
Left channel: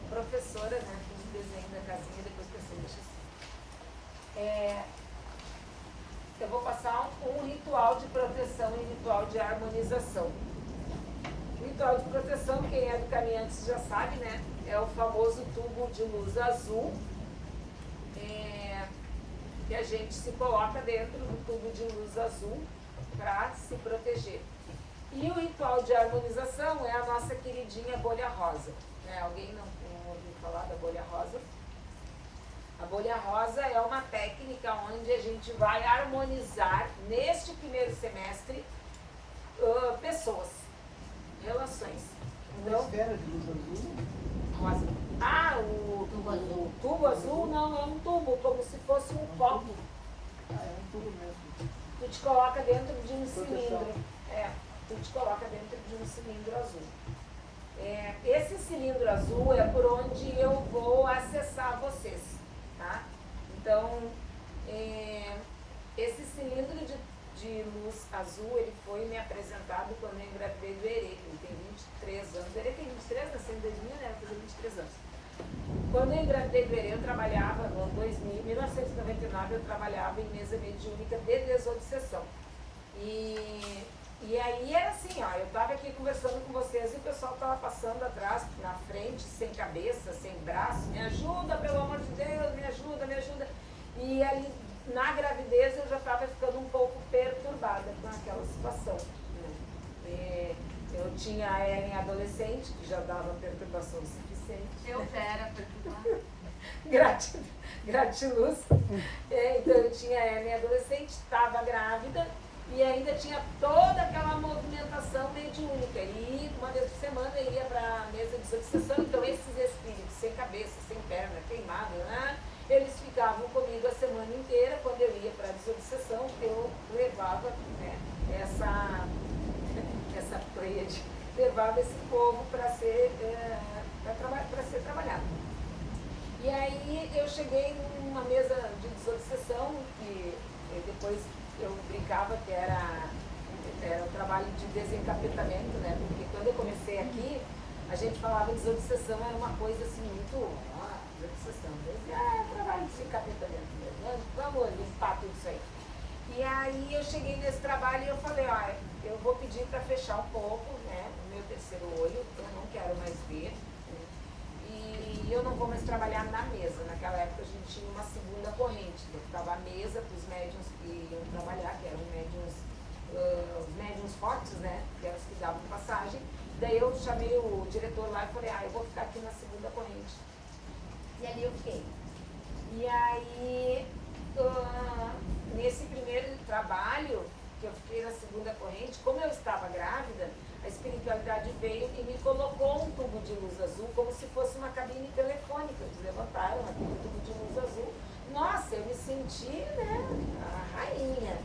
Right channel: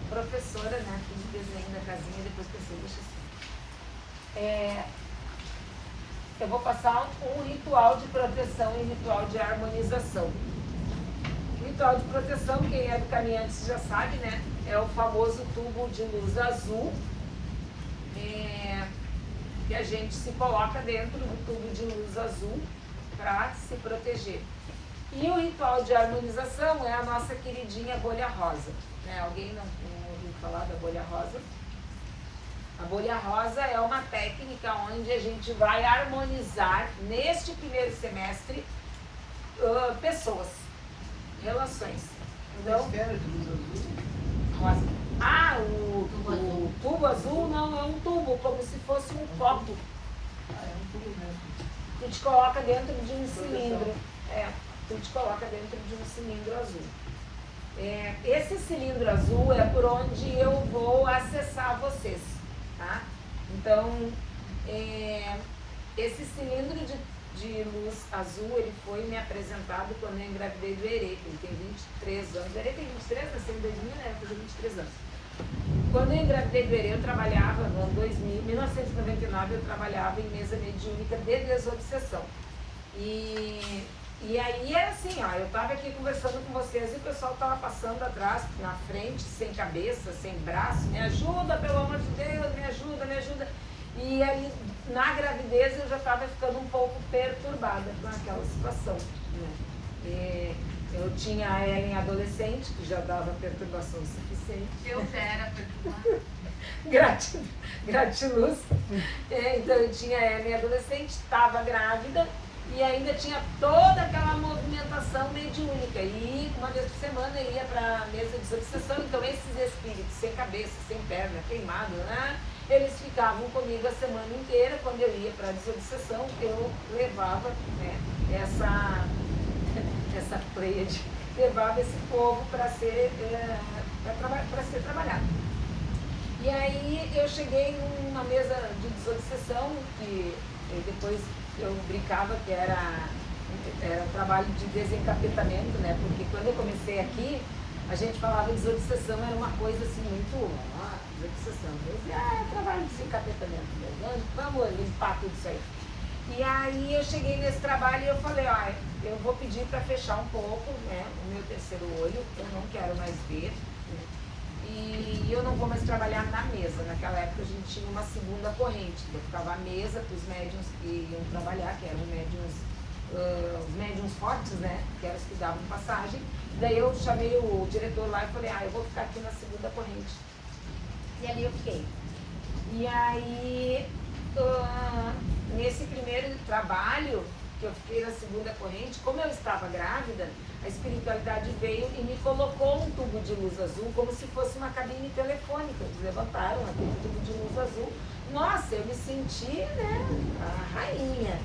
Professora, né? Fiz o desenho da casinha, depois você deixa assim. Eu vou passar um ritual de proteção e um ritual de harmonização. O ritual de proteção, quem é do Caminhantes já sabe, né? É o famoso tubo de luz azul, que a gente se coloca dentro do tubo de luz azul para se proteger. E o ritual de harmonização é a nossa queridinha bolha rosa. Né? Alguém não ouviu falar da bolha rosa? A bolha rosa é uma técnica onde a gente vai harmonizar, neste primeiro semestre, pessoas, relações. Então, rosa. Ah, o tubo azul não é um tubo, como se fosse um copo. Tu te coloca dentro de um cilindro. Tu te coloca dentro de um cilindro azul. Esse cilindro azul é por onde eu vou acessar vocês. Tá? Então, esse cilindro de luz azul, ele foi me apresentado quando eu engravidei do Herê, ele tem 23 anos. O Herê tem 23, nasceu em 2000, né? Eu fiz 23 anos. Quando eu engravidei do Herê, eu trabalhava, no ano 2000, 1999, eu trabalhava em mesa mediúnica de desobsessão. E aí era assim, ó, eu estava aqui conversando com vocês e o pessoal estava passando atrás, na frente, sem cabeça, sem braço, me ajuda, pelo amor de Deus, me ajuda, me ajuda. E aí, na gravidez, eu já estava ficando um pouco perturbada com aquela situação. Né? Eu tinha a Ellen adolescente, que já dava perturbação suficiente. Eu já era perturbada. Gratiluz. Então eu tinha a Ellen adolescente, estava grávida. E ainda tinha toda aquela movimentação mediúnica. E uma vez por semana eu ia para a mesa de desobsessão. Então esses espíritos sem cabeça, sem perna, queimados, né? Eles ficavam comigo a semana inteira. Quando eu ia para a desobsessão, eu levava, né, essa pleiade, levava esse povo para ser trabalhado. E aí eu cheguei numa mesa de desobsessão, que depois eu brincava que era trabalho de desencapetamento, né? Porque quando eu comecei aqui, a gente falava desobsessão, era uma coisa assim muito... desobsessão. Eu dizia, é trabalho de desencapetamento, vamos limpar tudo isso aí. E aí eu cheguei nesse trabalho e eu falei, eu vou pedir para fechar um pouco, né, o meu terceiro olho, eu não quero mais ver. E eu não vou mais trabalhar na mesa. Naquela época a gente tinha uma segunda corrente. Eu ficava à mesa para os médiuns que iam trabalhar, que eram os médiuns fortes, né? Que eram os que davam passagem. Daí eu chamei o diretor lá e falei, eu vou ficar aqui na segunda corrente. E ali eu fiquei. E aí, nesse primeiro trabalho, que eu fiquei na segunda corrente, como eu estava grávida, a espiritualidade veio e me colocou um tubo de luz azul como se fosse uma cabine telefônica. Eles levantaram aquele tubo de luz azul. Nossa, eu me senti, né, a rainha.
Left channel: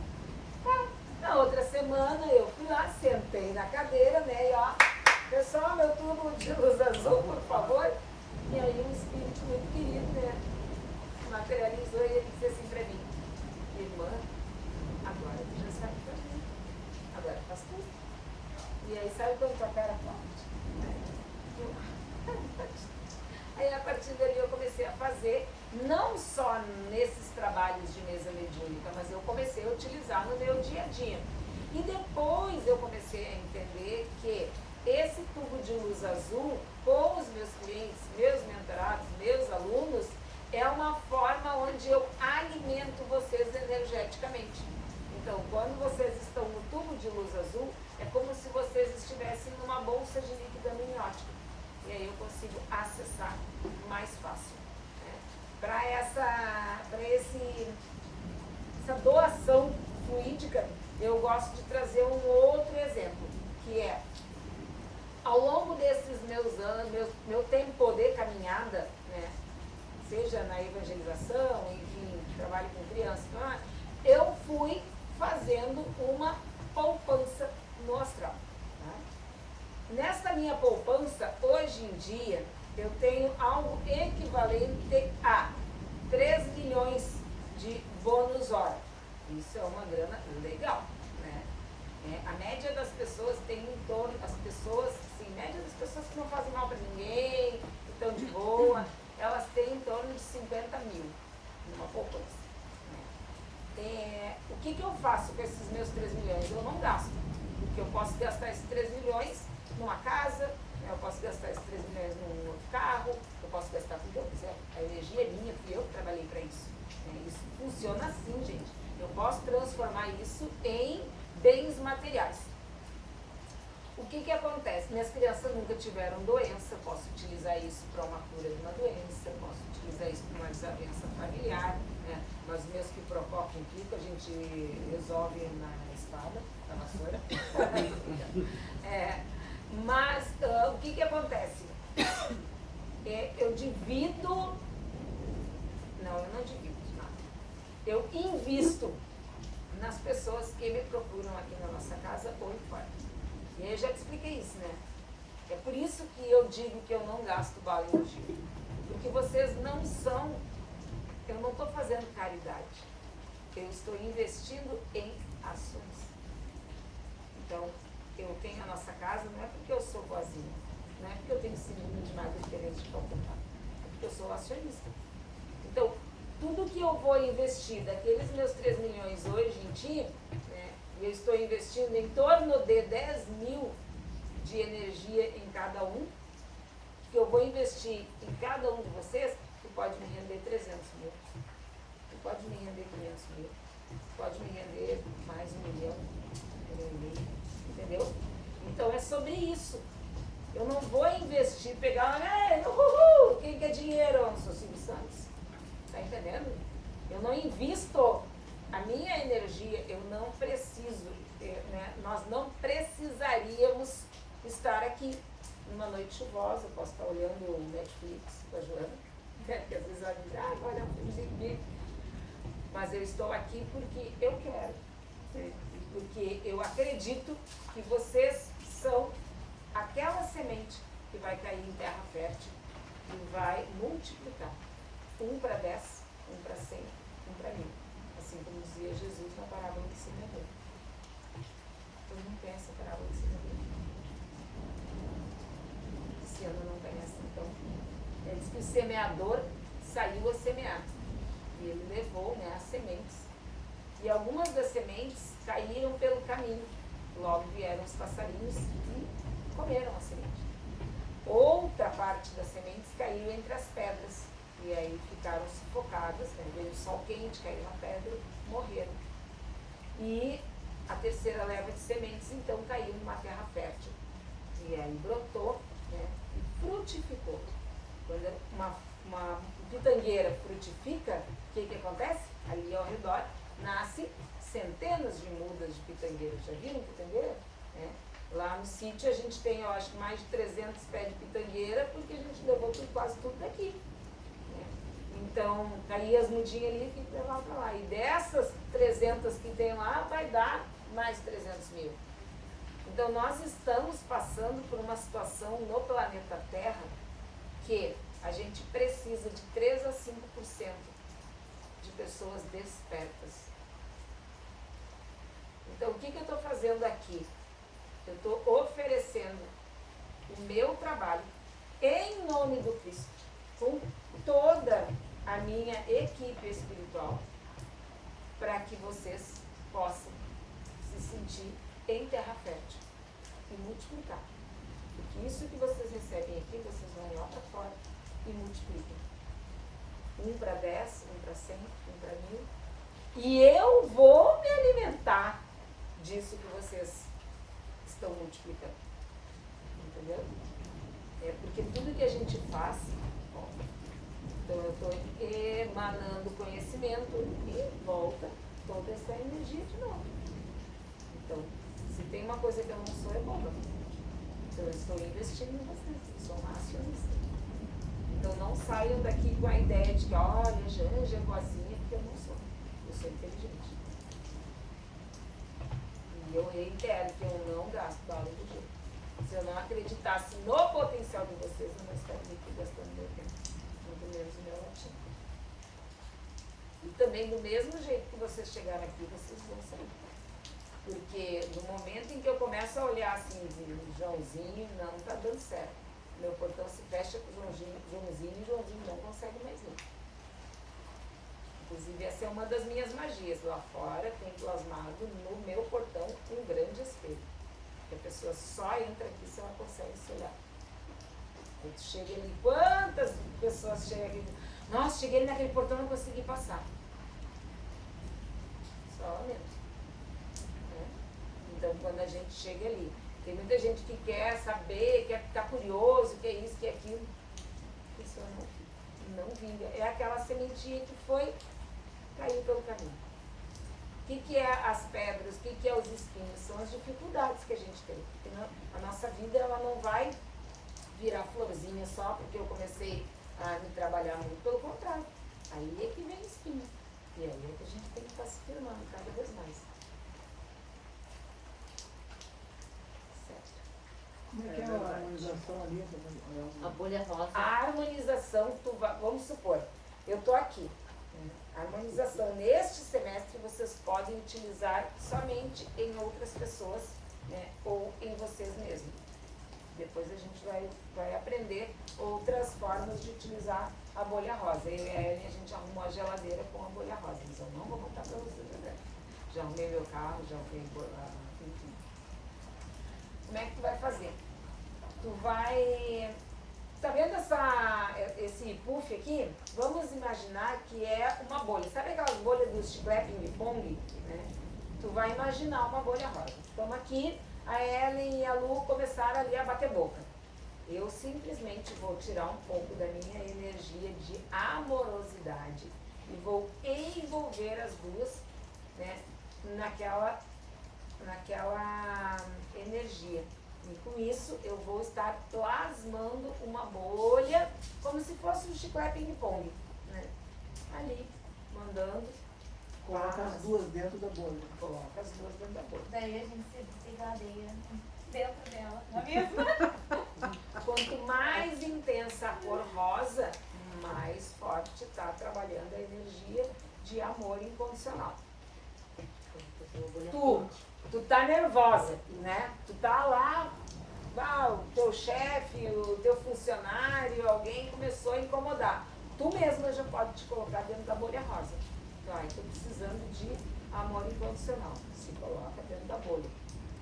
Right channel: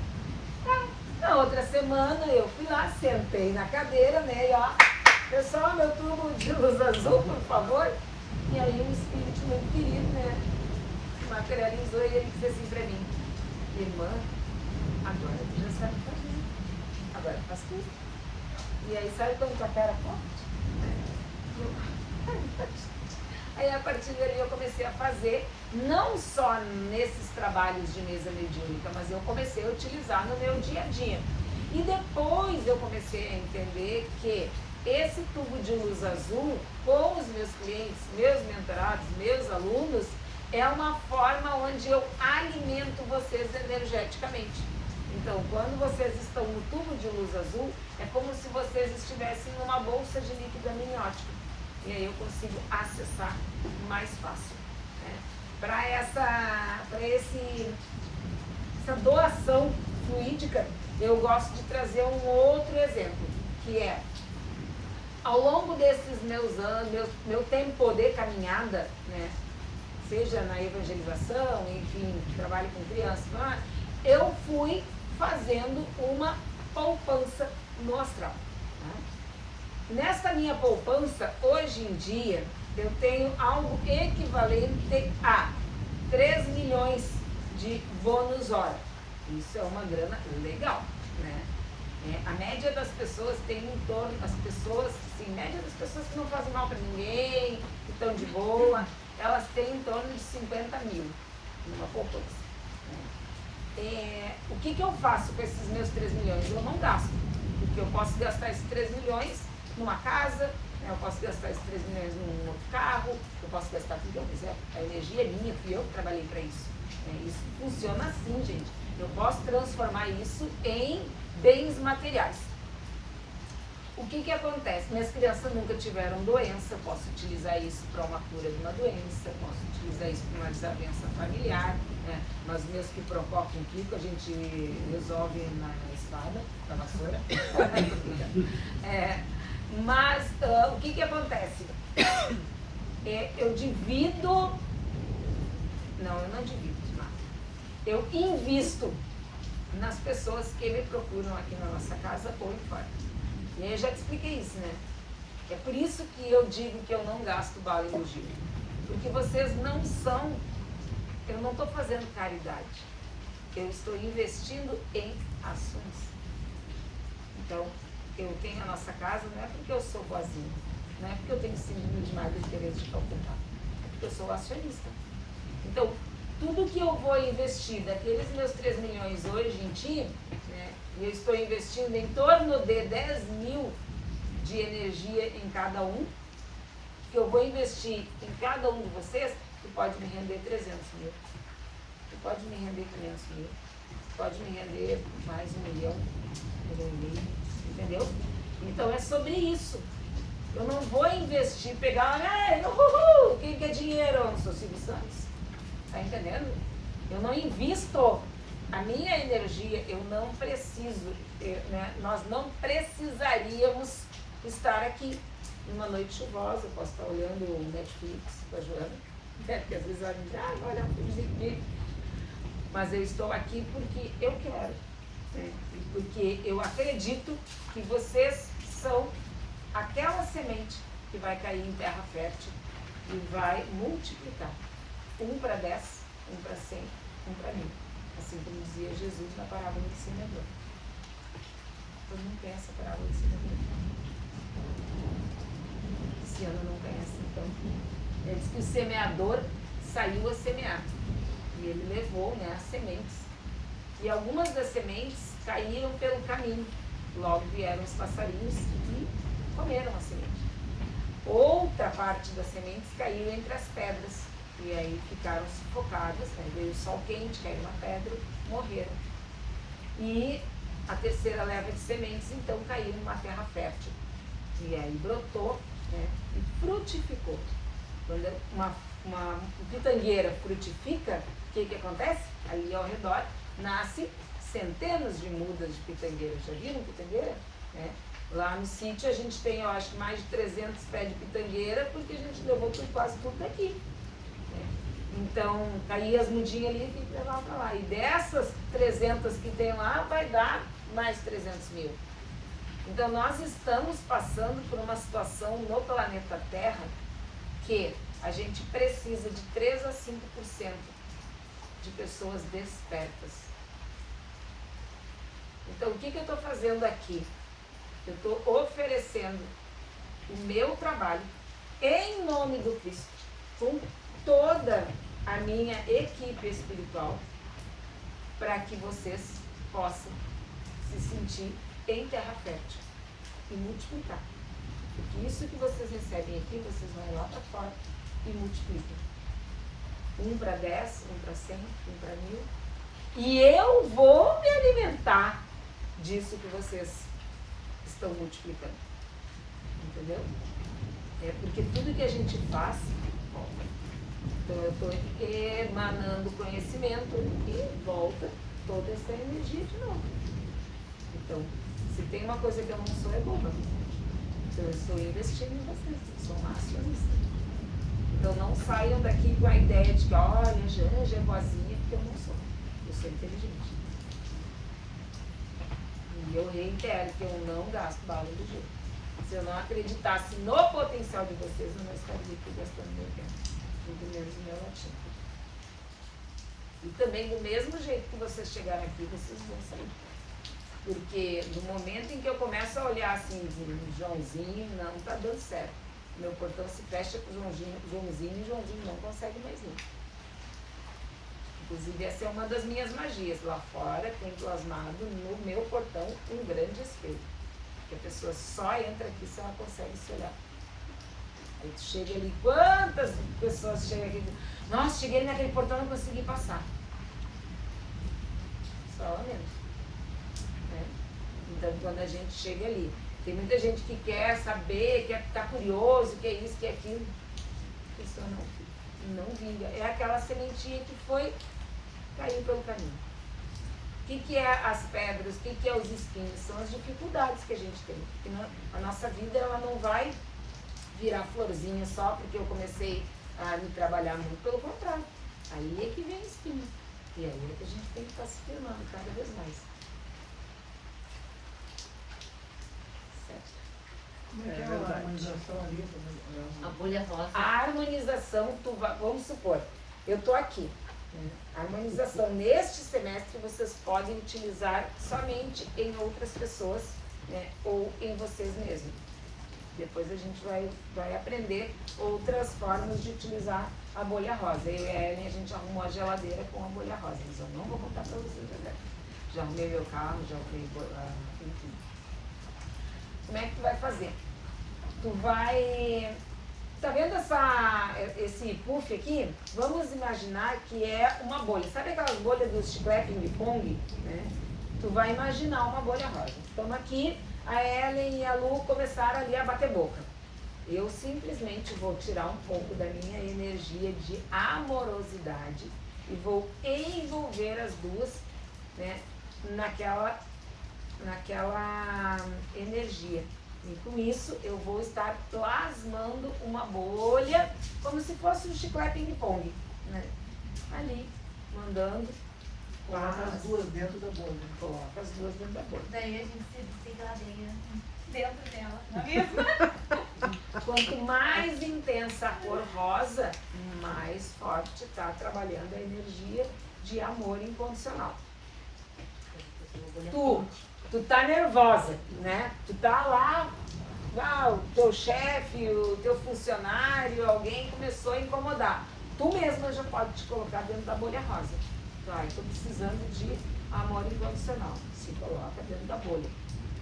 Na outra semana eu fui lá, sentei na cadeira, né, e pessoal, meu tubo de luz azul, por favor. E aí um espírito muito querido, né, materializou e ele disse assim pra mim, irmã, agora tu já sabe fazer, agora faz tudo. E aí, sabe quando tua pé era forte? Aí a partir dali eu comecei a fazer, não só nesses trabalhos de mesa mediúnica, mas eu comecei a utilizar no meu dia a dia. E depois eu comecei a entender que esse tubo de luz azul, com os meus clientes, meus mentorados, meus alunos, é uma forma onde eu alimento vocês energeticamente. Então, quando vocês estão no tubo de luz azul, é como se vocês estivessem numa bolsa de líquido amniótico. E aí eu consigo acessar mais fácil. Né? Para essa doação fluídica, eu gosto de trazer um outro exemplo, que é, ao longo desses meus anos, meu tempo de caminhada, né, seja na evangelização, enfim, trabalho com crianças, eu fui fazendo uma poupança no astral. Tá? Nessa minha poupança, hoje em dia, eu tenho algo equivalente a 3 milhões de bônus hora. Isso é uma grana legal, né? A média das pessoas tem em torno, média das pessoas que não fazem mal para ninguém, que estão de boa, elas têm em torno de 50 mil numa poupança. O que eu faço com esses meus 3 milhões? Eu não gasto, porque eu posso gastar esses 3 milhões numa casa, eu posso gastar esses 3 milhões num outro carro, eu posso gastar tudo que eu quiser. A energia é minha, fui eu que trabalhei para isso. Isso funciona assim, gente. Eu posso transformar isso em bens materiais. O que acontece? Minhas crianças nunca tiveram doença, eu posso utilizar isso para uma cura de uma doença, posso utilizar isso para uma desavença familiar, né? Mas meus que provocam Kiko, a gente resolve na espada, na vassoura. Mas o que acontece? Eu divido, eu não divido nada. Eu invisto nas pessoas que me procuram aqui na nossa casa ou em fora. E aí eu já te expliquei isso, né? É por isso que eu digo que eu não gasto bala e bugio. Porque vocês não são... Eu não estou fazendo caridade. Eu estou investindo em ações. Então, eu tenho a nossa casa, não é porque eu sou boazinha. Não é porque eu tenho síndrome de Madre Teresa de Calcutá. É porque eu sou acionista. Então, tudo que eu vou investir daqueles meus 3 milhões hoje em ti, né, eu estou investindo em torno de 10 mil de energia em cada um, que eu vou investir em cada um de vocês, que pode me render 300 mil, que pode me render 500 mil, que pode me render mais 1 milhão, 1 milhão e meio, entendeu? Então é sobre isso. Eu não vou investir, pegar, quem quer dinheiro? Eu não sou Silvio Santos. Tá entendendo? Eu não invisto a minha energia, eu não preciso, né? Nós não precisaríamos estar aqui numa noite chuvosa. Eu posso estar olhando o Netflix com a Joana, né? Porque às vezes ela me diz, vai olhar um filmezinho, mas eu estou aqui porque eu quero, né? Porque eu acredito que vocês são aquela semente que vai cair em terra fértil e vai multiplicar. 1 para 10, 1 para 100, 1 para 1000. Assim como dizia Jesus na parábola do semeador. Todo mundo conhece essa parábola do semeador? Esse ano não conhece, então. Ele diz que o semeador saiu a semear. E ele levou, né, as sementes. E algumas das sementes caíram pelo caminho. Logo vieram os passarinhos e comeram a semente. Outra parte das sementes caiu entre as pedras. E aí ficaram sufocadas, né? Veio o sol quente, caiu na pedra, morreram. E a terceira leva de sementes, então, caiu numa terra fértil. E aí brotou, né? E frutificou. Quando uma pitangueira frutifica, o que acontece? Ali ao redor nasce centenas de mudas de pitangueiras. Já viram pitangueira? Lá no sítio a gente tem, eu acho, mais de 300 pés de pitangueira, porque a gente levou quase tudo daqui. Então, caía as mudinhas ali e levava para lá. E dessas 300 que tem lá, vai dar mais 300 mil. Então, nós estamos passando por uma situação no planeta Terra que a gente precisa de 3 a 5% de pessoas despertas. Então, o que eu estou fazendo aqui? Eu estou oferecendo o meu trabalho em nome do Cristo. com toda a minha equipe espiritual para que vocês possam se sentir em terra fértil e multiplicar. Porque isso que vocês recebem aqui, vocês vão lá para fora e multiplicam. 1 para 10, 1 para 100, 1 para 1000. E eu vou me alimentar disso que vocês estão multiplicando. Entendeu? É porque tudo que a gente faz, então eu estou emanando conhecimento e volta toda essa energia de novo. Então, se tem uma coisa que eu não sou, é boba. Então eu estou investindo em vocês, eu sou uma acionista. Então não saiam daqui com a ideia de que, olha, a Janja é boazinha, porque eu não sou. Eu sou inteligente. E eu reitero que eu não gasto bala do jeito. Se eu não acreditasse no potencial de vocês, eu não estaria aqui gastando meu tempo. Muito menos o meu latim. E também do mesmo jeito que vocês chegaram aqui, vocês vão sair. Porque no momento em que eu começo a olhar assim, Joãozinho, não está dando certo. Meu portão se fecha com Joãozinho e Joãozinho não consegue mais ir. Inclusive, essa é uma das minhas magias. Lá fora tem plasmado no meu portão um grande espelho. Que a pessoa só entra aqui se ela consegue se olhar. Aí tu chega ali, quantas pessoas chegam aqui e dizem, nossa, cheguei naquele portão e não consegui passar. Só lá mesmo. Então, quando a gente chega ali, tem muita gente que quer saber, quer ficar curioso, quer isso, quer aquilo. A pessoa não vinga. É aquela sementinha que caiu pelo caminho. O que é as pedras? O que é os espinhos? São as dificuldades que a gente tem. Porque a nossa vida ela não vai virar florzinha só porque eu comecei a me trabalhar muito. Pelo contrário. Aí é que vem espinho. E aí é que a gente tem que estar se firmando cada vez mais. A bolha rosa. A harmonização, vamos supor, eu estou aqui. Né? A harmonização neste semestre vocês podem utilizar somente em outras pessoas, né? Ou em vocês mesmos. Depois a gente vai aprender outras formas de utilizar a bolha rosa. Eu e a Ellen, a gente arrumou a geladeira com a bolha rosa. Mas eu não vou contar para vocês agora. Já arrumei meu carro, já arrumei, enfim. Como é que tu vai fazer? Tu vai... Tá vendo esse puff aqui? Vamos imaginar que é uma bolha. Sabe aquelas bolhas do chiclete ping-pong? Né? Tu vai imaginar uma bolha rosa. Então aqui, a Ellen e a Lu começaram ali a bater boca. Eu simplesmente vou tirar um pouco da minha energia de amorosidade e vou envolver as duas, né, naquela energia. E com isso eu vou estar plasmando uma bolha como se fosse um chiclete ping-pong, né? Ali, mandando. Coloca as duas dentro da bolha. Coloca as duas dentro da bolha. Daí a gente se desengadeia dentro dela, não é mesmo? Quanto mais intensa a cor rosa, mais forte está trabalhando a energia de amor incondicional. Tu tá nervosa, né? Tu tá lá, o teu chefe, o teu funcionário, alguém começou a incomodar. Tu mesma já pode te colocar dentro da bolha rosa. Tô precisando de amor incondicional. Se coloca dentro da bolha.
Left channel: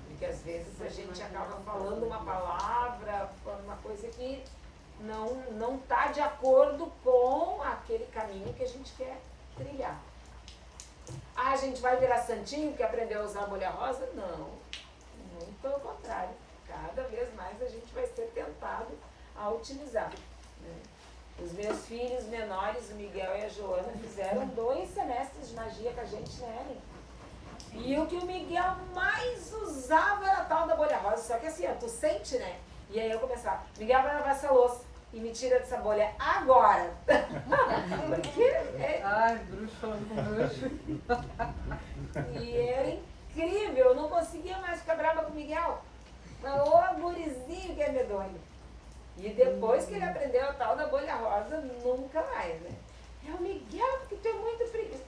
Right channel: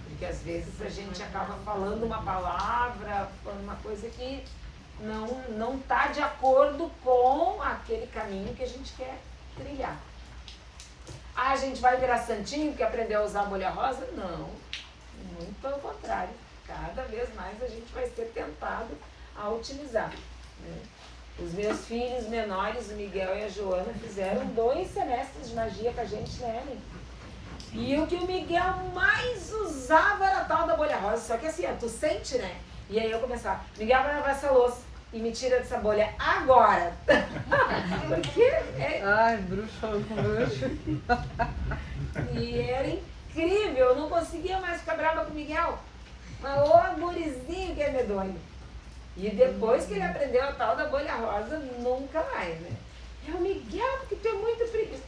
Porque às vezes a gente acaba falando uma palavra, falando uma coisa que não tá de acordo com aquele caminho que a gente quer trilhar. Ah, a gente vai virar santinho porque aprendeu a usar a bolha rosa? Não, muito pelo contrário. Cada vez mais a gente vai ser tentado a utilizar. Né? Os meus filhos menores, o Miguel e a Joana, fizeram 2 semestres de magia com a gente, né, Ellen? E o que o Miguel mais usava era a tal da bolha rosa. Só que assim, tu sente, né? E aí eu começava, Miguel, vai lavar essa louça e me tira dessa bolha agora. Porque Ai, bruxa. E era incrível, eu não conseguia mais ficar brava com o Miguel. Mas o gurizinho que é medonho. E depois que ele aprendeu a tal da bolha rosa, nunca mais, né? É o Miguel, porque tu é muito preguiça.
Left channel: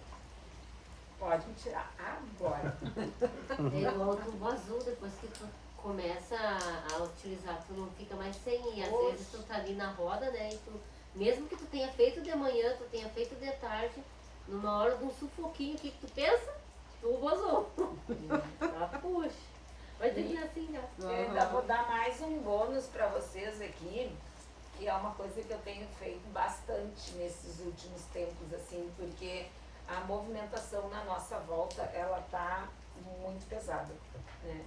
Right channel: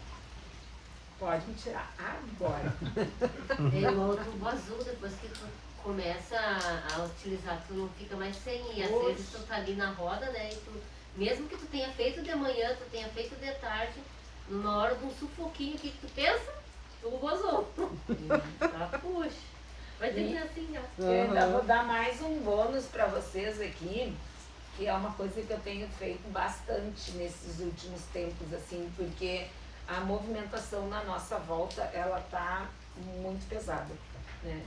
Pode me tirar agora. Tem um outro azul, depois que tu começa a utilizar, tu não fica mais sem. E às vezes tu tá ali na roda, né? E tu Mesmo que tu tenha feito de manhã, tu tenha feito de tarde, numa hora de um sufoquinho, o que tu pensa? Tu gozou. Ah, puxa. Vai ter que ser assim já. Eu ainda vou dar mais um bônus para vocês aqui, que é uma coisa que eu tenho feito bastante nesses últimos tempos, assim, porque a movimentação na nossa volta, ela tá muito pesada, né?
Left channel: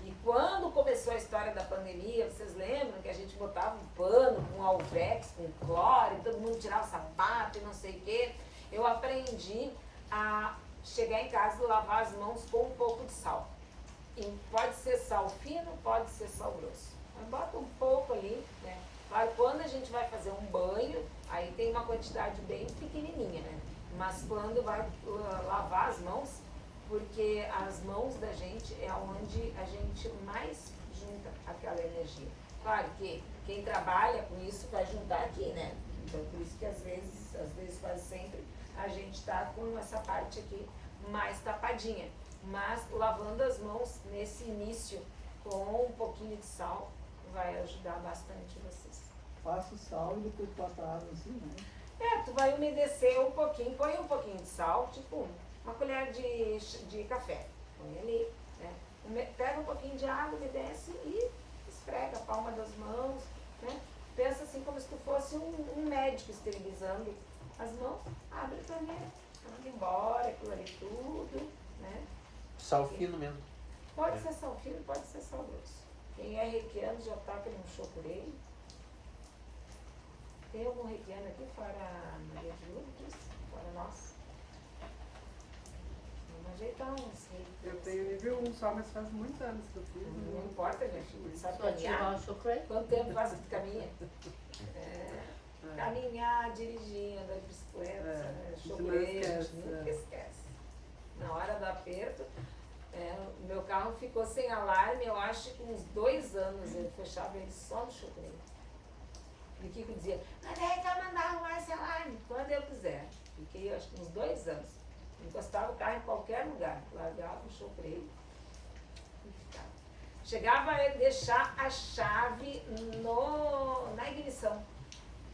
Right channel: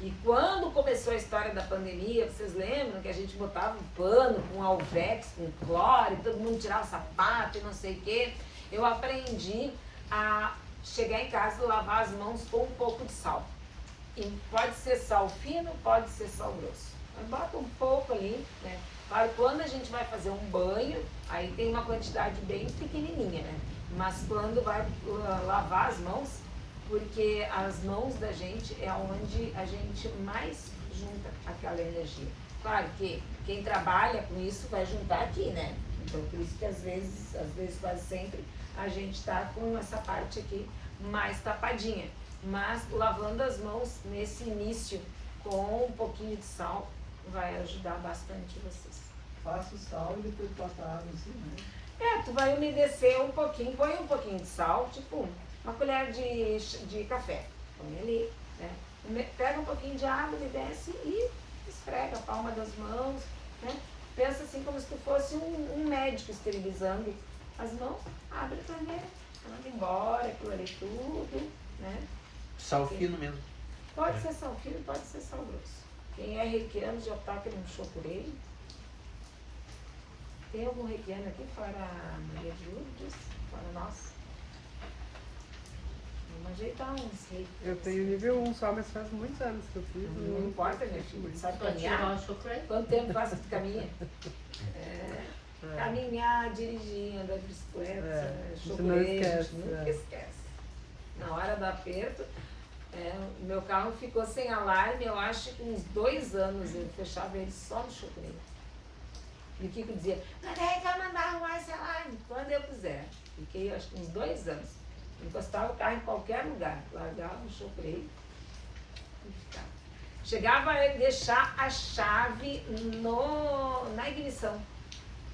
E quando começou a história da pandemia, vocês lembram que a gente botava um pano com alvex, com cloro, e todo mundo tirava o sapato e não sei o quê. Eu aprendi a chegar em casa e lavar as mãos com um pouco de sal. E pode ser sal fino, pode ser sal grosso. Mas bota um pouco ali, né? Claro, quando a gente vai fazer um banho, aí tem uma quantidade bem pequenininha, né? Mas quando vai lavar as mãos, porque as mãos da gente é onde a gente mais junta aquela energia. Claro que quem trabalha com isso vai juntar aqui, né? Então por isso que às vezes quase sempre, a gente está com essa parte aqui mais tapadinha. Mas lavando as mãos nesse início com um pouquinho de sal vai ajudar bastante vocês. Faça o sal e depois bota água assim, né? Tu vai umedecer um pouquinho, põe um pouquinho de sal, tipo uma colher de café. Põe ali, né? Pega um pouquinho de água, umedece e esfrega a palma das mãos, né? Pensa assim como se tu fosse um médico esterilizando as mãos, abre a torneira, manda embora aquilo ali tudo, né? Sal fino mesmo. Pode ser sal fino, pode ser sal grosso. Quem é reikiano já taca num chocureiro. Tem algum reikiano aqui fora a Maria de Lourdes? Fora nós? Vamos ajeitar uns reiki. Eu tenho nível 1 só, mas faz muitos anos que eu fiz. Não importa, minha filha, sabe Só tirar caminhar? o chocolate. Quanto tempo faz que tu caminha? Caminhar, dirigir, andar de bicicleta, A gente chocureiro, a gente esquece, nunca esquece. Na hora do aperto, o meu carro ficou sem alarme, eu acho que uns 2 anos eu fechava ele só no chocureiro. E o Kiko dizia, mas aí vai mandar arrumar esse alarme quando eu quiser. Fiquei acho que uns 2 anos. Encostava o carro em qualquer lugar, largava no chocureiro e ficava. Chegava a deixar a chave na ignição.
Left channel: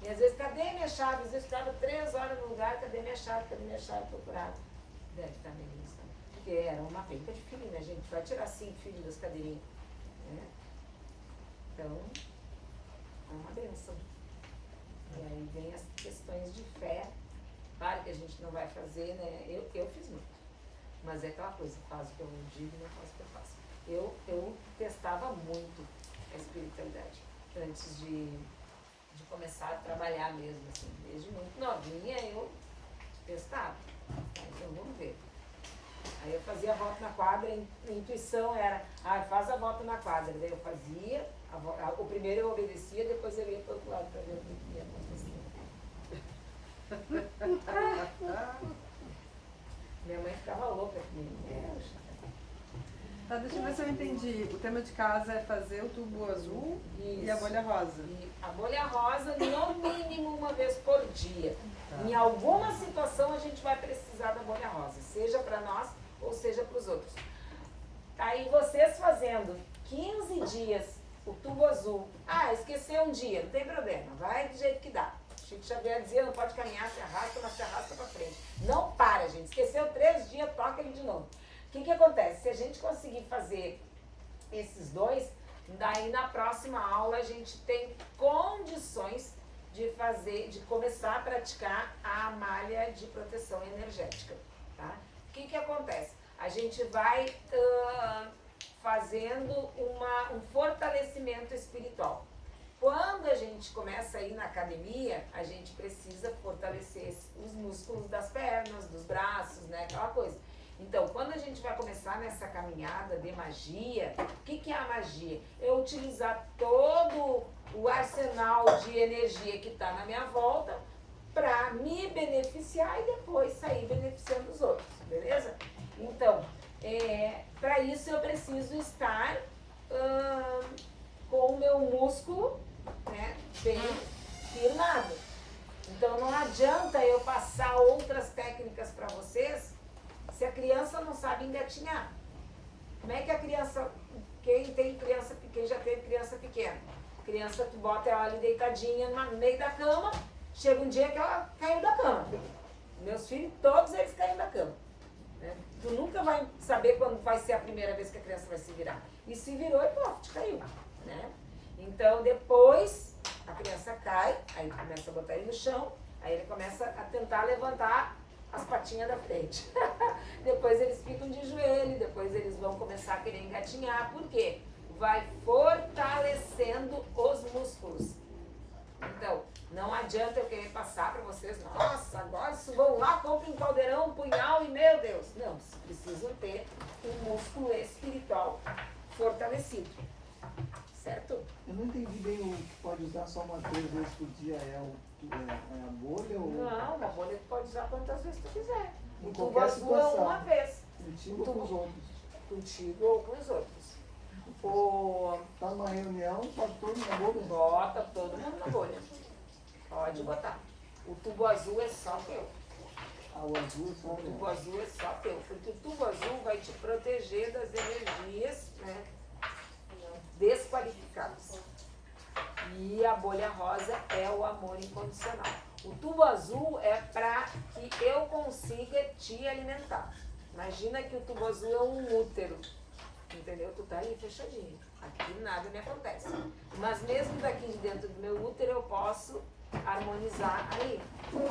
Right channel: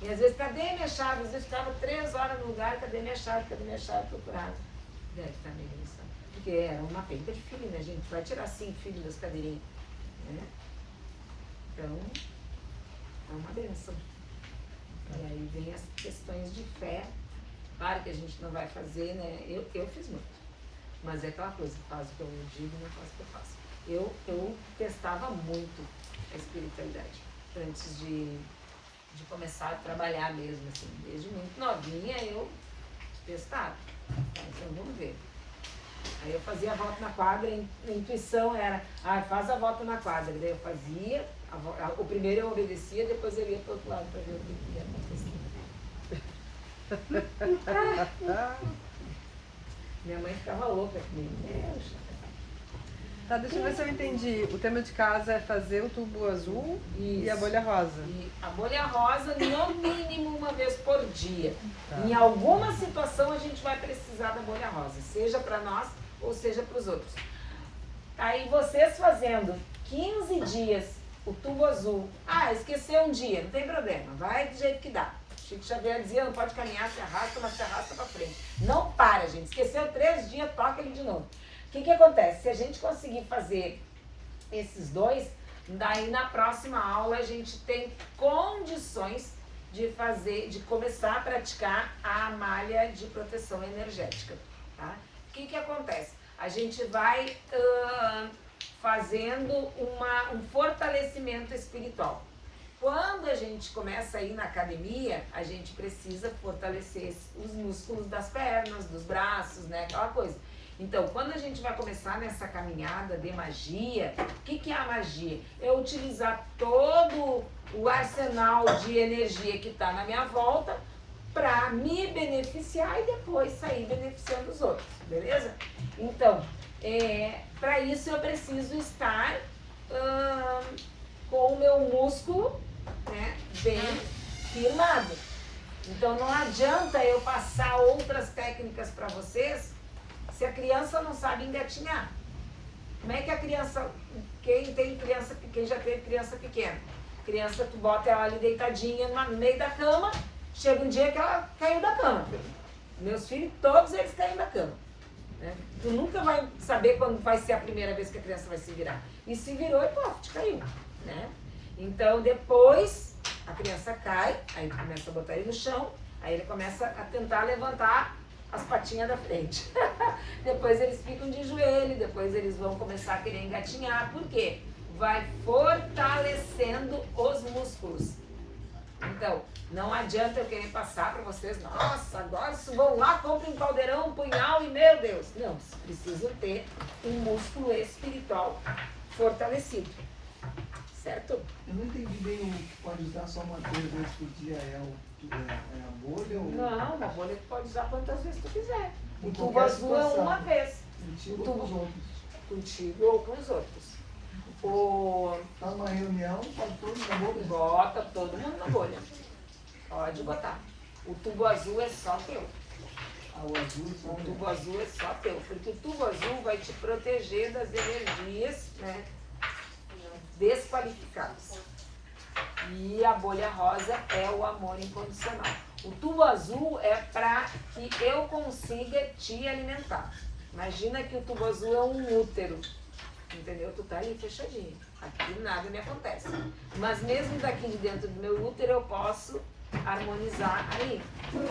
E às vezes, cadê minha chave? Às vezes ficava 3 horas no lugar, cadê minha chave, procurava. Deve estar na ignição. Porque era uma penca de filho, né, gente? Vai tirar 5 filhos das cadeirinhas. Né? Então, é uma benção. E aí vem as questões de fé. Claro que a gente não vai fazer, né? Eu fiz muito. Mas é aquela coisa, faz o que eu digo, não faz o que eu faço. Eu testava muito a espiritualidade antes de começar a trabalhar mesmo, assim. Desde muito novinha eu testava. Então vamos ver. Aí eu fazia a volta na quadra, a intuição era, faz a volta na quadra. Daí eu fazia, o primeiro eu obedecia, depois eu ia para o outro lado para ver o que ia acontecer. Minha mãe ficava louca comigo. Tá, deixa eu ver se eu entendi. O tema de casa é fazer o tubo azul e a bolha rosa. E a bolha rosa, no mínimo uma vez por dia. Em alguma situação a gente vai precisar da bolha rosa, seja para nós ou seja para os outros. Aí vocês fazendo 15 dias o tubo azul, esqueceu um dia, não tem problema, vai do jeito que dá. Chico Xavier dizia, não pode caminhar, se arrasta, mas se arrasta para frente. Não para, gente. Esqueceu 3 dias, toca ele de novo. O que acontece? Se a gente conseguir fazer esses 2, daí na próxima aula a gente tem condições de começar a praticar a malha de proteção energética. Tá? O que acontece? A gente vai fazendo um fortalecimento espiritual. Quando a gente começa a ir na academia, a gente precisa fortalecer os músculos das pernas, dos braços, né? Aquela coisa. Então, quando a gente vai começar nessa caminhada de magia, o que é a magia? É utilizar todo o arsenal de energia que está na minha volta para me beneficiar e depois sair beneficiando os outros, beleza? Então, para isso eu preciso estar com o meu músculo, né, bem firmado. Então não adianta eu passar outras técnicas para vocês se a criança não sabe engatinhar. Como é que a criança, quem já teve criança pequena, criança tu bota ela ali deitadinha no meio da cama chega um dia que ela caiu da cama. Meus filhos, todos eles caíram da cama. Né? Tu nunca vai saber quando vai ser a primeira vez que a criança vai se virar. E se virou e pô, te caiu. Né? Então depois a criança cai, aí começa a botar ele no chão, aí ele começa a tentar levantar as patinhas da frente. Depois eles ficam de joelho, depois eles vão começar a querer engatinhar. Por quê? Vai fortalecendo os músculos. Então, não adianta eu querer passar para vocês, nossa, agora isso vão lá, comprem um caldeirão, um punhal e meu Deus. Não, vocês precisam ter um músculo espiritual fortalecido. Certo? Eu não entendi bem o que pode usar só uma vez por dia, é a bolha ou... Não, a bolha tu pode usar quantas vezes tu quiser. O Em tubo qualquer azul é situação. uma vez. Contigo tubo- ou com os outros? Contigo ou com os outros. Tá numa reunião, tá tudo na boca. Bota todo mundo na bolha. Pode botar. O tubo azul é só teu. Ah, o azul só O tubo azul é só teu. Porque o tubo azul vai te proteger das energias, né, desqualificadas. E a bolha rosa é o amor incondicional. O tubo azul é para que eu consiga te alimentar. Imagina que o tubo azul é um útero. Entendeu? Tu tá ali fechadinho. Aqui nada me acontece. Mas mesmo daqui de dentro do meu útero eu posso harmonizar ali.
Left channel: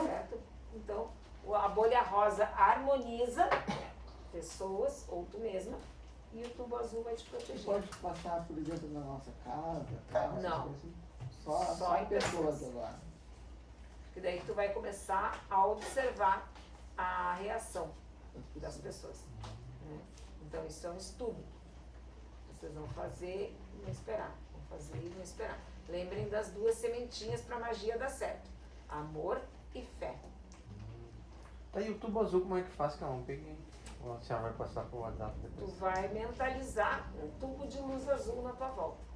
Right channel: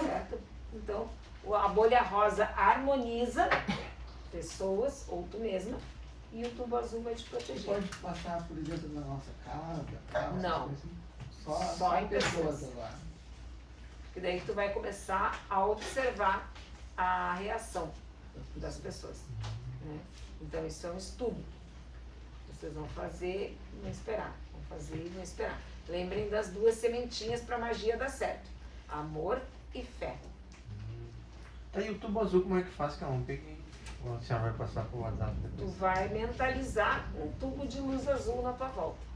Certo? Então, a bolha rosa harmoniza pessoas, ou tu mesma, e o tubo azul vai te proteger. Pode passar, por exemplo, na nossa casa, Não. assim? Só em pessoas pessoas. agora. E daí tu vai começar a observar a reação das pessoas. Né? Então isso é um estudo. Vocês vão fazer e não esperar. Vão fazer e não esperar. Lembrem das duas sementinhas para a magia dar certo. Amor e fé. Tá, e o tubo azul como é que faz que eu não peguei? Ou a senhora vai passar pro WhatsApp Tu depois? vai mentalizar um tubo de luz azul na tua volta.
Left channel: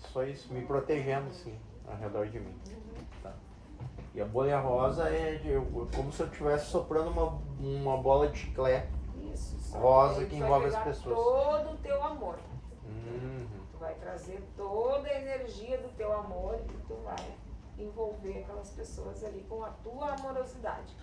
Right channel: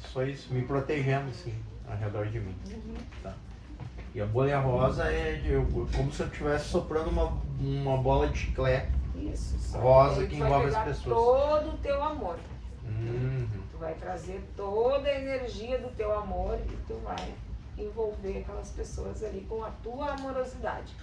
Só isso, me protegendo assim, ao redor de mim. Tá. E a bolha rosa é como se eu estivesse soprando uma bola de chiclete. Isso. Só Rosa aí que tu vai envolve as pegar pessoas. todo o teu amor. Uhum. Tu vai trazer toda a energia do teu amor e tu vai envolver aquelas pessoas ali com a tua amorosidade.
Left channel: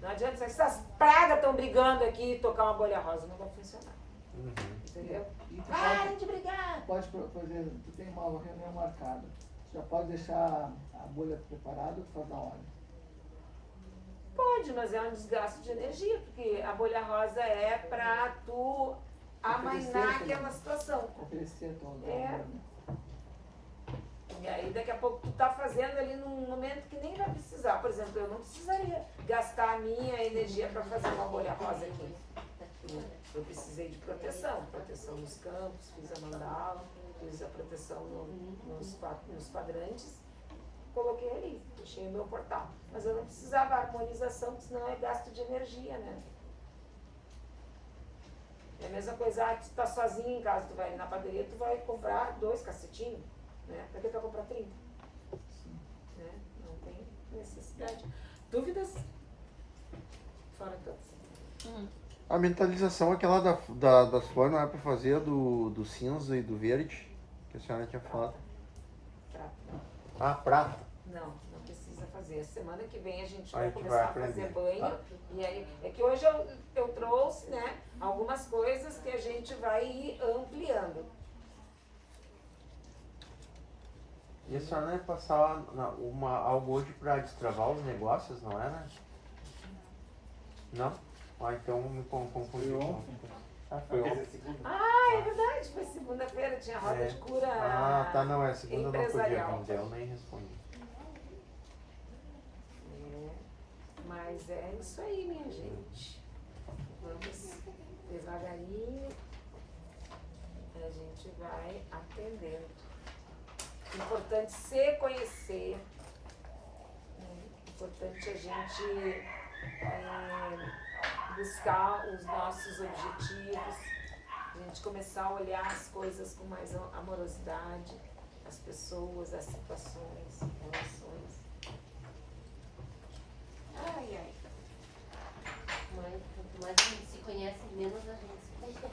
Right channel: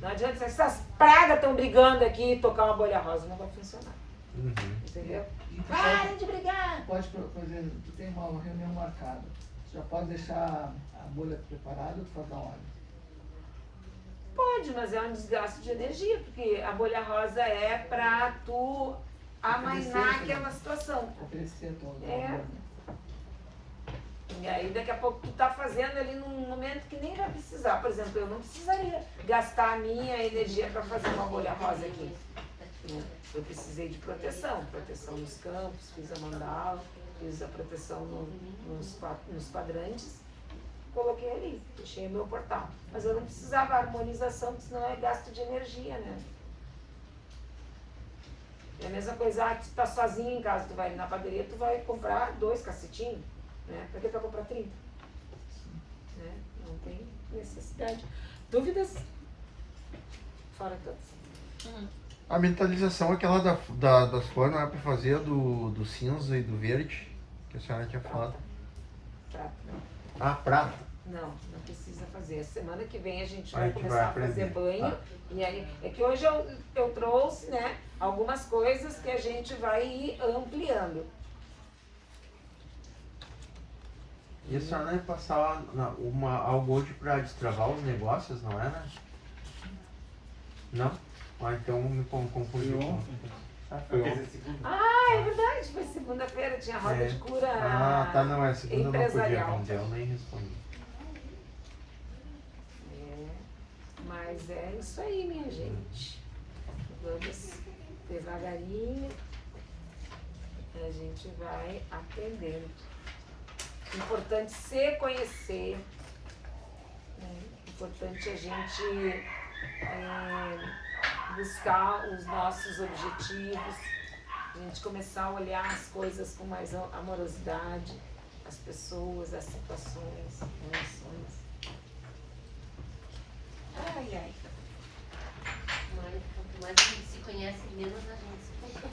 Não adianta dizer, essas pragas estão brigando aqui e tocar uma bolha rosa, não vai funcionar. Uhum. Entendeu? E tu Parem de brigar! pode, por exemplo, tu tem uma reunião marcada. Tu já pode deixar a bolha preparada ou tu faz na hora? Pode, mas é um desgaste de energia, porque a bolha rosa é pra tu amainar aquela situação. Oferecer a tua É. E aí daqui a pouco tu tá fazendo ali num momento que nem vai precisar. Por exemplo, eu não precisaria gastar a minha energia para fazer uma bolha rosa aqui. Eu precisei de proteção nos campos, fiz a mandala, fiz a proteção nos quadrantes, coloquei ali, deixei o meu portal. Mas eu não precisava harmonização, porque senão é gasto de energia, né? É a mesma coisa, tu tá sozinho em casa, tu vai na padaria, tu vai comprar 2 cacetinhos. Né? Pra que tu vai comprar 30? Né? Não tem necessidade. Dúvidas? Fora todas. A mentalização, aquela das cores, não é pra fazer do cinza e do verde, que a senhora tinha falado. Prata. Ah, prata. Não, não precisa fazer. Semana que vem a gente A vai gente começar vai a fazer aprender. banho. E aí, é que hoje eu trouxe, né, algumas coisas que a gente vai ir ampliando. E a senhora ia passar algo hoje pra destravar os negócios, não é, né? Não? Ah, então me confundi. Foi ontem. Ah, é verdade, foi segunda-feira, tinha roda É. de cura. Ah, tá, não, é segunda, não podia empresarial. vender, eu nem respondi. É, mas é isso aí, minha gente. Vamos devagarinho, a gente vai atendendo. Importante se conhecer, né? Importante a gente buscar os nossos objetivos, a gente começar a olhar as coisas com mais amorosidade, as pessoas, as situações, as relações.